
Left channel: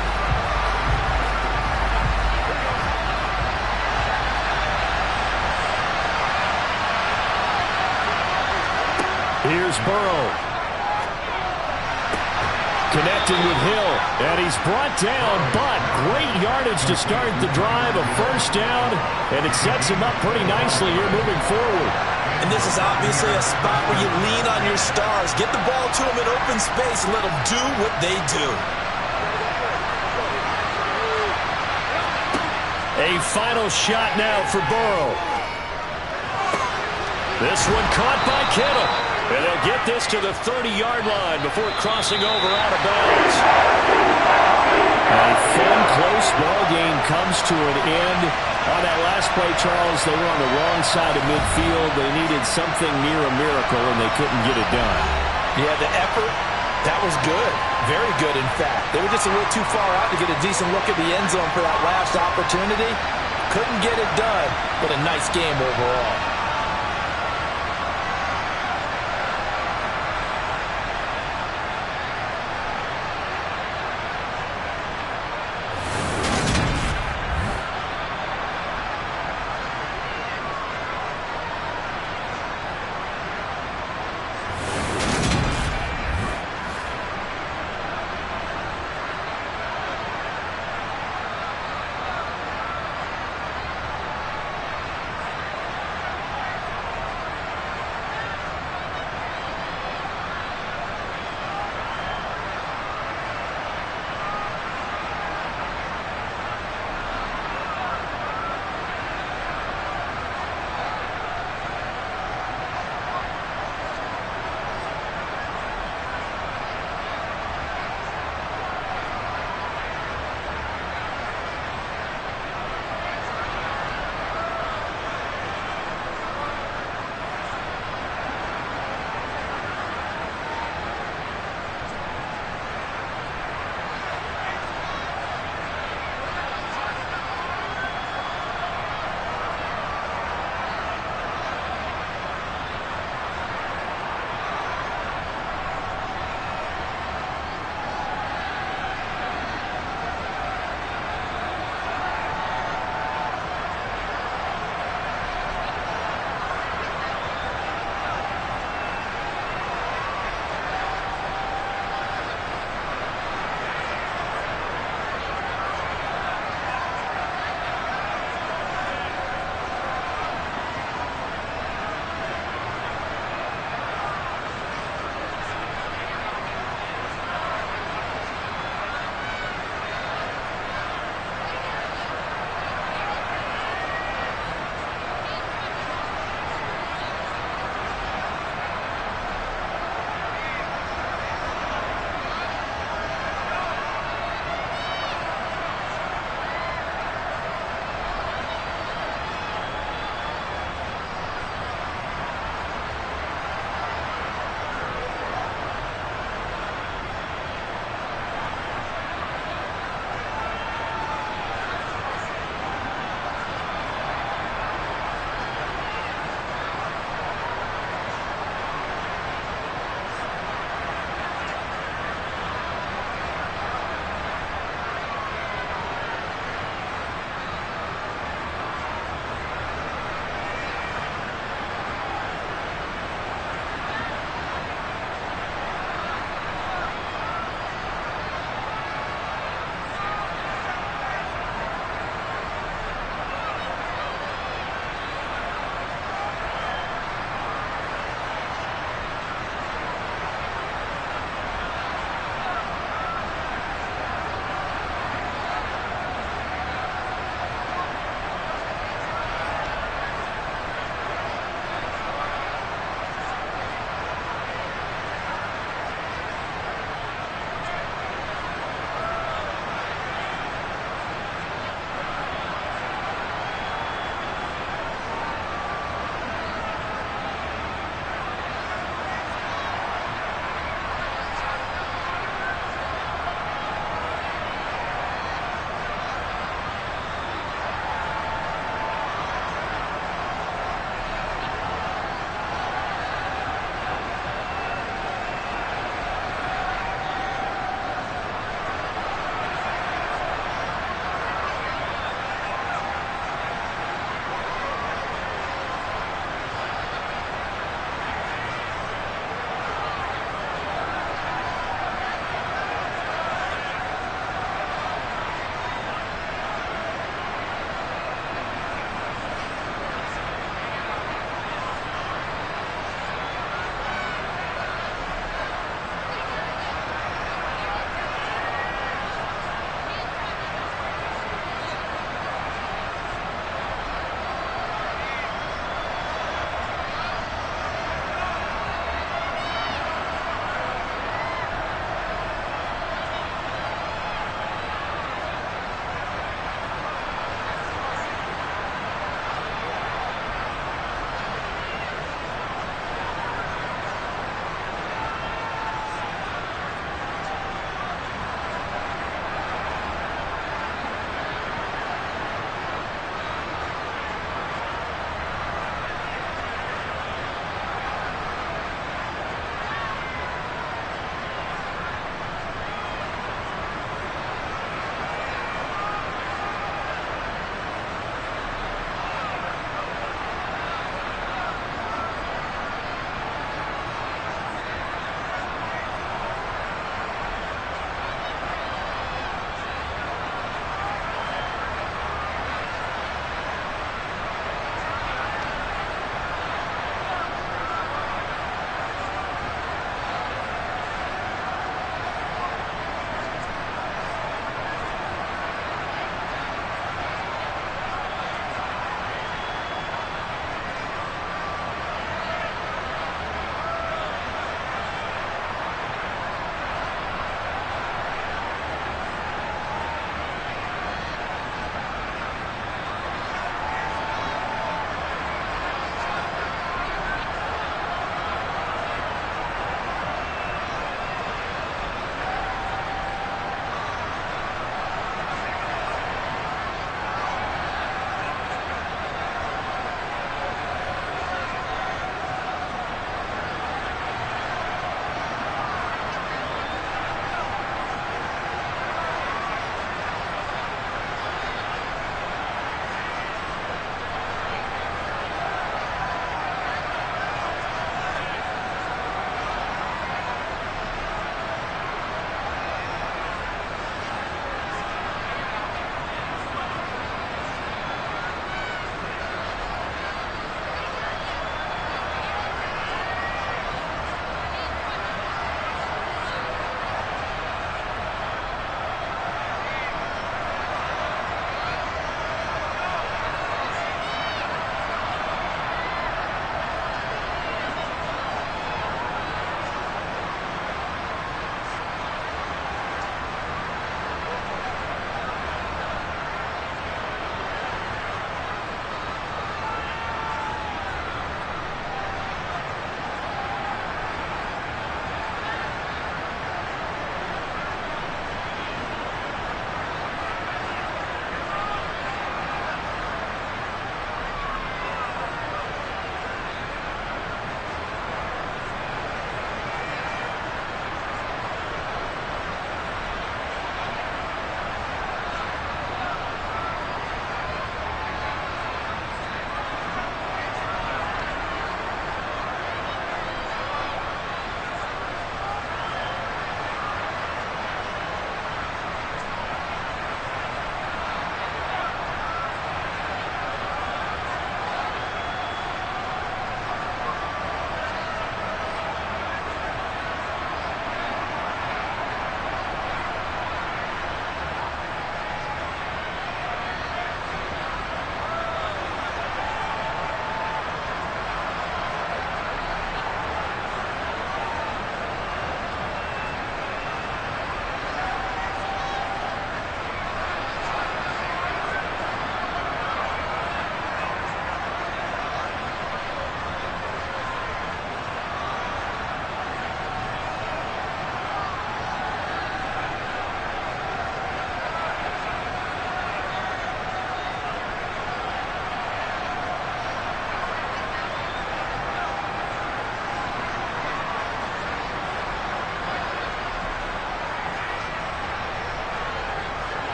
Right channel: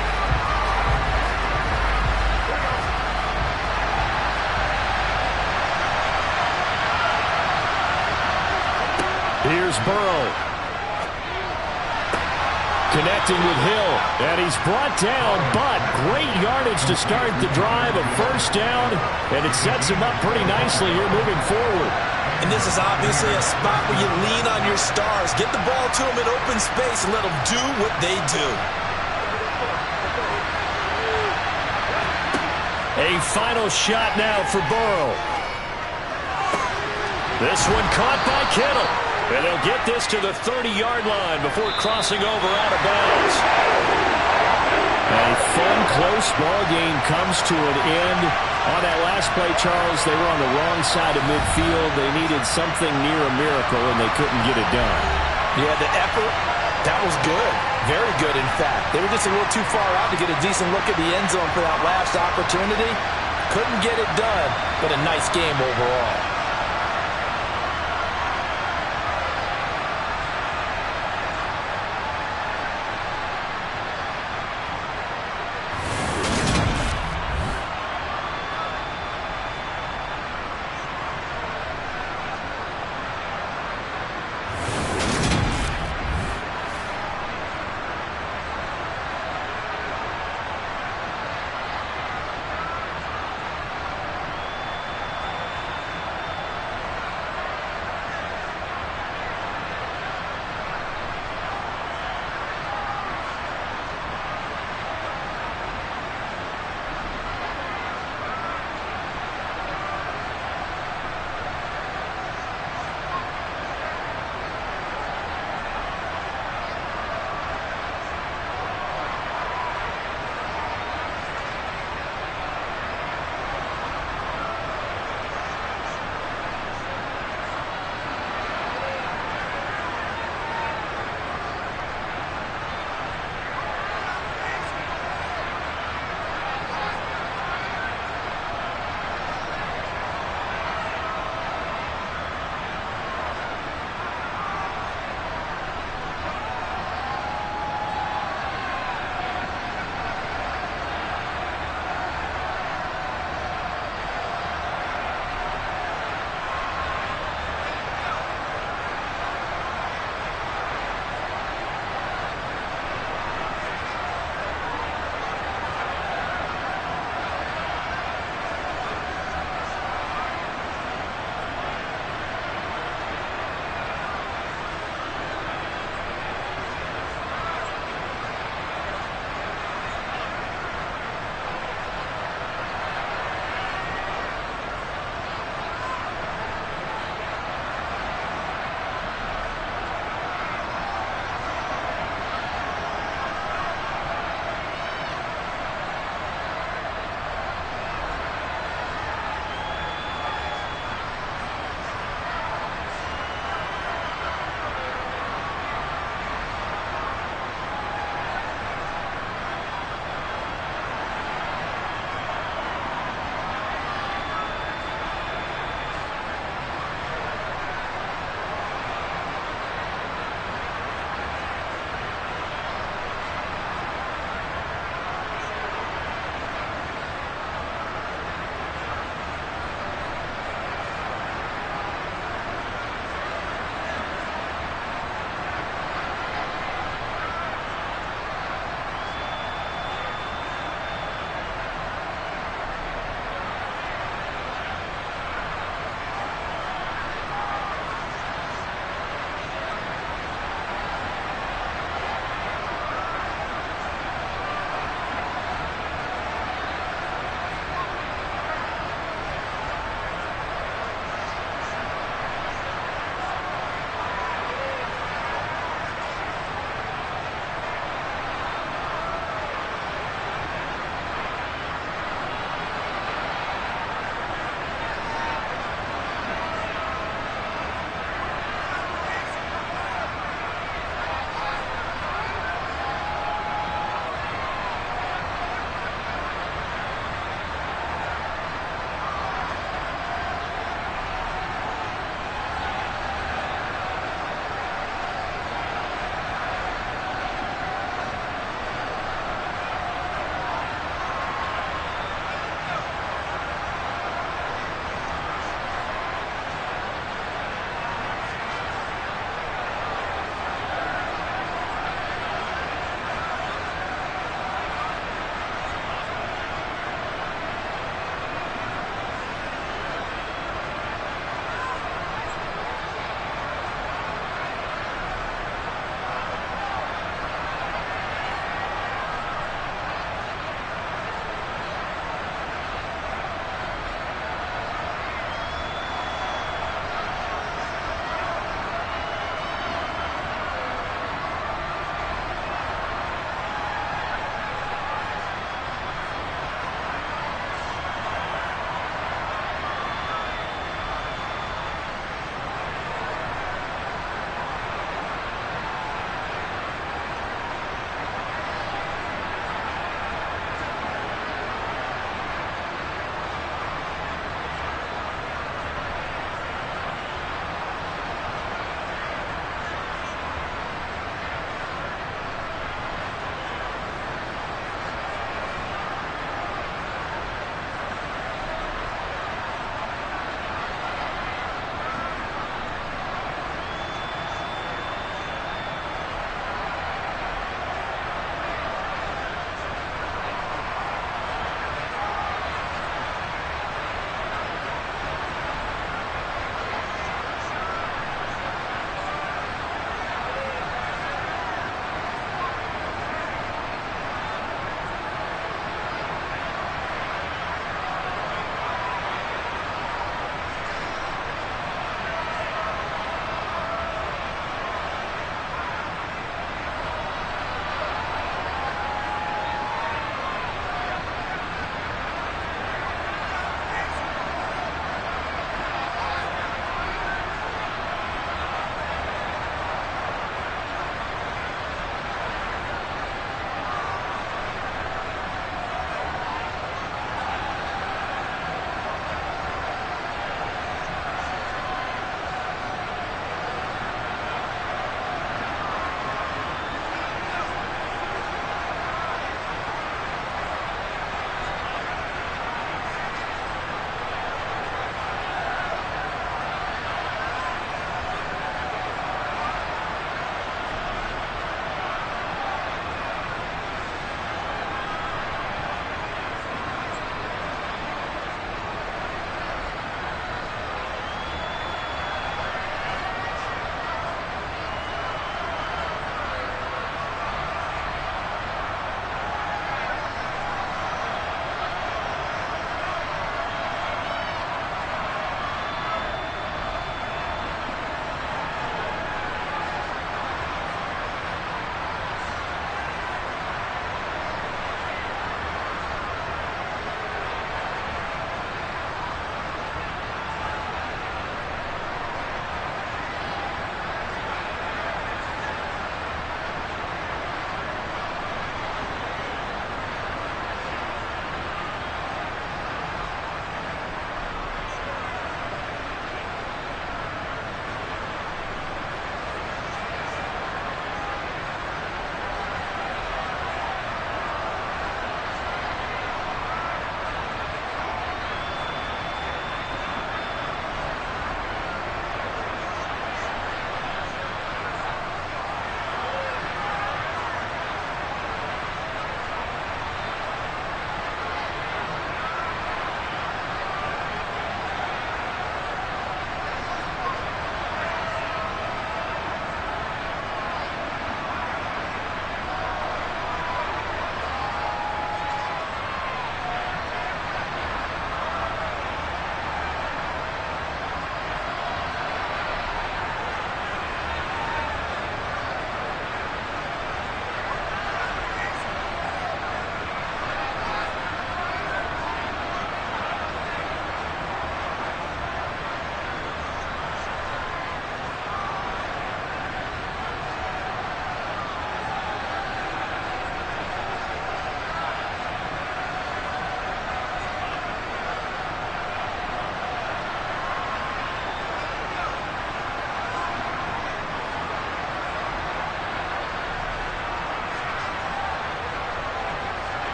Here's Burrow. Connecting with Hill. And he's brought down, but great yardage to start the drive. A 1st down, and it sets him up pretty nicely here moving forward. And this is obviously a spot where you lean on your stars. Get the ball to them in open space and let them do what they do. A final shot now for Burrow. This one caught by Kittle. And they'll get this to the 30-yard line before crossing over out of bounds. A fun, close ball game comes to an end. On that last play, Charles, they were on the wrong side of midfield. They needed something near a miracle, and they couldn't get it done. Yeah, the effort, that was good. Very good, in fact. They were just a little too far out to get a decent look at the end zone for that last opportunity. Couldn't get it done, but a nice game overall.